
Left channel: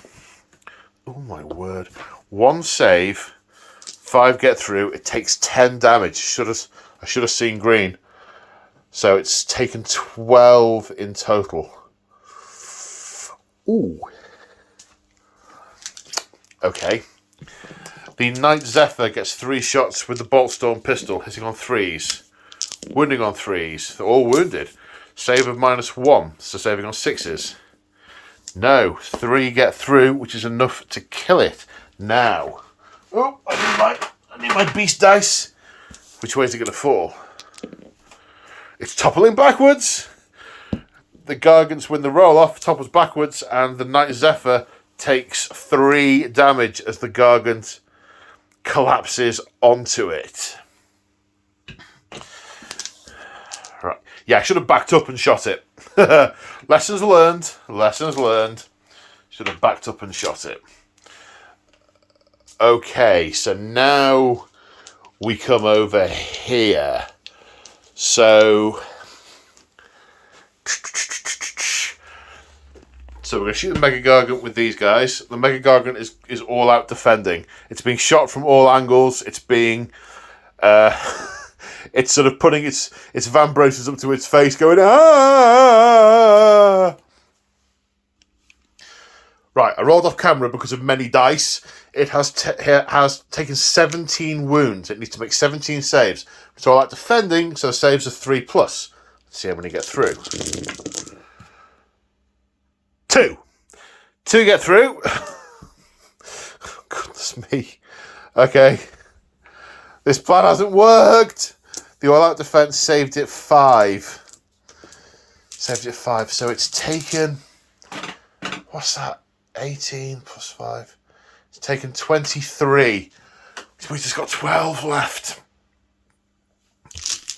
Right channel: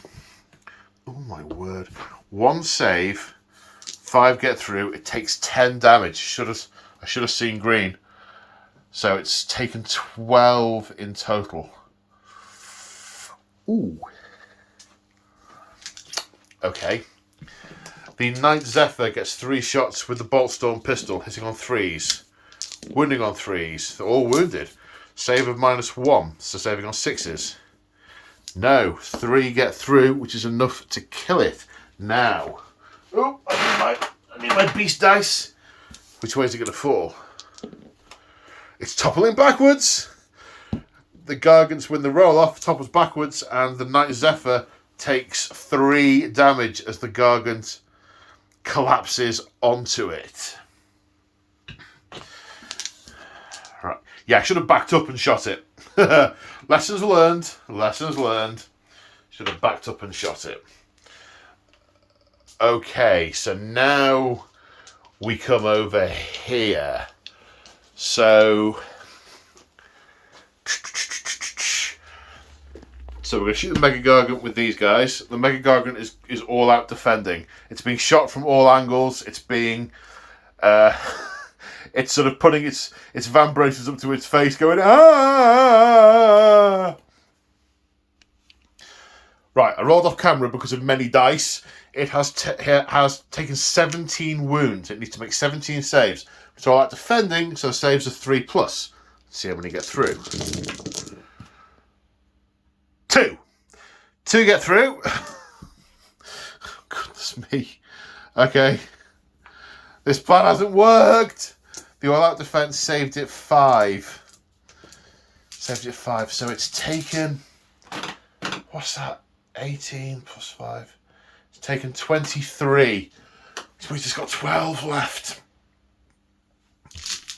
Oh my word. 1 save, 5 get through, it takes 10 damage. I should have seen green. So it's taken 12 in total. Ooh. Okay. The Knight Zephyr gets 3 shots with the Boltstorm pistol, hitting on 3s. Wounding on 3s. They're all wounded. Save of -1, so saving on 6s. No, 3 get through, which is enough to kill it. Now. Oh, I need my beast dice. Which way is it going to fall? It's toppling backwards. The Gargants win the roll-off, topples backwards, and the Knight Zephyr takes 3 damage as the Gargant collapses onto it. Right. Yeah, I should have backed up and shot it. Lessons learned. Should have backed up and shot it. Okay, so now we come over here. So we're going to shoot the Mega Gargant with these guys. The Mega Gargant is all out defending. It's being shot from all angles. It's being it's sort of putting its vambraces up to its face, going ah. Right, I rolled off camera because of many dice. It has taken 17 wounds. It needs to make 17 saves. So all out defending, so saves are 3+. Let's see how many get through. 2. 2 get through. Goodness me. Okay. This plan hasn't worked. The all-out defense saved it 5. So it's taken... What's that? 18 plus 5. It's taken 23. This means it's got 12 left.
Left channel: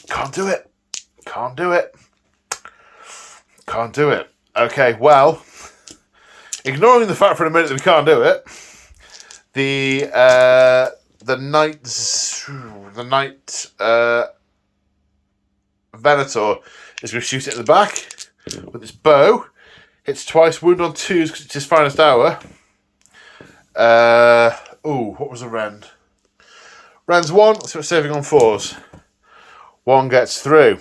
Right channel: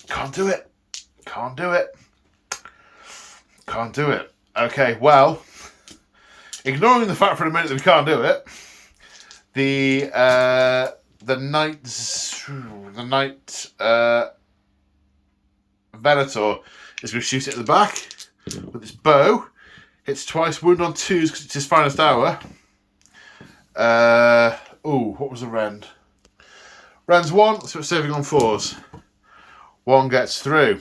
Can't do it. Can't do it. Can't do it. Okay, well, ignoring the fact for a minute that we can't do it, the knight Venator is going to shoot it in the back with its bow. Hits twice, wound on 2s because it's his finest hour. What was a rend? Rend's 1, so it's saving on 4s. 1 gets through.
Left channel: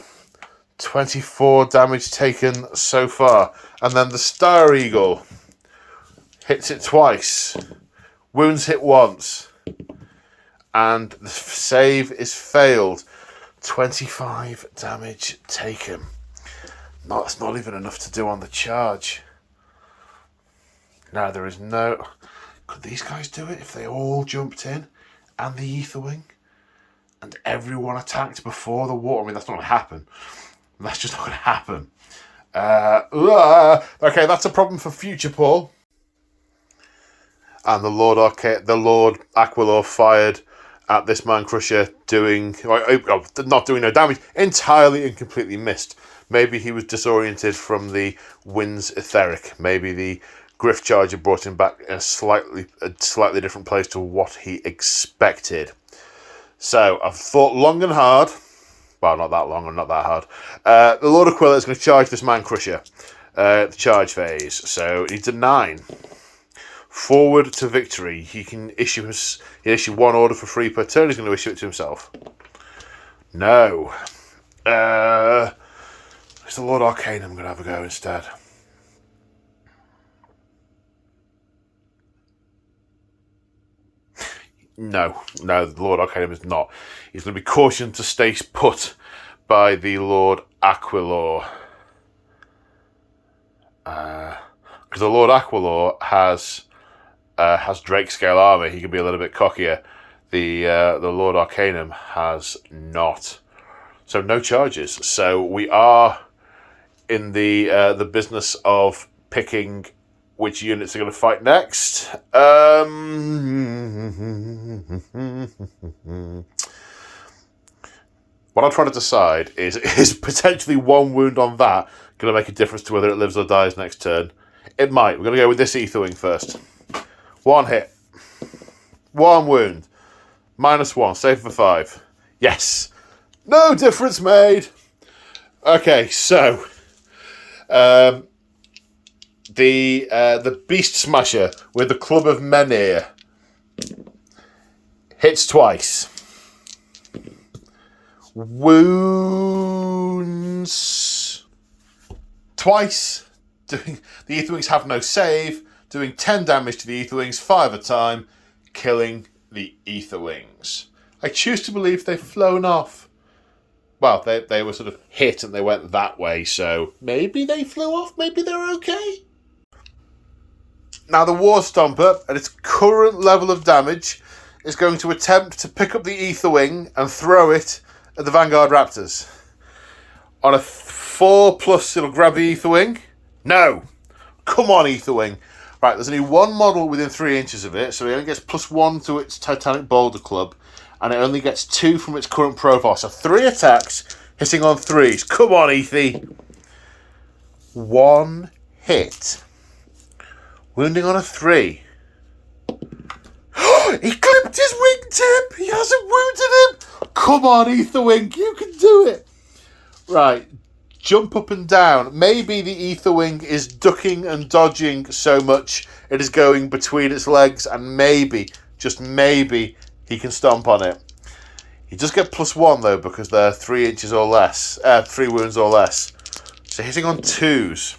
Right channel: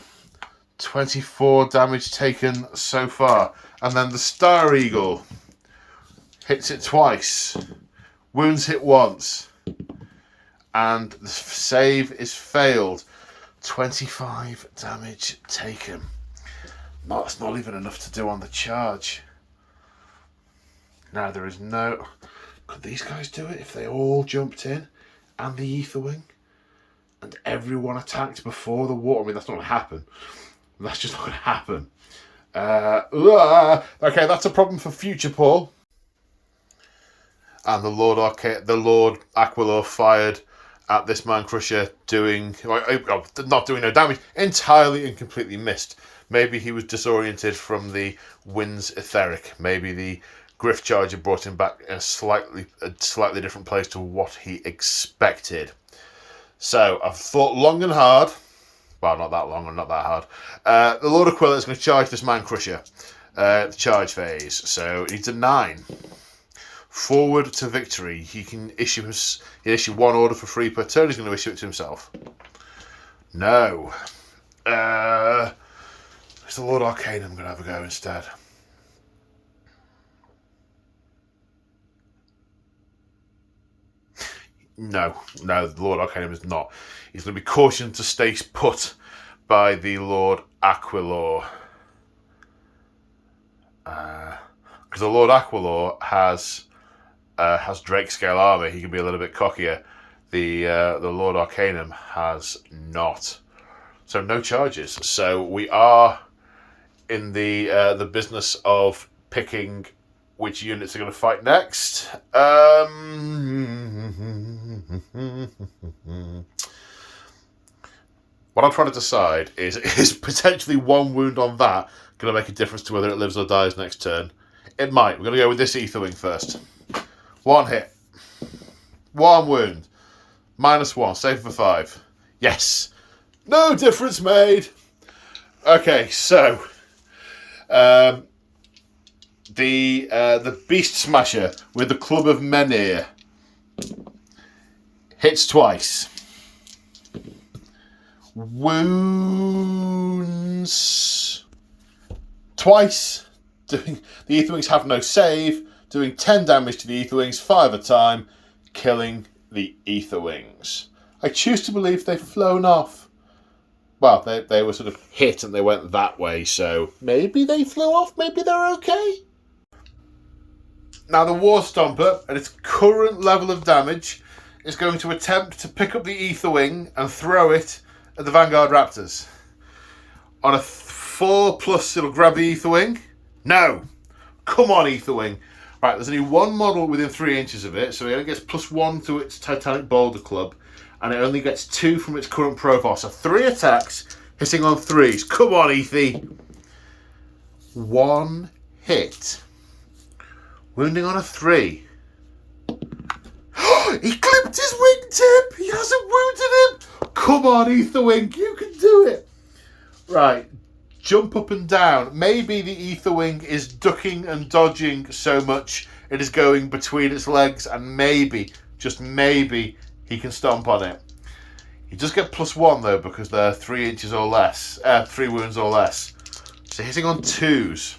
24 damage taken so far. And then the Star Eagle hits it twice. Wounds hit once. And the save is failed. 25 damage taken. No, that's not even enough to do on the charge. No, there is no... Could these guys do it if they all jumped in and the Aetherwing and everyone attacked before the water? I mean, that's not going to happen. That's just not going to happen. Okay, that's a problem for future Paul. And the Lord Aquilor fired at this Man Crusher, not doing no damage, entirely and completely missed. Maybe he was disoriented from the wind's etheric. Maybe the Griff Charger brought him back in a slightly different place to what he expected. So I've thought long and hard. Well, not that long and not that hard. The Lord Aquila is going to charge this Man Crusher. The charge phase. So he needs a 9. Forward to victory. He issue 1 order for free per turn. He's going to issue it to himself. No. It's the Lord Arcanum going to have a go instead. No, the Lord Arcanum is not. He's going to be cautioned to stay put by the Lord Aquilor. Because the Lord Aquilor has Drake scale armor. He can be a little bit cockier. The Lord Arcanum has not. So no charges. So we are in the business of picking which units are going to fight next. What I'm trying to decide is potentially 1 wound on that going to make a difference to whether it lives or dies next turn? It might. We're going to go with this Aetherwing first. 1 hit. 1 wound. -1. Save for 5. Yes. No difference made. Okay, so the Beast Smasher with the Club of Menhir hits twice. Wounds twice. The Aetherwings have no save. Doing 10 damage to the Aetherwings, 5 a time, killing the Aetherwings. I choose to believe they've flown off. Well, they were sort of hit and they went that way, so maybe they flew off, maybe they're okay. Now the War Stomper, at its current level of damage, is going to attempt to pick up the Aetherwing and throw it at the Vanguard Raptors. On a 4+, it'll grab the Aetherwing. No! Come on, Aetherwing. Right, there's only 1 model within 3 inches of it, so it only gets +1 to its Titanic Boulder Club, and it only gets 2 from its current profile. So 3 attacks, hitting on 3s. Come on, Ethy. 1 hit. Wounding on a 3. He clipped his wingtip! He hasn't wounded him! Come on, Aetherwing, you can do it! Right, jump up and down. Maybe the Aetherwing is ducking and dodging so much it is going between its legs, and maybe, just maybe, he can stomp on it. He does get +1 though, because they're 3 inches or less, 3 wounds or less. So hitting on 2s.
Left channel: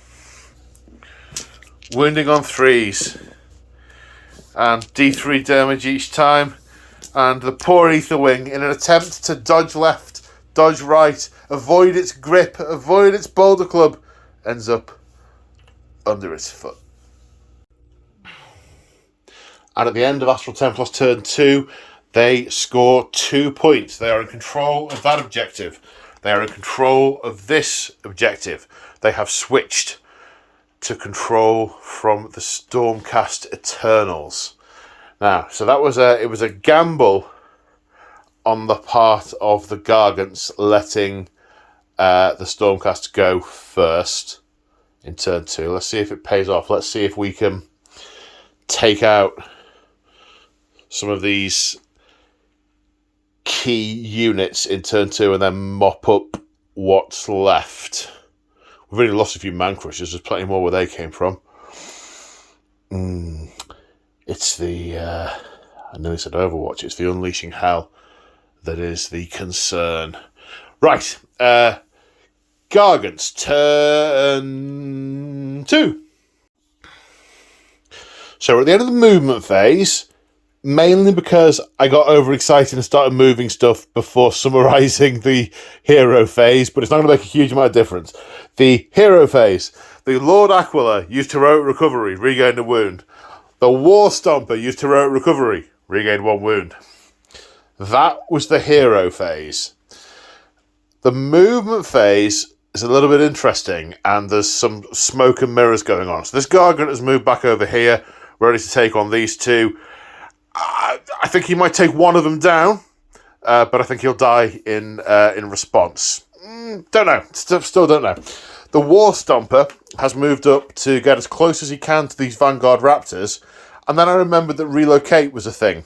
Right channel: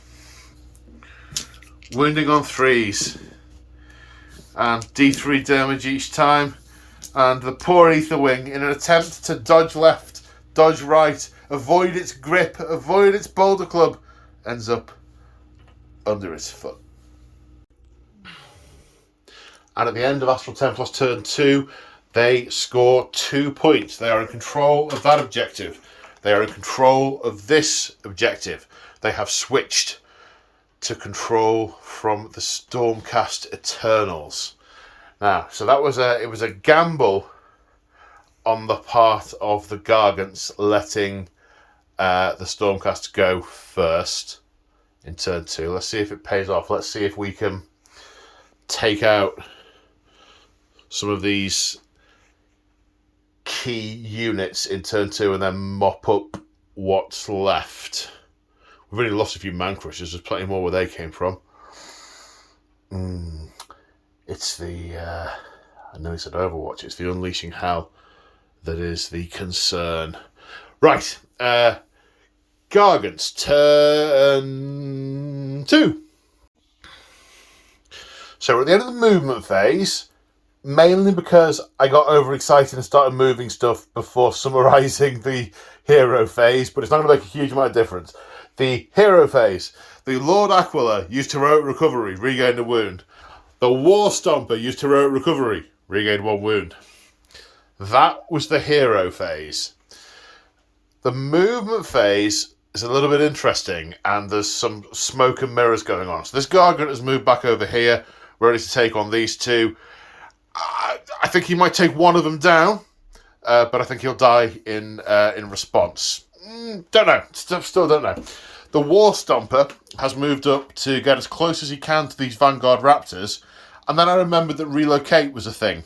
Wounding on 3s. And D3 damage each time. And the poor Aetherwing, in an attempt to dodge left, dodge right, avoid its grip, avoid its Boulder Club, ends up under its foot. And at the end of Astral Templars turn 2, they score 2 points. They are in control of that objective. They are in control of this objective. They have switched to control from the Stormcast Eternals. Now, so it was a gamble on the part of the Gargants letting the Stormcast go first in turn 2. Let's see if it pays off. Let's see if we can take out some of these key units in turn 2 and then mop up what's left. We've only lost a few man crushers. There's plenty more where they came from. It's the I nearly said Overwatch. It's the Unleashing Hell that is the concern. Right, Gargants, turn 2. So we're at the end of the movement phase, mainly because I got overexcited and started moving stuff before summarising the hero phase, but it's not going to make a huge amount of difference. The hero phase, the Lord Aquila used Heroic Recovery, regained a wound. The War Stomper used Heroic Recovery, regained 1 wound. That was the hero phase. The movement phase is a little bit interesting, and there's some smoke and mirrors going on. So this Gargant has moved back over here, ready to take on these two. I think he might take one of them down, but I think he'll die in response. Don't know. Still don't know. The War Stomper has moved up to get as close as he can to these Vanguard Raptors, and then I remembered that relocate was a thing.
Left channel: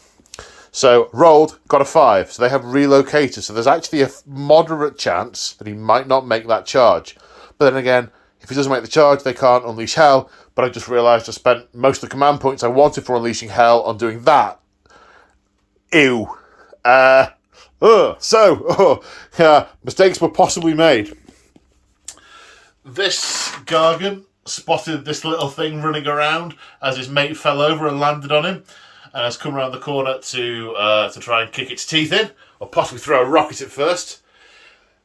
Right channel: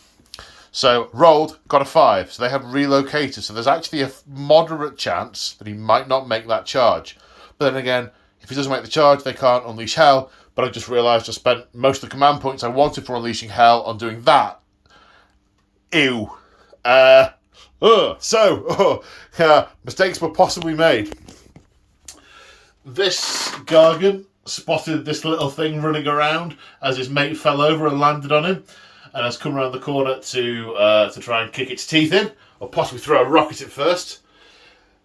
So, rolled, got a 5. So they have relocated. So there's actually a moderate chance that he might not make that charge. But then again, if he doesn't make the charge, they can't unleash hell. But I just realised I spent most of the command points I wanted for unleashing hell on doing that. Ew. Yeah, mistakes were possibly made. This Gargant spotted this little thing running around as his mate fell over and landed on him, and has come around the corner to try and kick its teeth in, or possibly throw a rock at it first.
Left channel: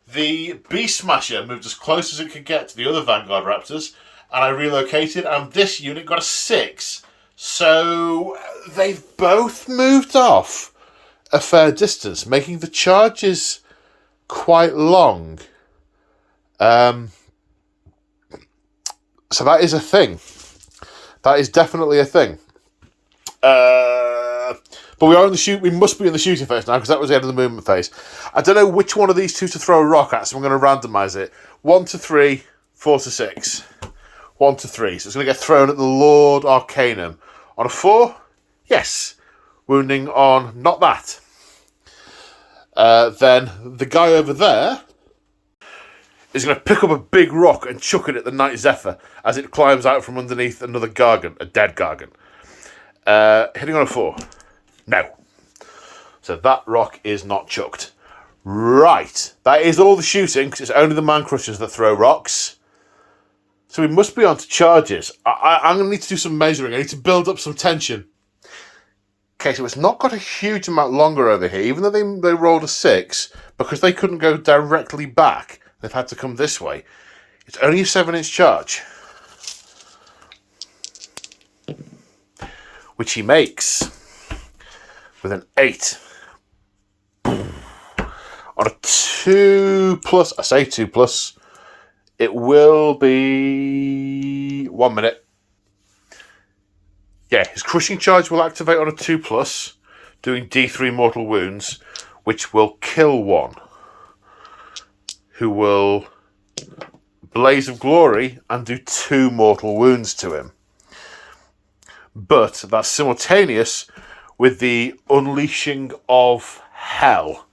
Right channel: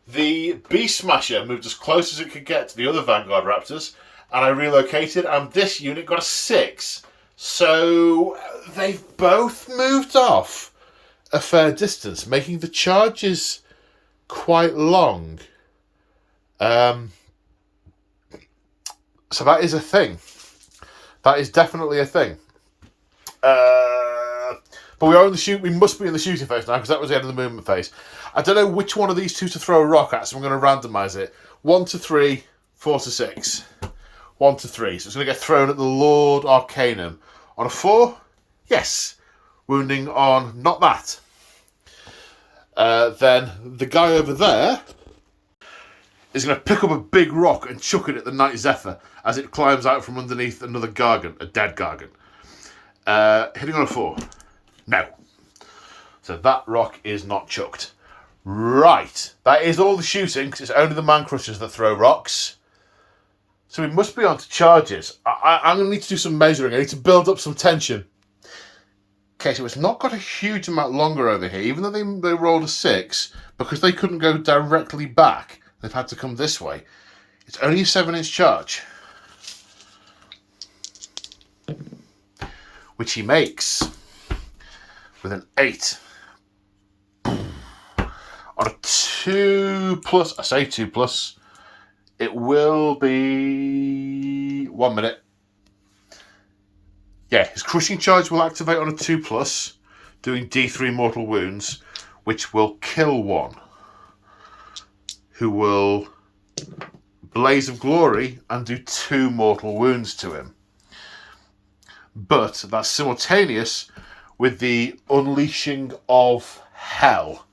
The Beast Smasher moved as close as it could get to the other Vanguard Raptors, and I relocated, and this unit got a 6. So they've both moved off a fair distance, making the charges quite long. So that is a thing. That is definitely a thing. But we are in the shoot. We must be in the shooting phase now, because that was the end of the movement phase. I don't know which one of these two to throw a rock at, so I'm going to randomise it. 1 to 3, 4 to 6. 1 to 3. So it's going to get thrown at the Lord Arcanum. On a 4, yes. Wounding on not that. Then the guy over there is going to pick up a big rock and chuck it at the Night Zephyr as it climbs out from underneath another Gargant, a dead Gargant. Hitting on a 4. No. So that rock is not chucked. Right. That is all the shooting, because it's only the man crushers that throw rocks. So we must be on to charges. I'm going to need to do some measuring. I need to build up some tension. Okay, so it's not got a huge amount longer over here, even though they rolled a 6, because they couldn't go directly back. They've had to come this way. It's only a 7-inch charge, which he makes with an 8. On a 2+, I say 2+, it will be 1 minute. Yeah, his crushing charge will activate on a 2+, doing D3 mortal wounds, which will kill one, who will Blaze of Glory and do 2 mortal wounds to him. But that's simultaneous with the Unleashing of Hell,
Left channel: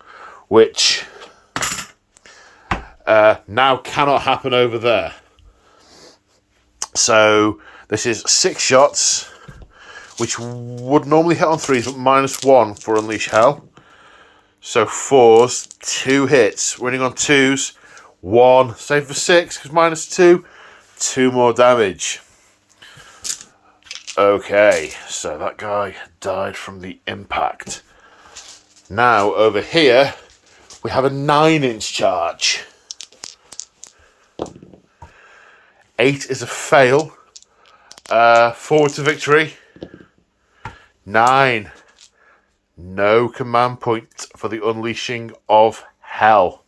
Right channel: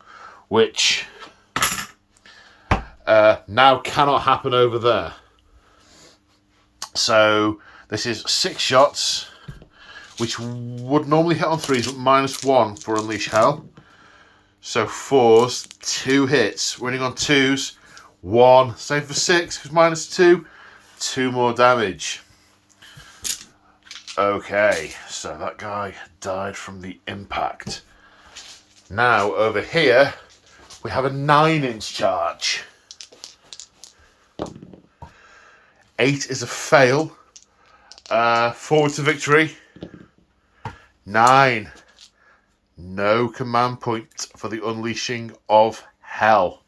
which now cannot happen over there. So this is 6 shots, which would normally hit on 3s, but -1 for Unleash Hell. So 4s, 2 hits, winning on 2s, 1, save for 6, because -2, 2 more damage. Okay, so that guy died from the impact. Now, over here, we have a 9-inch charge. 8 is a fail. Forward to victory. 9. No command point for the Unleashing of Hell.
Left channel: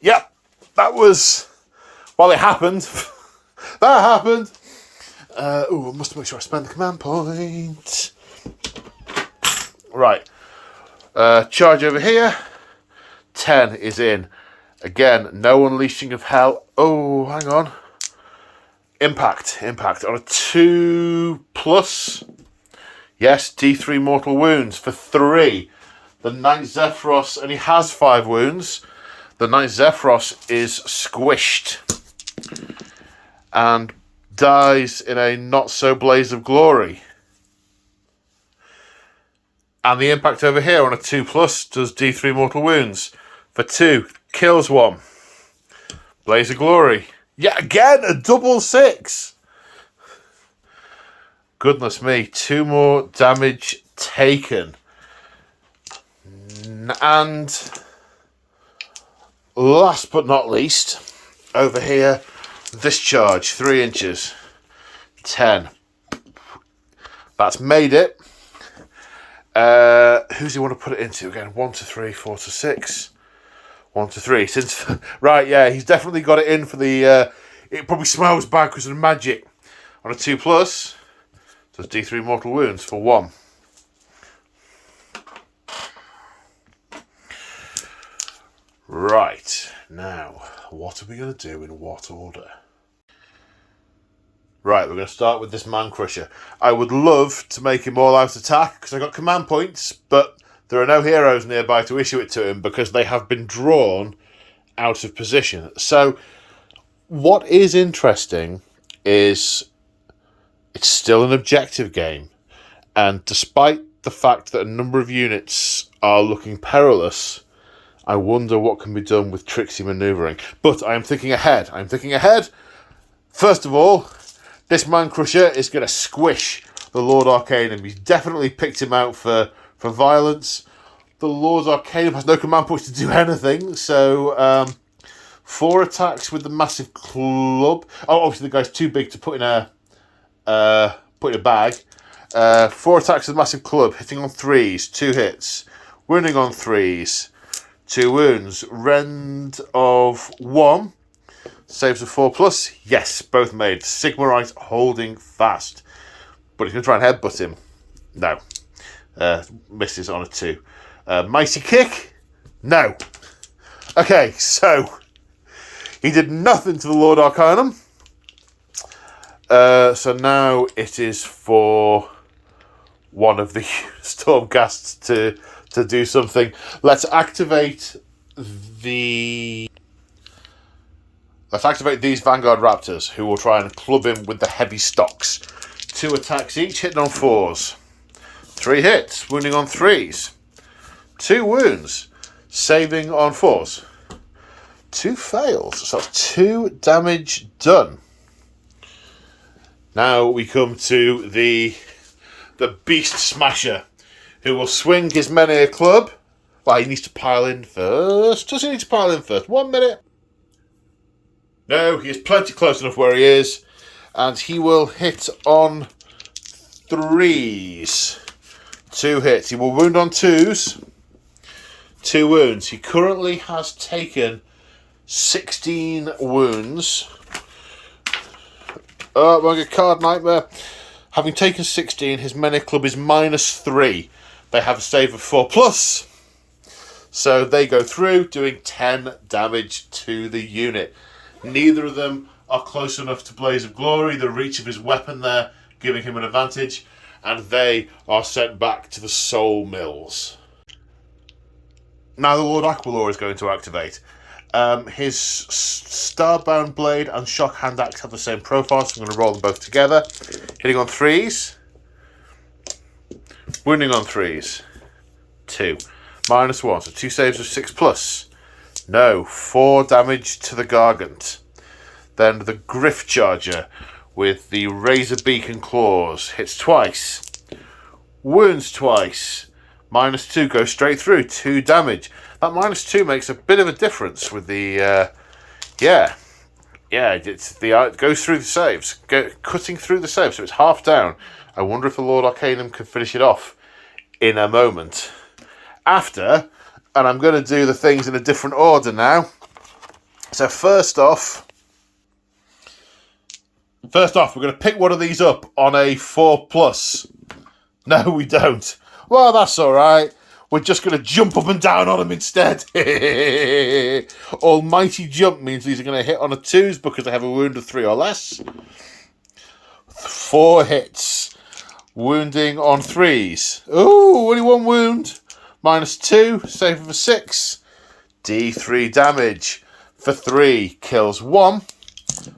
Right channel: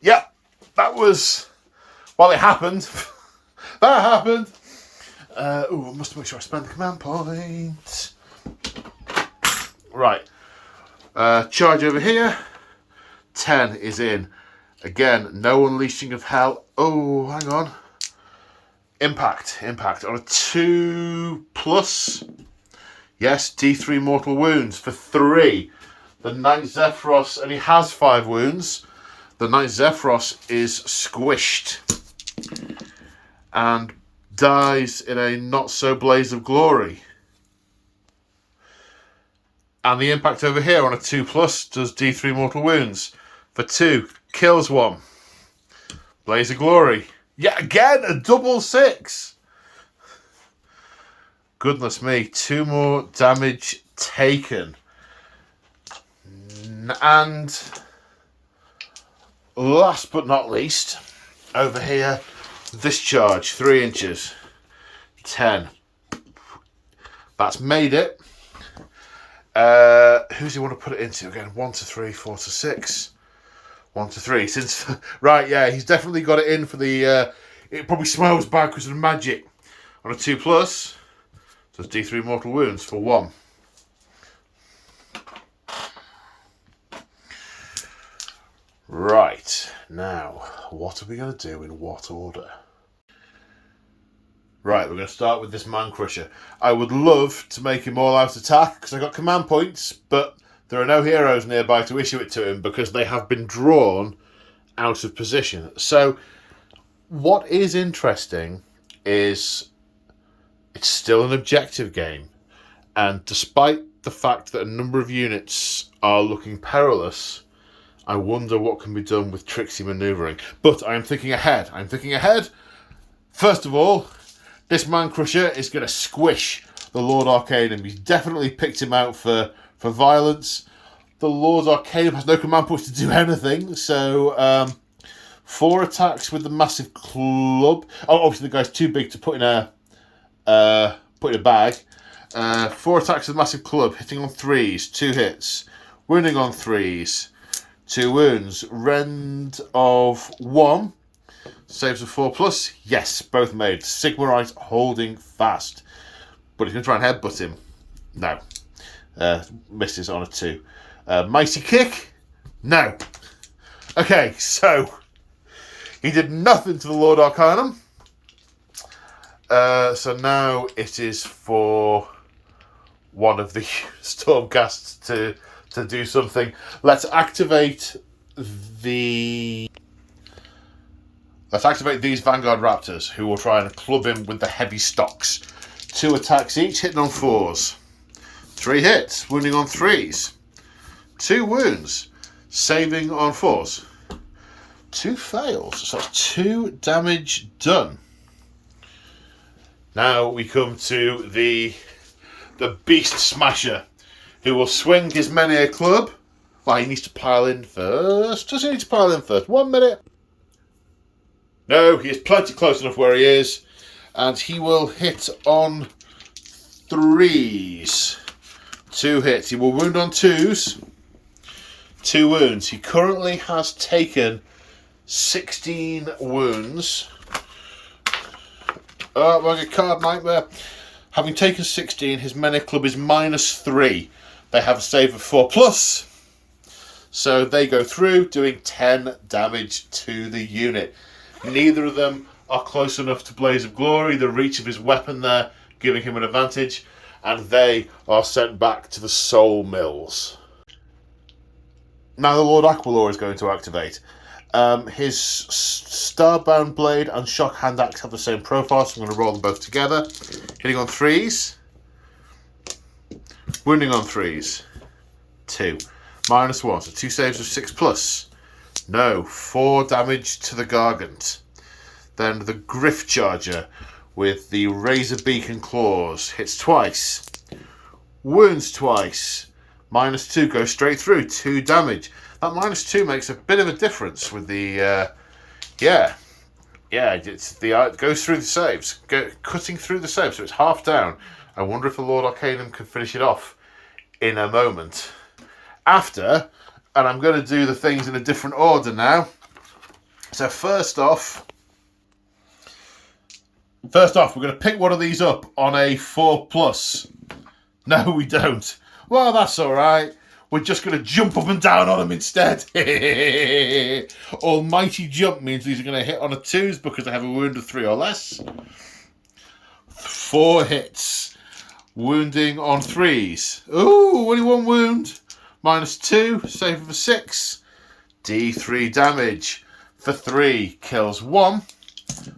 Yep, that was... Well, it happened. That happened. I must make sure I spend the command point. Right. Charge over here. 10 is in. Again, no unleashing of hell. Oh, hang on. Impact. On a 2+. Yes, D3 mortal wounds for 3. The Knight Zephyros only has 5 wounds. The Knight Zephyros is squished and dies in a not-so blaze of glory. And the impact over here on a 2+ does D3 mortal wounds for 2. Kills 1. Blaze of glory. Yet again, a double 6. Goodness me, 2 more damage taken. And last but not least, over here, this charge, 3 inches. 10. That's made it. Who do you want to put it into again? 1 to 3, 4 to 6. 1 to 3. Since right, yeah, he's definitely got it in for the. It probably smells bad because of the magic. On a 2+, does D3 mortal wounds for 1. Right, now, what are we going to do in what order? Right, we're going to start with this Man Crusher. I would love to make him all out attack because I've got command points, but there are no heroes nearby to issue it to him because they have been drawn out of position. So, what is interesting is it's still an objective game, and despite the fact that a number of units are looking perilous, I wonder what can be done with tricksy manoeuvring. But I am thinking ahead. First of all, this Man Crusher is going to squish the Lord Arcanum. He's definitely picked him out for violence. The Lord Arcanum has no command points to do anything, so 4 attacks with the massive club. Oh, obviously the guy's too big to put in a bag. 4 attacks with massive club, hitting on 3s, 2 hits, wounding on 3s. 2 wounds. Rend of 1. Saves of 4+. Yes, both made. Sigmarite holding fast. But he's going to try and headbutt him. No. Misses on a 2. Mighty kick? No. Okay, so he did nothing to the Lord Arcanum. So now it is for one of the Stormcasts to do something. Let's activate these Vanguard Raptors, who will try and club him with the heavy stocks. 2 attacks each, hitting on 4s. 3 hits, wounding on 3s. 2 wounds, saving on 4s. 2 fails, so that's 2 damage done. Now we come to the Beast Smasher, who will swing his many a club. Well, he needs to pile in first. Does he need to pile in first? 1 minute. No, he is plenty close enough where he is. And he will hit on 3s. 2 hits. He will wound on 2s. 2 wounds. He currently has taken 16 wounds. Oh, my card nightmare. Having taken 16, his Mene Club is -3. They have a save of 4+. So they go through, doing 10 damage to the unit. Neither of them are close enough to Blaze of Glory, the reach of his weapon there, giving him an advantage. And they are sent back to the Soul Mills. Now the Lord Aquilor is going to activate. His Starbound Blade and Shock Hand Axe have the same profile, so I'm going to roll them both together. Hitting on 3s. Wounding on 3s. 2. -1, so 2 saves of 6+. No, 4 damage to the Gargant. Then the Griff Charger with the Razor Beak and Claws. Hits twice. Wounds twice. -2, goes straight through. 2 damage. That -2 makes a bit of a difference with the, it goes through the saves, cutting through the saves, so it's half down. I wonder if the Lord Arcanum can finish it off in a moment. After, and I'm going to do the things in a different order now. So first off, First off, we're going to pick one of these up on a 4+. No, we don't. Well, that's all right. We're just going to jump up and down on them instead. Almighty jump means these are going to hit on a 2s because they have a wound of 3 or less. 4 hits. Wounding on 3s. Ooh, only 1 wound. -2. Save for 6. D3 damage. For 3. Kills 1.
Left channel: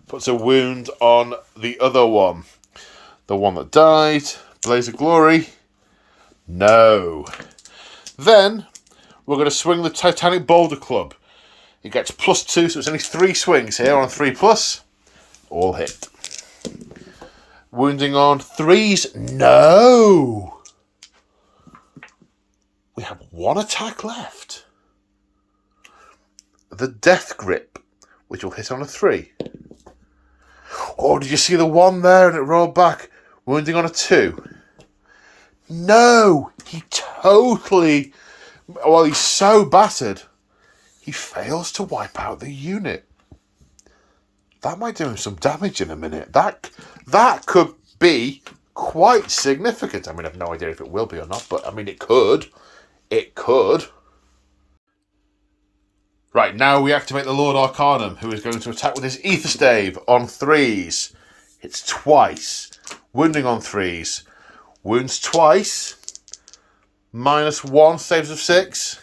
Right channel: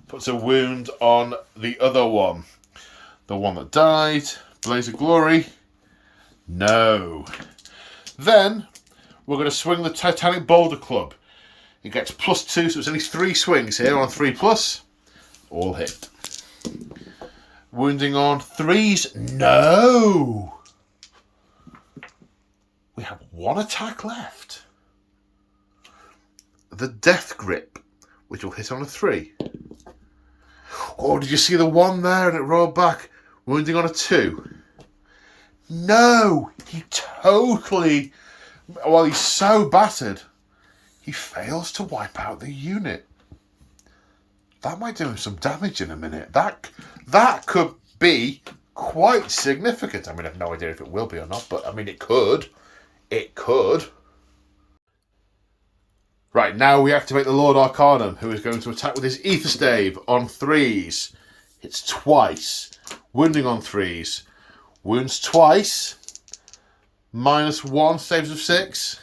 Puts a wound on the other one. The one that died. Blaze of Glory. No. Then, we're going to swing the Titanic Boulder Club. It gets +2, so it's only 3 swings here on 3+. All hit. Wounding on 3s. No! We have 1 attack left. The Death Grip, which will hit on a 3. Oh, did you see the 1 there and it rolled back? Wounding on a 2. No! He totally... Well, he's so battered, he fails to wipe out the unit. That might do him some damage in a minute. That could be quite significant. I mean, I have no idea if it will be or not, but I mean, it could. It could. Right, now we activate the Lord Arcanum, who is going to attack with his Ether Stave on 3s. Hits twice. Wounding on 3s. Wounds twice. -1, saves of 6.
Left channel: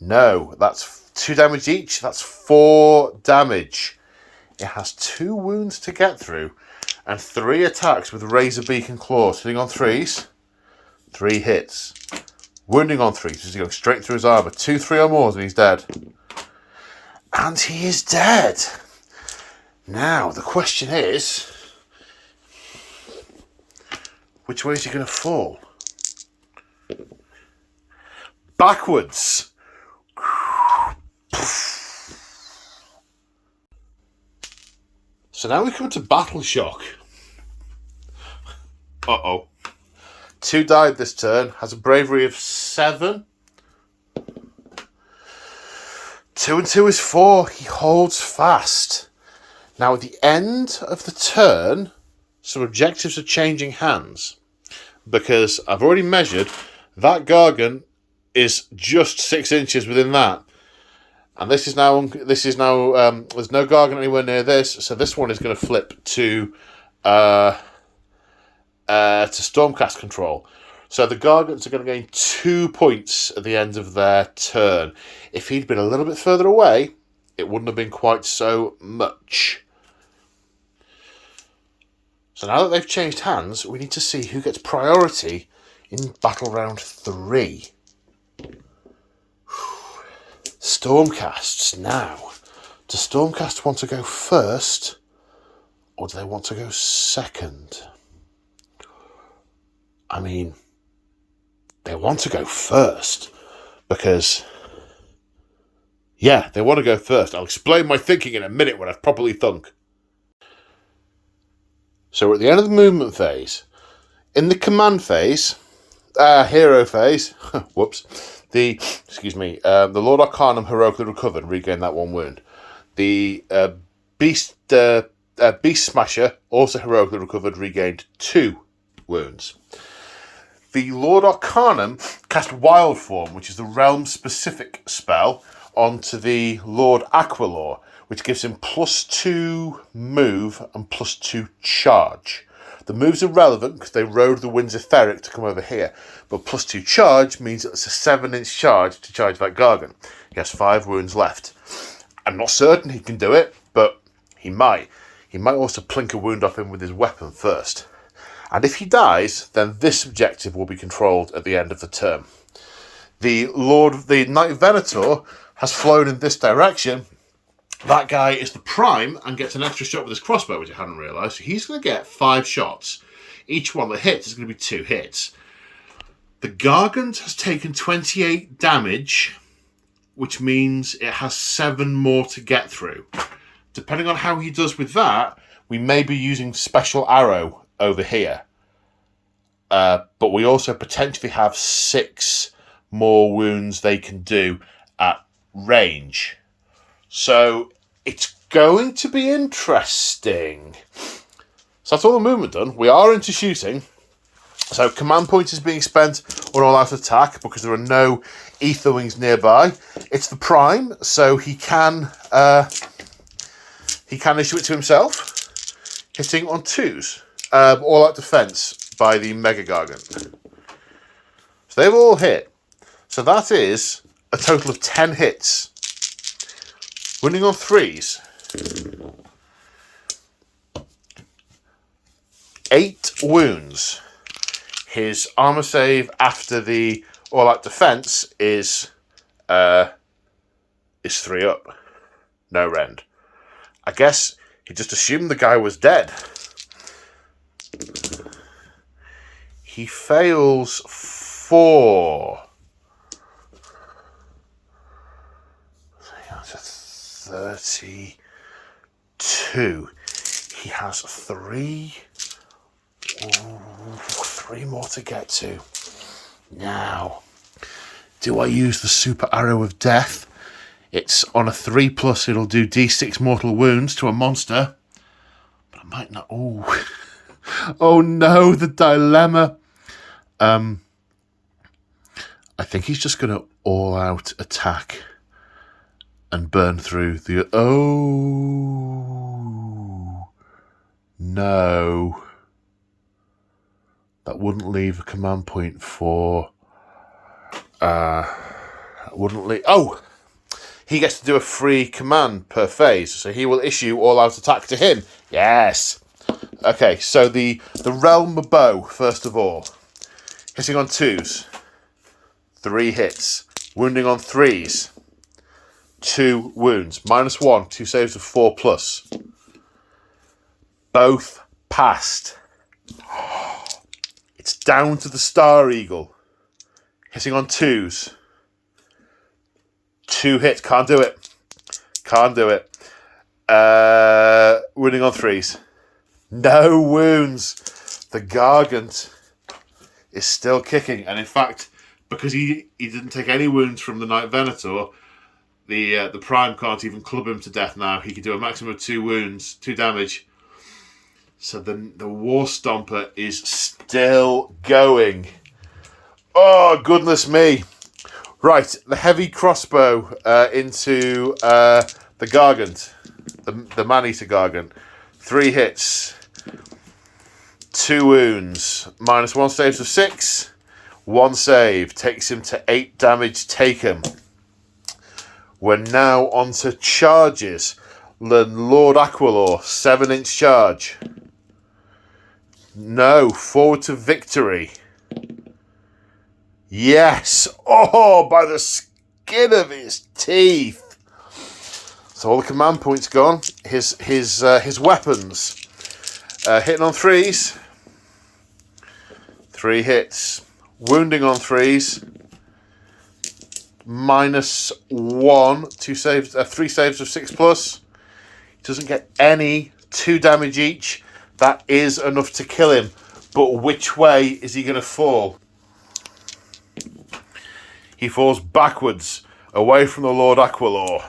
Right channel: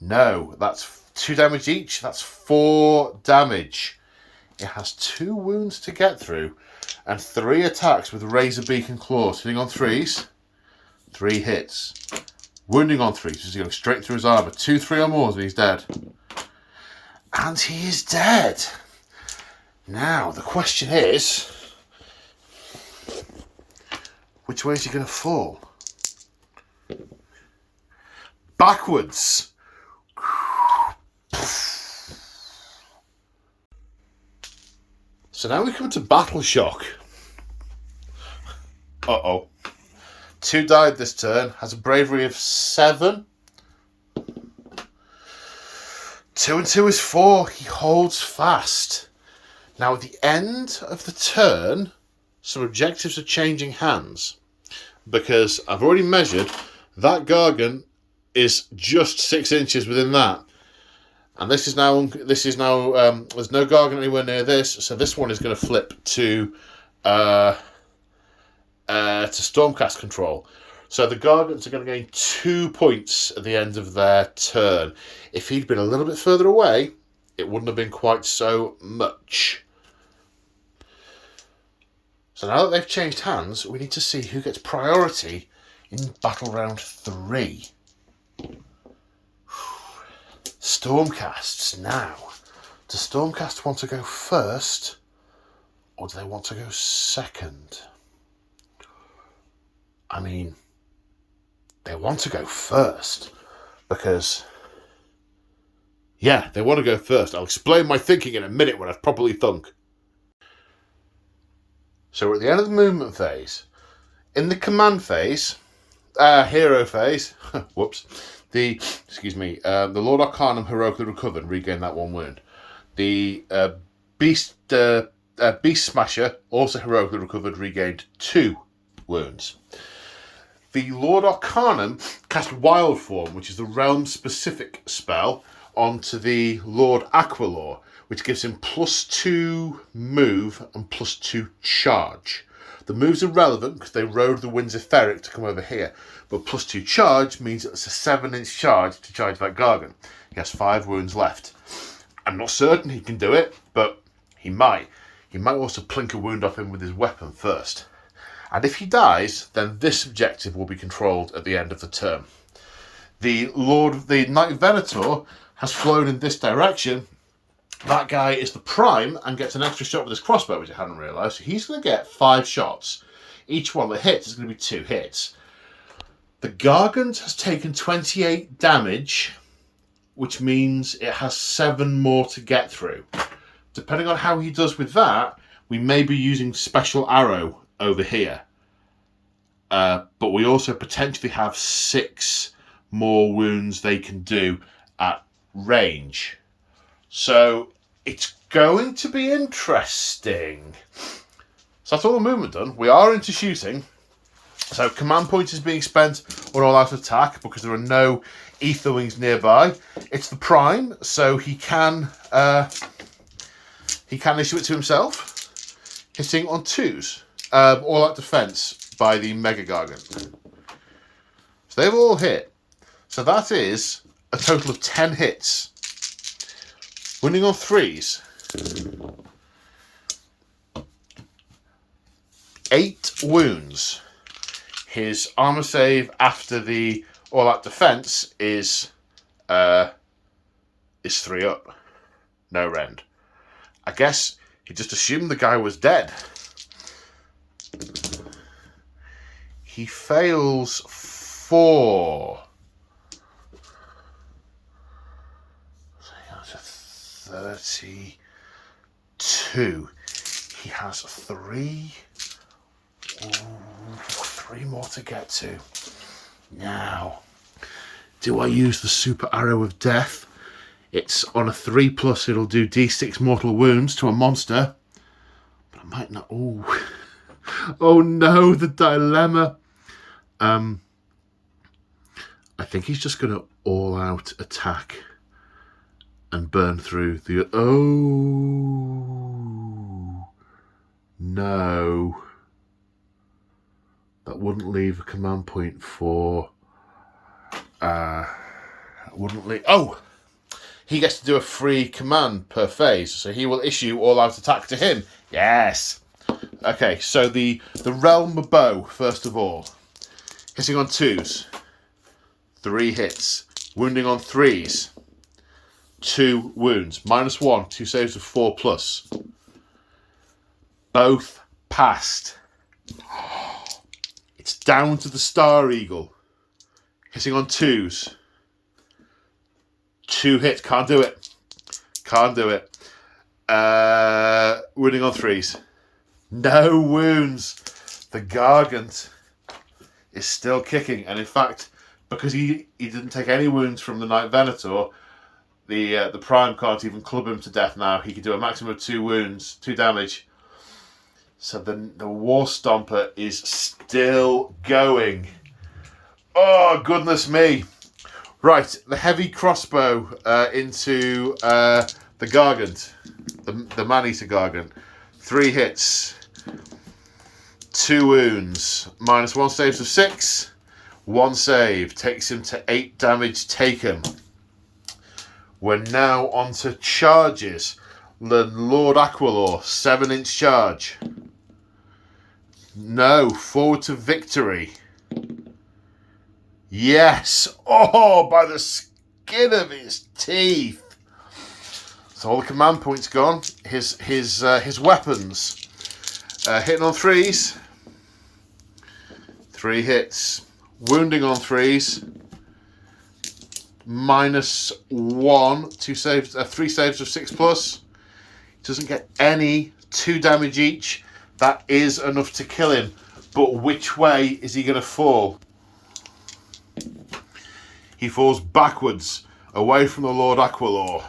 No, that's 2 damage each. That's 4 damage. It has 2 wounds to get through and 3 attacks with Razor Beak and Claws. Hitting on 3s. 3 hits. Wounding on 3s. He's going straight through his armour. 2, 3 or more and he's dead. And he is dead. Now, the question is, which way is he going to fall? Backwards. So now we come to Battle Shock. Uh-oh. 2 died this turn. Has a bravery of 7. 2 and 2 is 4. He holds fast. Now at the end of the turn, some objectives are changing hands. Because I've already measured, that Gargant is just 6 inches within that. And this is now there's no Gargant anywhere near this, so this one is going to flip to Stormcast control. So the Gargants are going to gain 2 points at the end of their turn. If he'd been a little bit further away, it wouldn't have been quite so much. So now that they've changed hands, we need to see who gets priority in Battle Round 3. Stormcasts now. Do Stormcast want to go first, or do they want to go second? I mean, they want to go first, because, yeah, they want to go first. I'll explain my thinking in a minute when I've properly thunk. So we're at the end of the movement phase. In the command phase, hero phase, whoops, the Lord Arcanum heroically recovered, regained that 1 wound. The Beast Smasher also heroically recovered, regained 2 wounds. The Lord Arcanum cast Wild Form, which is the realm-specific spell, onto the Lord Aquilor, which gives him +2 move and +2 charge. The moves are relevant because they rode the Winds Etheric to come over here, but +2 charge means it's a 7-inch charge to charge that Gargant. He has 5 wounds left. I'm not certain he can do it, but he might. He might also plink a wound off him with his weapon first. And if he dies, then this objective will be controlled at the end of the turn. The Knight Venator has flown in this direction. That guy is the prime and gets an extra shot with his crossbow, which I hadn't realised. So he's going to get 5 shots. Each one that hits is going to be 2 hits. The Gargant has taken 28 damage, which means it has 7 more to get through. Depending on how he does with that, we may be using Special Arrow over here. But we also potentially have 6 more wounds they can do at range. So it's going to be interesting. So that's all the movement done. We are into shooting. So command point is being spent on all-out attack because there are no ether wings nearby. It's the prime, so he can issue it to himself, hitting on 2s. All-out defense by the Mega Gargant. So they've all hit. So that is a total of 10 hits. Winning on 3s. 8 wounds. His armor save after the all-out defense is 3 up. No rend. I guess he just assumed the guy was dead. He fails 4. That's a 32. He has 3. Ooh, 3 more to get to. Now, do I use the super arrow of death? It's on a 3+, it'll do d6 mortal wounds to a monster. But I might not. Oh, oh no, the dilemma. I think he's just going to all-out attack and burn through the... Oh, no. That wouldn't leave a command point for... wouldn't leave... Oh! He gets to do a free command per phase, so he will issue all-out attack to him. Yes! Okay, so the Realm Bow, first of all. Hitting on 2s. 3 hits. Wounding on 3s. 2 wounds. -1, 2 saves of 4+. Both passed. It's down to the Star Eagle. Hitting on 2s. 2 hits. Can't do it. Can't do it. Wounding on 3s. No wounds. The Gargant is still kicking. And in fact, because he didn't take any wounds from the Knight Venator, the Prime can't even club him to death now. He can do a maximum of 2 wounds, 2 damage. So the War Stomper is still going. Oh, goodness me. Right, the heavy crossbow into the Gargant, the Man-Eater Gargant. 3 hits, 2 wounds, -1 saves of 6, 1 save, takes him to 8 damage taken. We're now on to charges. The Lord Aquilor, 7-inch charge. No, forward to victory. Yes! Oh, by the skin of his teeth. So all the command points gone. His weapons. Hitting on 3s. 3 hits. Wounding on 3s. -1. 3 saves of 6+. He doesn't get any. 2 damage each. That is enough to kill him. But which way is he going to fall? He falls backwards, away from the Lord Aquilor.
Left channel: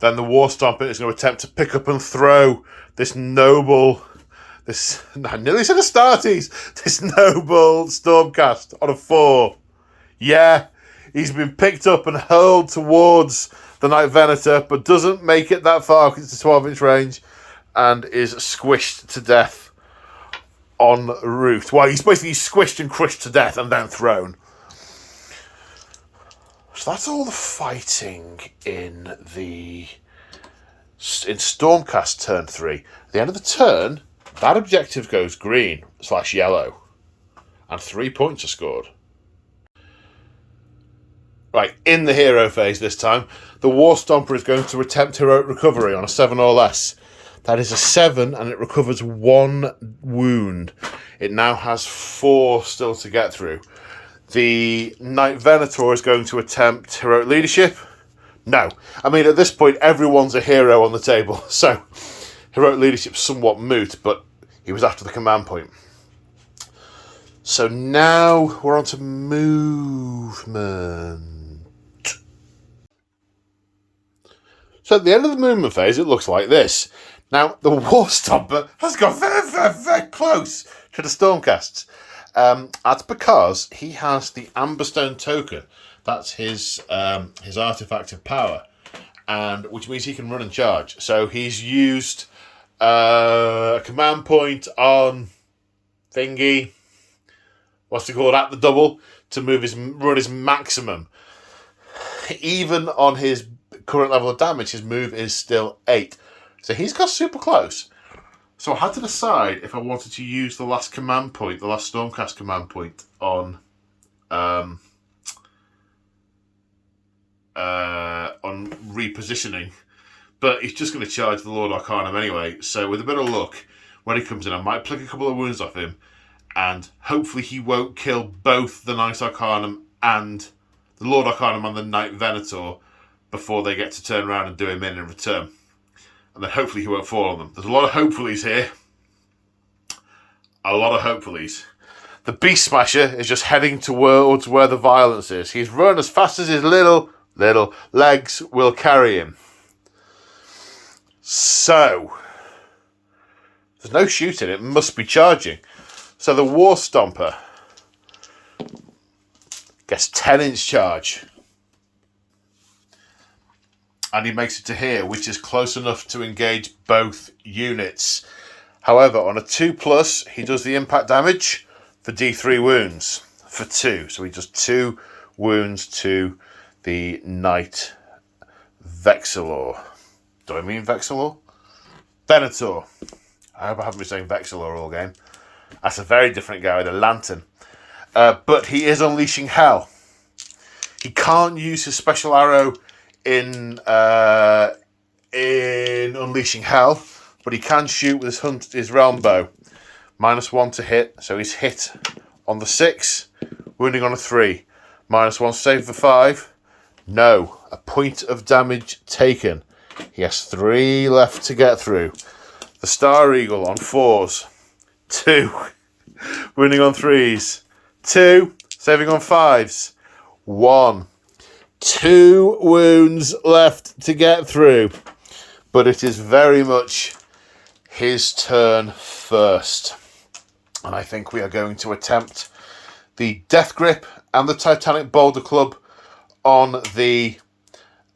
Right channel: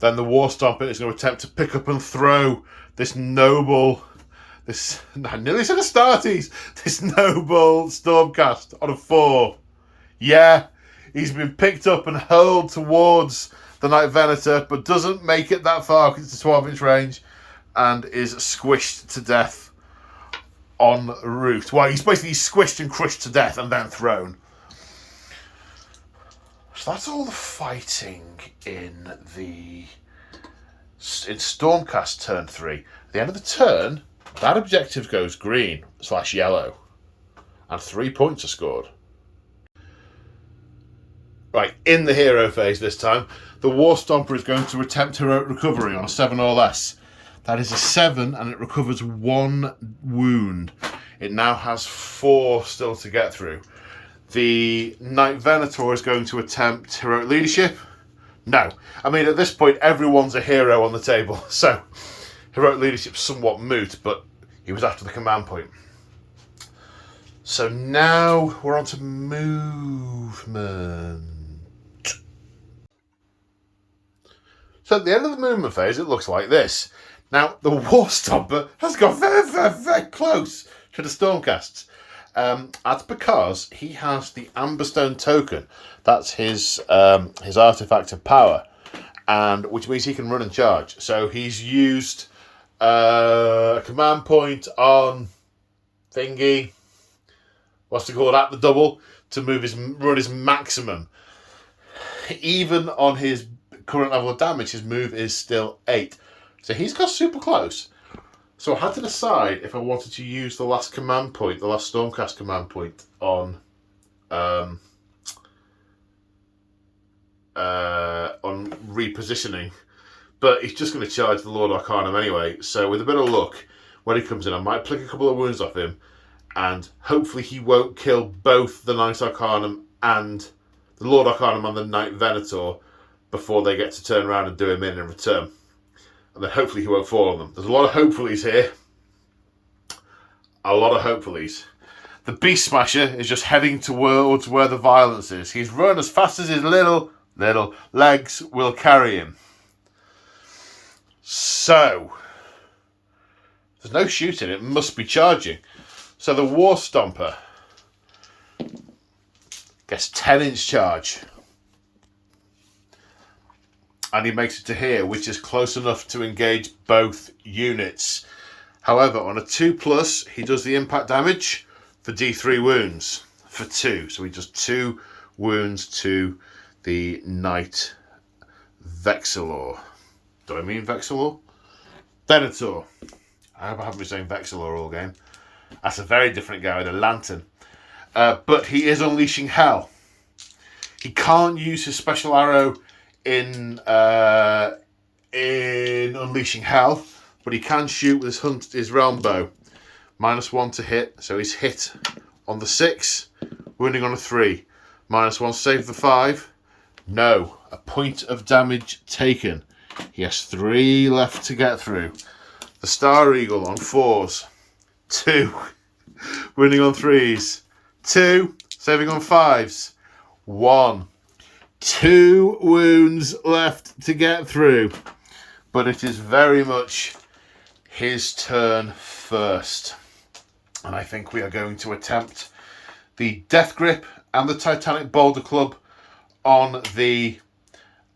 Then the War Stomper is going to attempt to pick up and throw this noble... I nearly said Astartes! This noble Stormcast on a 4. Yeah, he's been picked up and hurled towards the Knight Venator, but doesn't make it that far because it's a 12-inch range, and is squished to death on route. Well, he's basically squished and crushed to death and then thrown. So that's all the fighting in Stormcast turn 3. At the end of the turn, that objective goes green/yellow, and 3 points are scored. Right, in the hero phase this time, the War Stomper is going to attempt heroic recovery on a 7 or less. That is a 7, and it recovers 1 wound. It now has 4 still to get through. The Knight Venator is going to attempt heroic leadership. No. I mean, at this point, everyone's a hero on the table. So, heroic leadership's somewhat moot, but he was after the command point. So now we're on to movement. So at the end of the movement phase, it looks like this. Now, the War Stomper has got very, very, very close to the Stormcasts. That's because he has the Amberstone token. That's his artifact of power, and which means he can run and charge. So he's used a command point on thingy. What's it called? At the double to run his maximum. Even on his current level of damage, his move is still 8. So he's got super close. So I had to decide if I wanted to use the last command point, the last Stormcast command point on repositioning. But he's just going to charge the Lord Arcanum anyway. So with a bit of luck, when he comes in, I might pluck a couple of wounds off him, and hopefully he won't kill both the Knight Arcanum and the Lord Arcanum and the Knight Venator before they get to turn around and do him in return. And then hopefully he won't fall on them. There's a lot of hopefullys here. A lot of hopefullys. The Beast Smasher is just heading towards where the violence is. He's run as fast as his little legs will carry him. So, there's no shooting. It must be charging. So the War Stomper gets 10-inch charge. And he makes it to here, which is close enough to engage both units. However, on a 2+, he does the impact damage for D3 wounds for 2. So he does 2 wounds to the Knight Vexillor. Do I mean Vexillor? Venator. I hope I haven't been saying Vexillor all game. That's a very different guy with a lantern. But he is unleashing hell. He can't use his special arrow in unleashing hell, but he can shoot with his realm bow. -1 to hit, so he's hit on the 6, wounding on a 3. -1 save for 5. No, a point of damage taken. He has 3 left to get through. The Star Eagle on 4s, 2, wounding on 3s, 2, saving on 5s, 1. 2 wounds left to get through, but it is very much his turn first. And I think we are going to attempt the Death Grip and the Titanic Boulder Club on the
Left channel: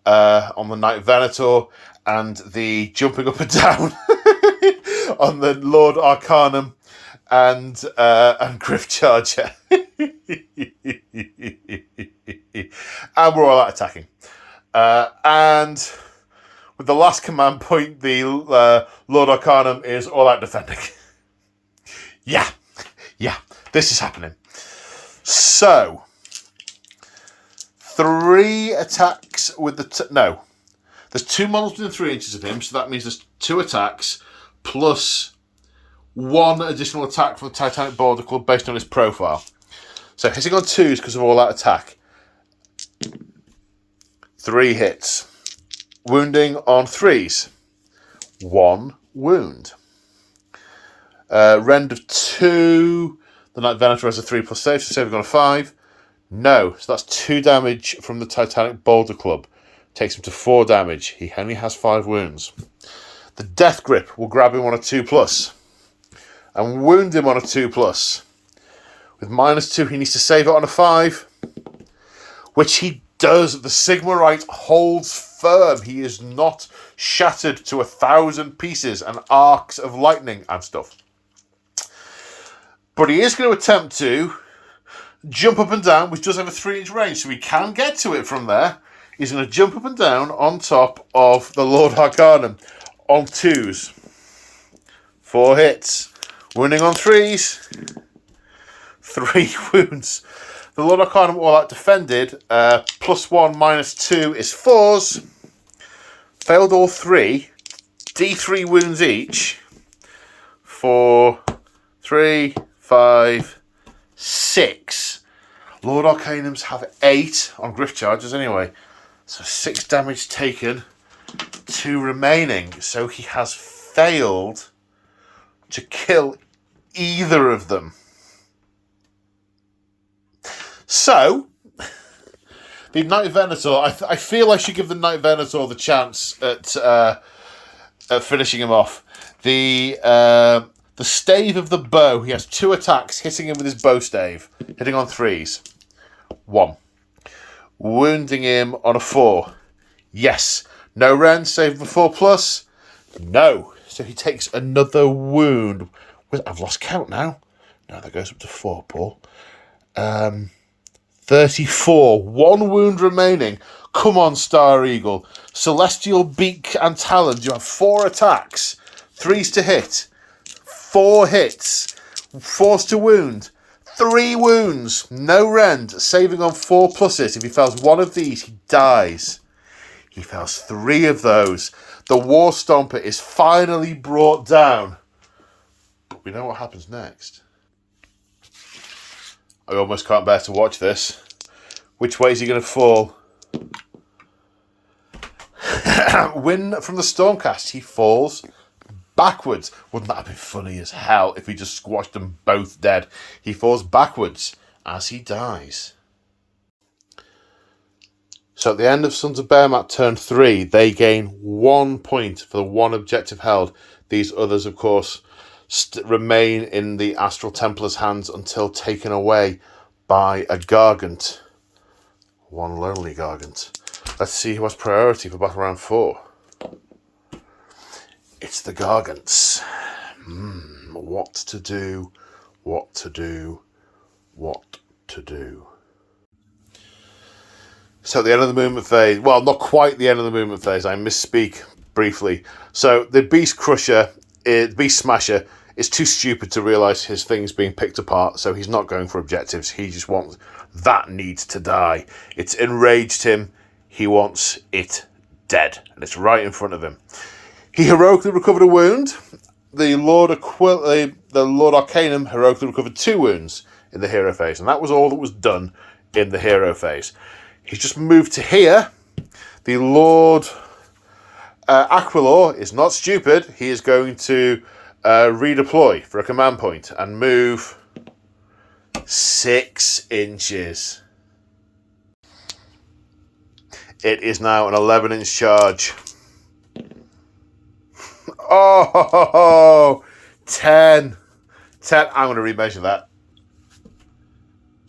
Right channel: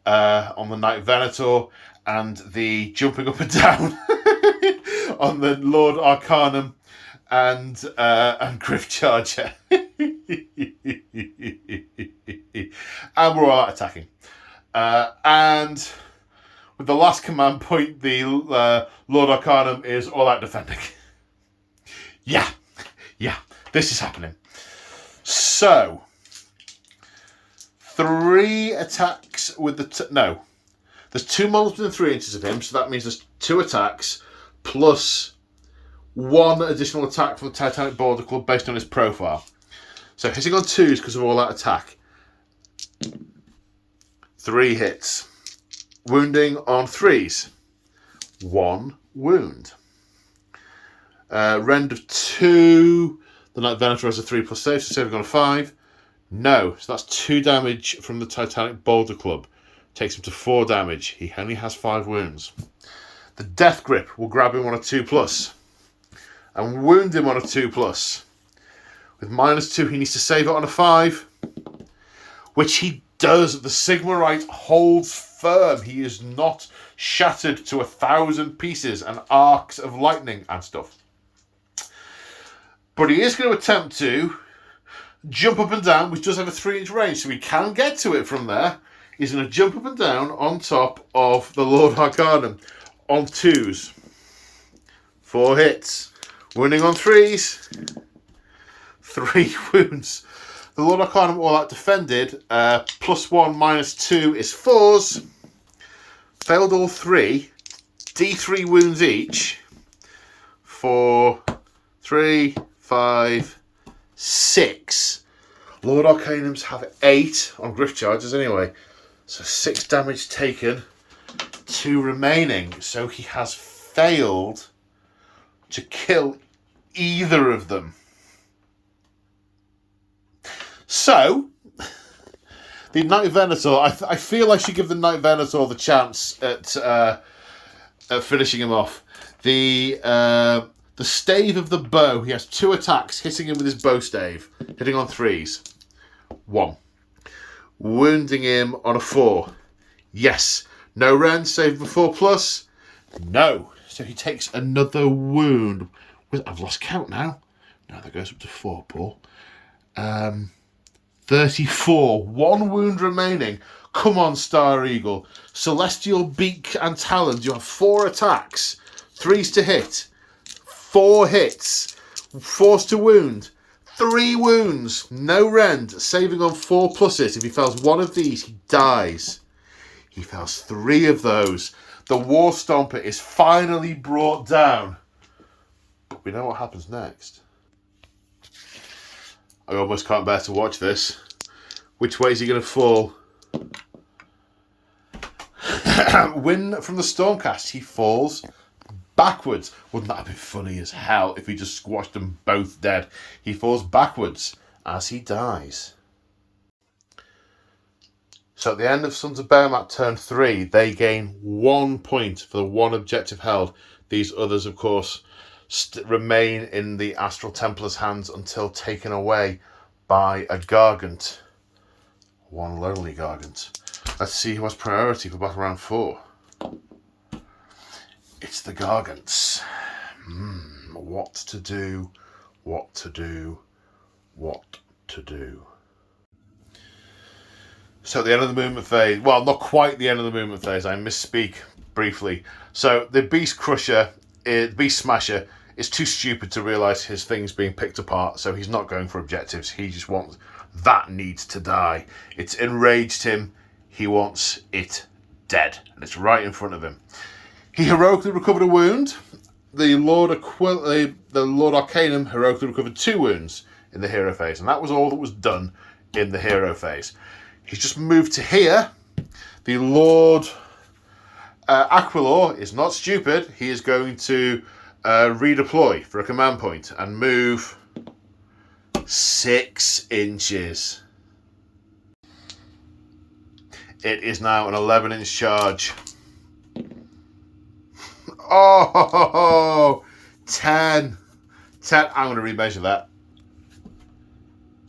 Knight Venator, and the jumping up and down on the Lord Arcanum and Griff Charger. And we're all out attacking. And with the last command point, the Lord Arcanum is all out defending. Yeah, this is happening. So, 3 attacks with the... There's 2 models within 3 inches of him, so that means there's 2 attacks plus 1 additional attack for the Titanic Boulder Club based on his profile. So hitting on 2s because of all out attack. 3 hits. Wounding on 3s. 1 wound. Rend of 2. The Knight Venator has a 3+ save, so saving on a 5. No, so that's 2 damage from the Titanic Boulder Club. Takes him to 4 damage. He only has 5 wounds. The Death Grip will grab him on a 2+. And wound him on a 2+. With -2, he needs to save it on a 5. Which he does. The Sigmarite holds firm. He is not shattered to 1,000 pieces and arcs of lightning and stuff. But he is going to attempt to jump up and down, which does have a 3-inch range, so he can get to it from there. He's going to jump up and down on top of the Lord Arcanum on 2s. 4 hits. Wounding on 3s. 3 wounds. The Lord Arcanum all out defended. +1, -2 is 4s. Failed all 3. D3 wounds each. 4, 3, 5, 6. Lord Arcanums have 8 on Griff Charges anyway. So 6 damage taken. 2 remaining. So he has failed to kill either of them. So, the Knight Venator, I feel I should give the Knight Venator the chance at finishing him off. The stave of the bow, he has 2 attacks hitting him with his bow stave, hitting on 3s. 1. Wounding him on a 4. Yes. No rend, save of 4+. No. So he takes another wound. I've lost count now. No, that goes up to 4, Paul. 34. 1 wound remaining. Come on, Star Eagle. Celestial Beak and Talons. You have 4 attacks. 3s to hit. 4 hits. 4s to wound. 3 wounds. No rend. Saving on 4+. If he fails 1 of these, he dies. He fails 3 of those. The War Stomper is finally brought down. But we know what happens next. I almost can't bear to watch this. Which way is he going to fall? Win from the Stormcast. He falls backwards. Wouldn't that have been funny as hell if we just squashed them both dead? He falls backwards as he dies. So at the end of Sons of Behemat turn 3, they gain 1 point for the 1 objective held. These others, of course, remain in the Astral Templars' hands until taken away by a Gargant. 1 lonely Gargant. Let's see who has priority for Battle Round 4. It's the Gargants. What to do, what to do, what to do. So at the end of the movement phase, well, not quite the end of the movement phase, I misspeak briefly. So the Beast Crusher, Beast Smasher, is too stupid to realise his thing's being picked apart, so he's not going for objectives. He just wants, that needs to die. It's enraged him. He wants it dead, and it's right in front of him. He heroically recovered a wound. The Lord Arcanum heroically recovered 2 wounds in the hero phase, and that was all that was done in the hero phase. He's just moved to here. The Lord Aquilor is not stupid. He is going to redeploy for a command point and move 6 inches. It is now an 11-inch charge. Oh, 10. I'm going to remeasure that.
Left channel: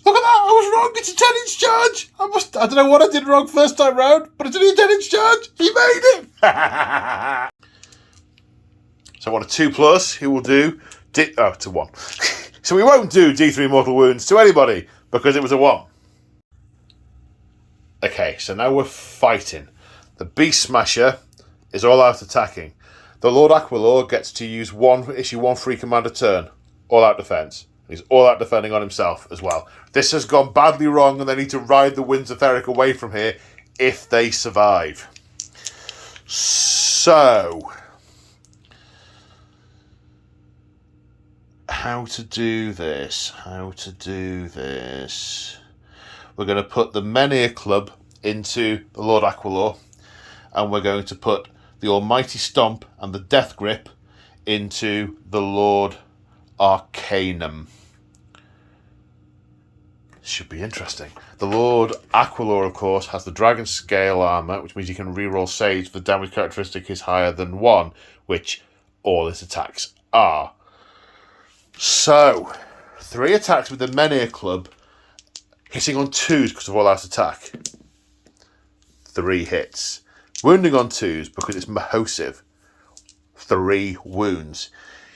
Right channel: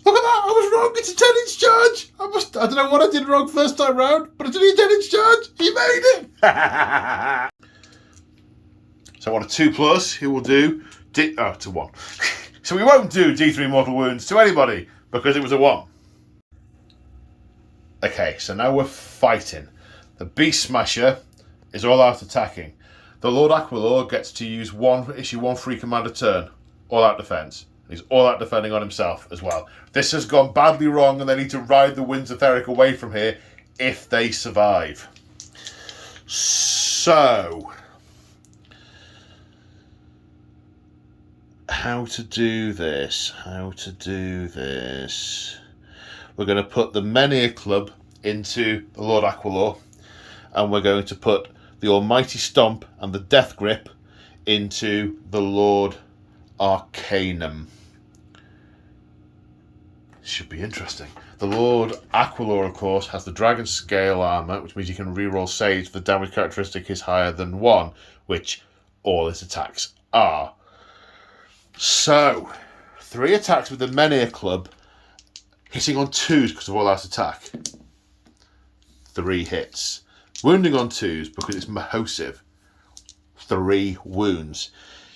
Look at that, I was wrong. It's a 10-inch charge. I don't know what I did wrong first time round, but it's only a 10-inch charge. He made it. So on a 2+, he will do to 1. So we won't do D3 mortal wounds to anybody because it was a 1. Okay, so now we're fighting. The Beast Smasher is all out attacking. The Lord Aquilor gets to issue 1 free command a turn. All out defense. He's all out defending on himself as well. This has gone badly wrong and they need to ride the winds of Theric away from here if they survive. So, how to do this? We're going to put the Menhir Club into the Lord Aquilor, and we're going to put the Almighty Stomp and the Death Grip into the Lord Arcanum. Should be interesting. The Lord Aquilor, of course, has the Dragon Scale armor, which means he can reroll saves if the damage characteristic is higher than 1, which all his attacks are. So, 3 attacks with the Menhir Club, hitting on 2s because of all out attack. 3 hits. Wounding on 2s because it's Mahosive. 3 wounds.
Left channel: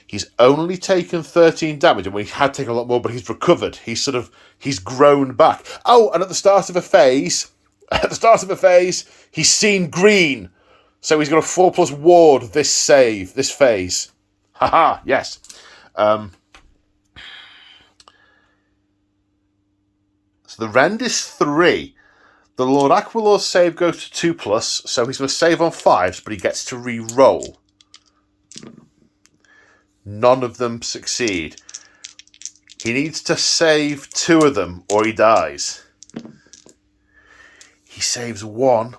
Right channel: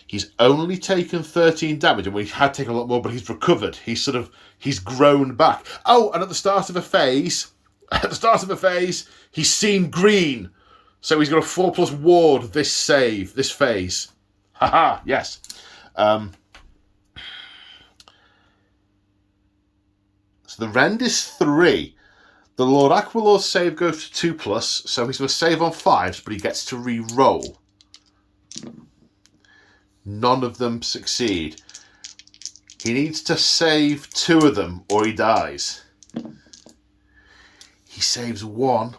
He's only taken 13 damage, and he had taken a lot more, but he's recovered. He's grown back. Oh, and at the start of a phase, he's seen green. So he's got a 4+ ward this phase. Haha, yes. So the rend is 3. The Lord Aquilor's save goes to 2+, so he's going to save on 5s, but he gets to re-roll. None of them succeed. He needs to save 2 of them or he dies. He saves 1,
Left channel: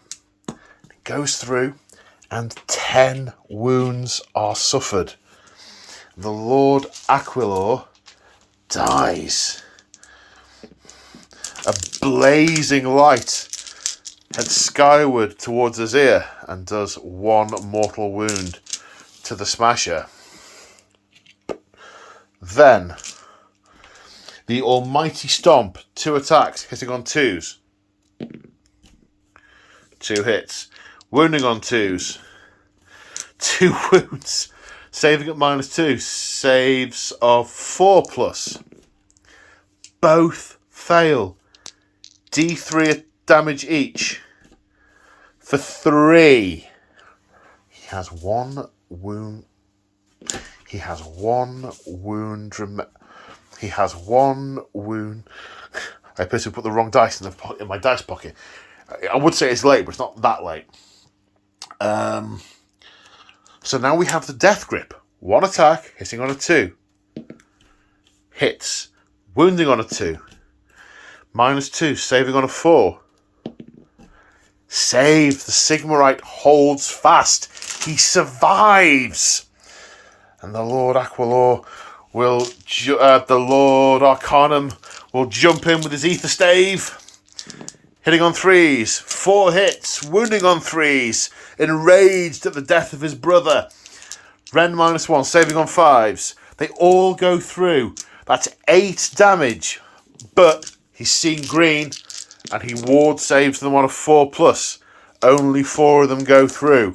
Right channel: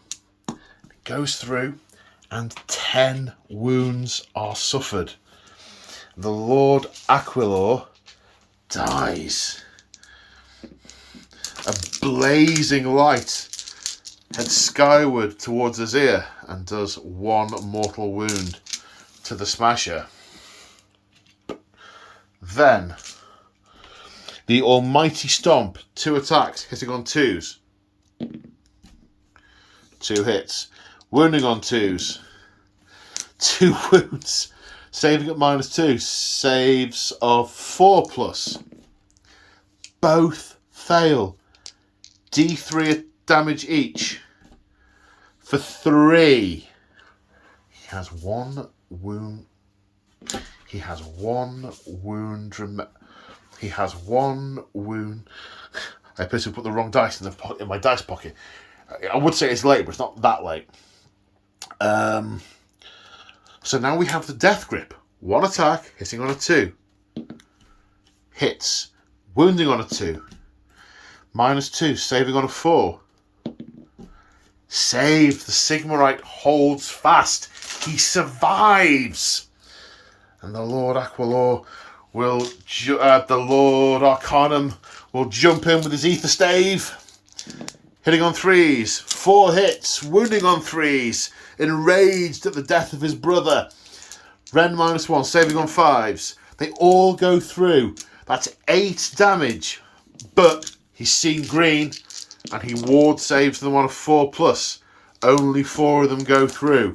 goes through, and 10 wounds are suffered. The Lord Aquilor dies. A blazing light heads skyward towards his ear and does 1 mortal wound. to the Smasher. Then the Almighty Stomp, 2 attacks, hitting on 2s. 2 hits. Wounding on 2s. 2 wounds. Saving at -2. Saves of 4+. Both fail. D3 damage each. For 3. He has 1 wound. He has 1 wound. He has 1 wound. I basically put the wrong dice in my dice pocket. I would say it's late, but it's not that late. So now we have the Death Grip. 1 attack, hitting on a 2. Hits. Wounding on a 2. -2, saving on a 4. Save. The Sigmarite holds fast. He survives. And the Lord Aquilor will... the Lord Arcanum will jump in with his Ether Stave. Hitting on 3s. 4 hits. Wounding on 3s. Enraged at the death of his brother. Rend -1. Saving on 5s. They all go through. That's 8 damage. But he's seen green. And he ward saves them on a 4+. Only 4 of them go through.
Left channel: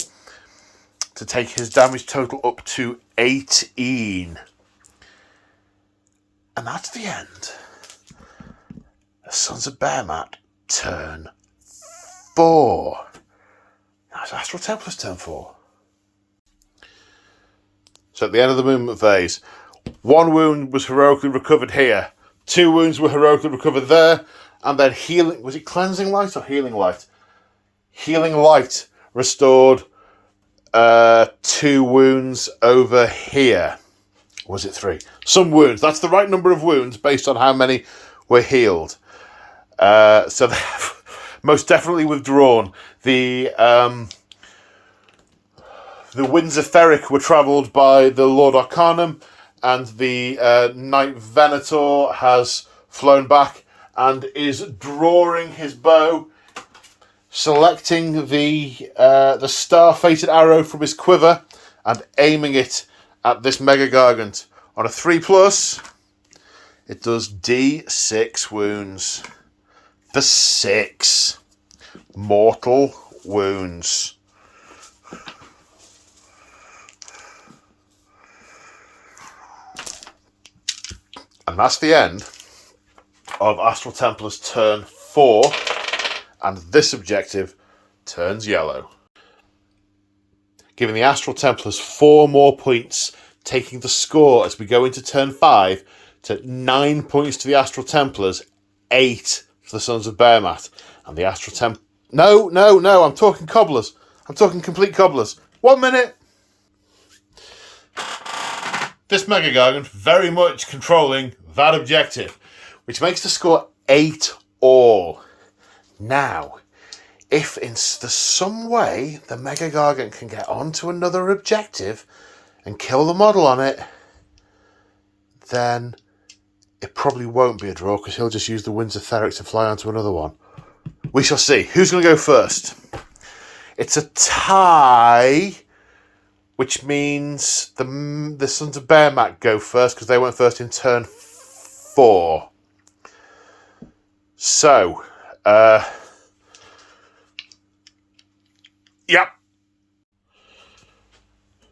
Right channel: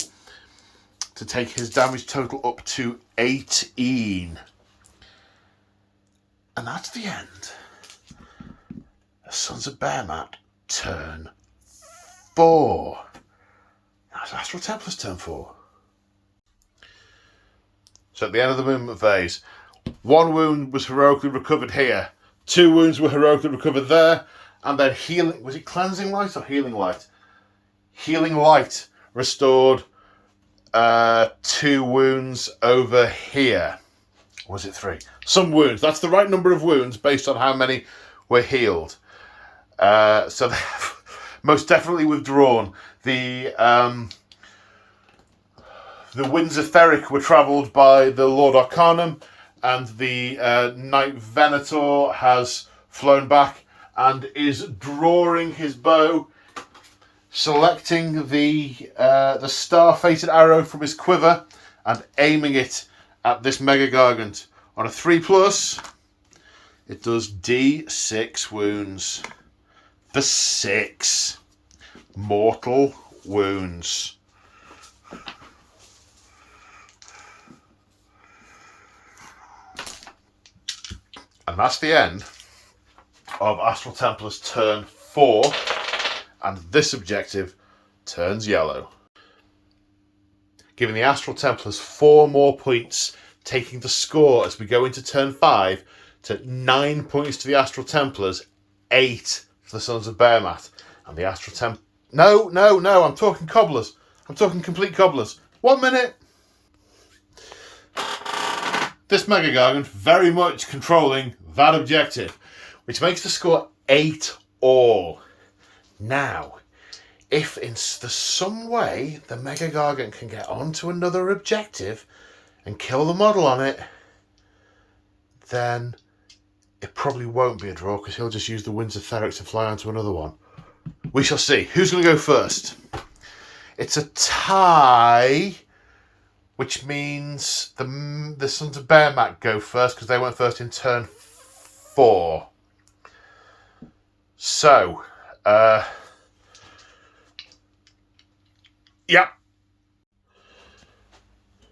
To take his damage total up to 18. And that's the end. The Sons of Behemat turn 4. That's Astral Templars turn 4. So at the end of the movement phase, 1 wound was heroically recovered here. 2 wounds were heroically recovered there. And then healing... Was it Cleansing Light or Healing Light? Healing Light restored 2 wounds over here. Was it 3? Some wounds. That's the right number of wounds based on how many were healed. So they have most definitely withdrawn. The Winds of Theric were travelled by the Lord Arcanum, and the Knight Venator has flown back and is drawing his bow, selecting the star-fated arrow from his quiver and aiming it at this Mega Gargant. On a 3+, it does D6 wounds for 6 mortal wounds. And that's the end of Astral Templars turn 4, and this objective turns yellow. Giving the Astral Templars 4 more points, taking the score as we go into turn 5 to 9 points to the Astral Templars, 8 for the Sons of Behemat. And the Astral Templars... No, I'm talking cobblers. I'm talking complete cobblers. 1 minute! This Mega Gargant very much controlling that objective, which makes the score 8 all. Now, if in some way the Mega Gargant can get onto another objective and kill the model on it, then it probably won't be a draw, because he'll just use the Winds of Theric to fly onto another one. We shall see. Who's going to go first? It's a tie, which means the Sons of Behemat go first, because they went first in turn 4. So, yep.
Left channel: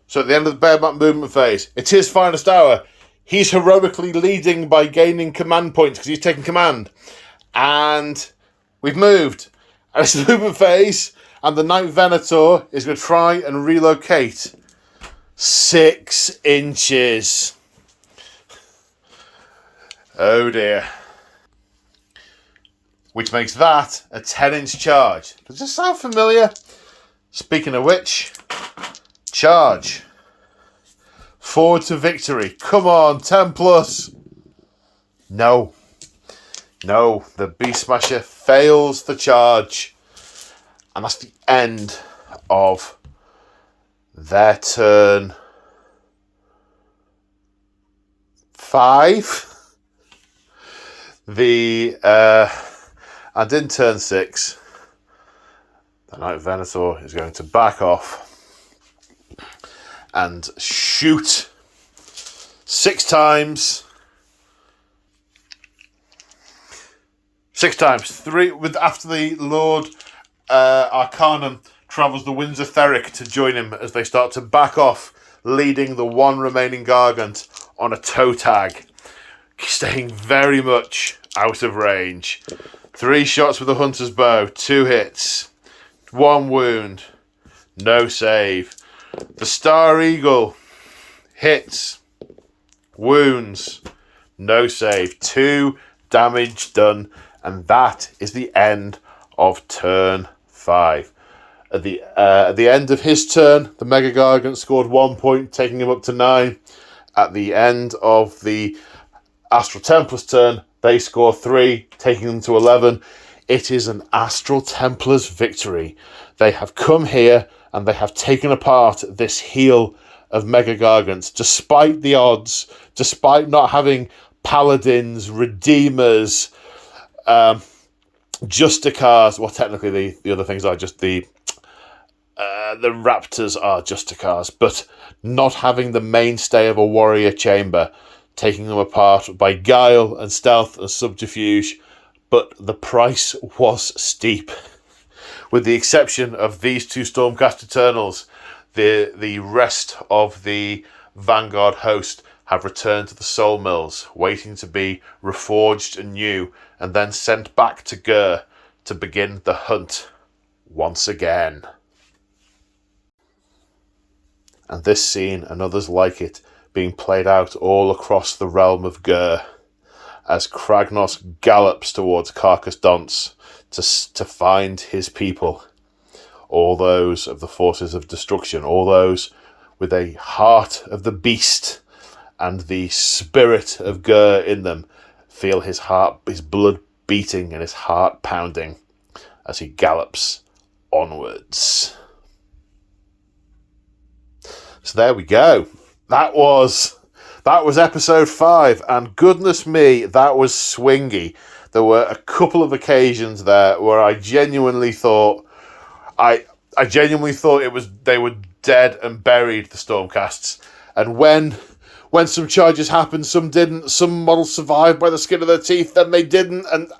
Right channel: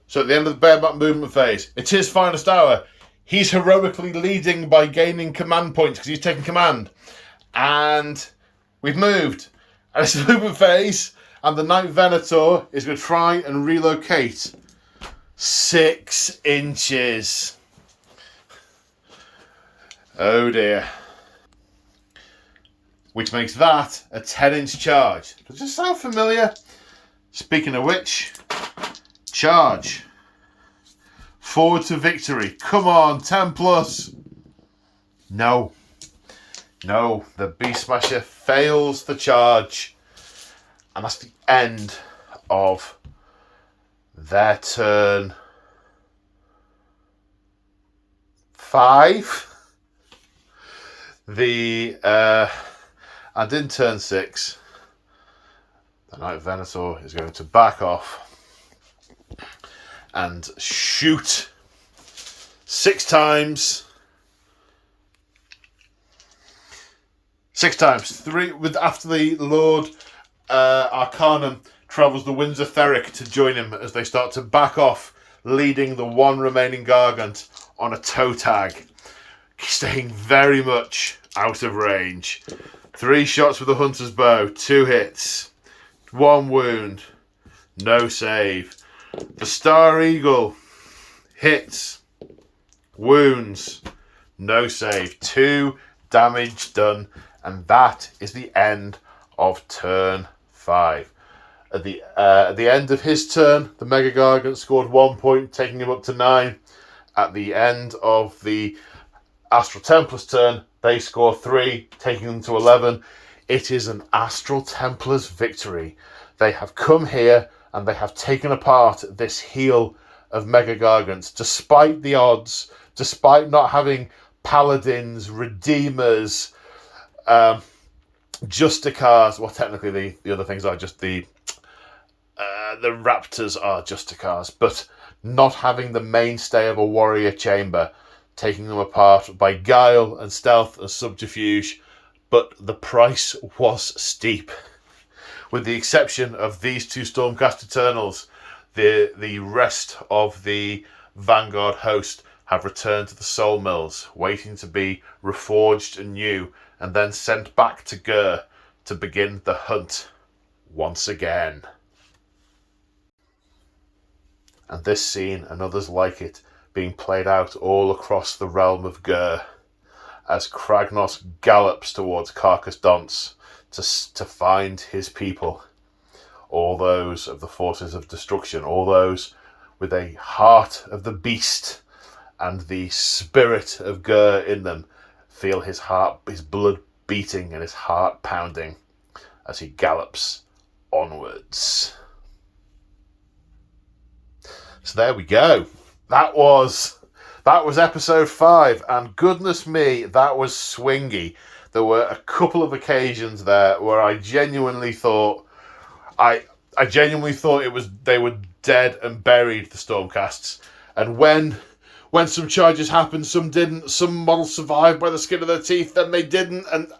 So at the end of the Behemat movement phase, it's his finest hour. He's heroically leading by gaining command points because he's taking command. And we've moved. And it's the movement phase, and the Knight Venator is going to try and relocate 6 inches. Oh dear. Which makes that a 10-inch charge. Does this sound familiar? Speaking of which, charge. Forward to victory. Come on, 10+. No. No, the Beast Smasher fails the charge. And that's the end of their turn 5. And in turn 6, the Knight Venator is going to back off and shoot 6 times. 6 times. 3 after the Lord Arcanum travels the Winds of Theric to join him as they start to back off, leading the one remaining Gargant on a toe tag, staying very much out of range. 3 shots with the Hunter's Bow, 2 hits, 1 wound, no save. The Star Eagle hits, wounds, no save, 2 damage done, and that is the end of turn 5. At the end of his turn, the Mega Gargant scored 1 point, taking him up to 9. At the end of the Astral Templars turn, they score 3, taking them to 11. It is an Astral Templars victory. They have come here and they have taken apart this heel of Mega Gargants, despite the odds, despite not having Paladins, Redeemers, Justicars. Well, technically the other things are just the Raptors are Justicars, but not having the mainstay of a warrior chamber, taking them apart by guile and stealth and subterfuge. But the price was steep. With the exception of these 2 Stormcast Eternals, the rest of the Vanguard host have returned to the Soul Mills, waiting to be reforged anew and then sent back to Gur to begin the hunt once again. And this scene and others like it being played out all across the realm of Gur as Kragnos gallops towards Carcass Dance to find his people, all those of the forces of destruction, all those with a heart of the beast and the spirit of Gur in them, feel his blood beating and his heart pounding as he gallops onwards. So there we go. That was episode 5, and goodness me, that was swingy. There were a couple of occasions there where I genuinely thought they were dead and buried, the Stormcasts. And when some charges happened, some didn't. Some models survived by the skin of their teeth, then they didn't. And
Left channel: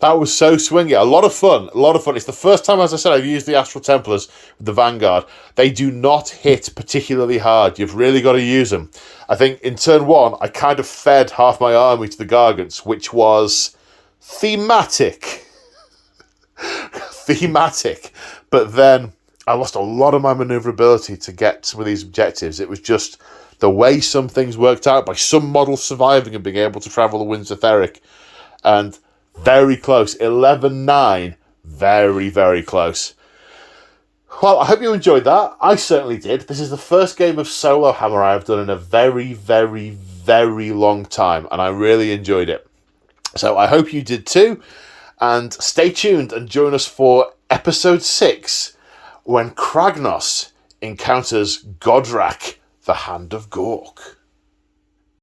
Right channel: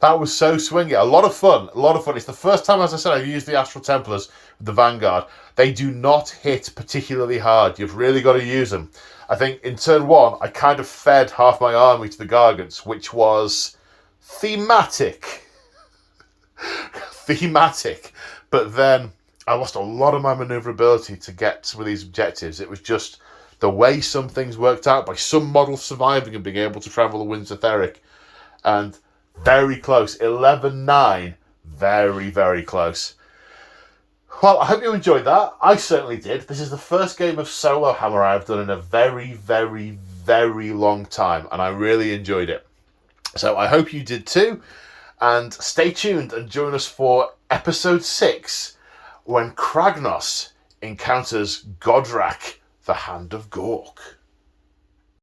that was so swingy. A lot of fun. It's the first time, as I said, I've used the Astral Templars with the Vanguard. They do not hit particularly hard. You've really got to use them. I think in turn 1, I kind of fed half my army to the Gargants, which was thematic. But then I lost a lot of my maneuverability to get some of these objectives. It was just the way some things worked out by some models surviving and being able to travel the Winds of Theric. And very close. 11-9. Very, very close. Well, I hope you enjoyed that. I certainly did. This is the first game of Solo Hammer I've done in a very, very, very long time, and I really enjoyed it. So I hope you did too. And stay tuned and join us for episode 6, when Kragnos encounters Godrak, the Hand of Gork.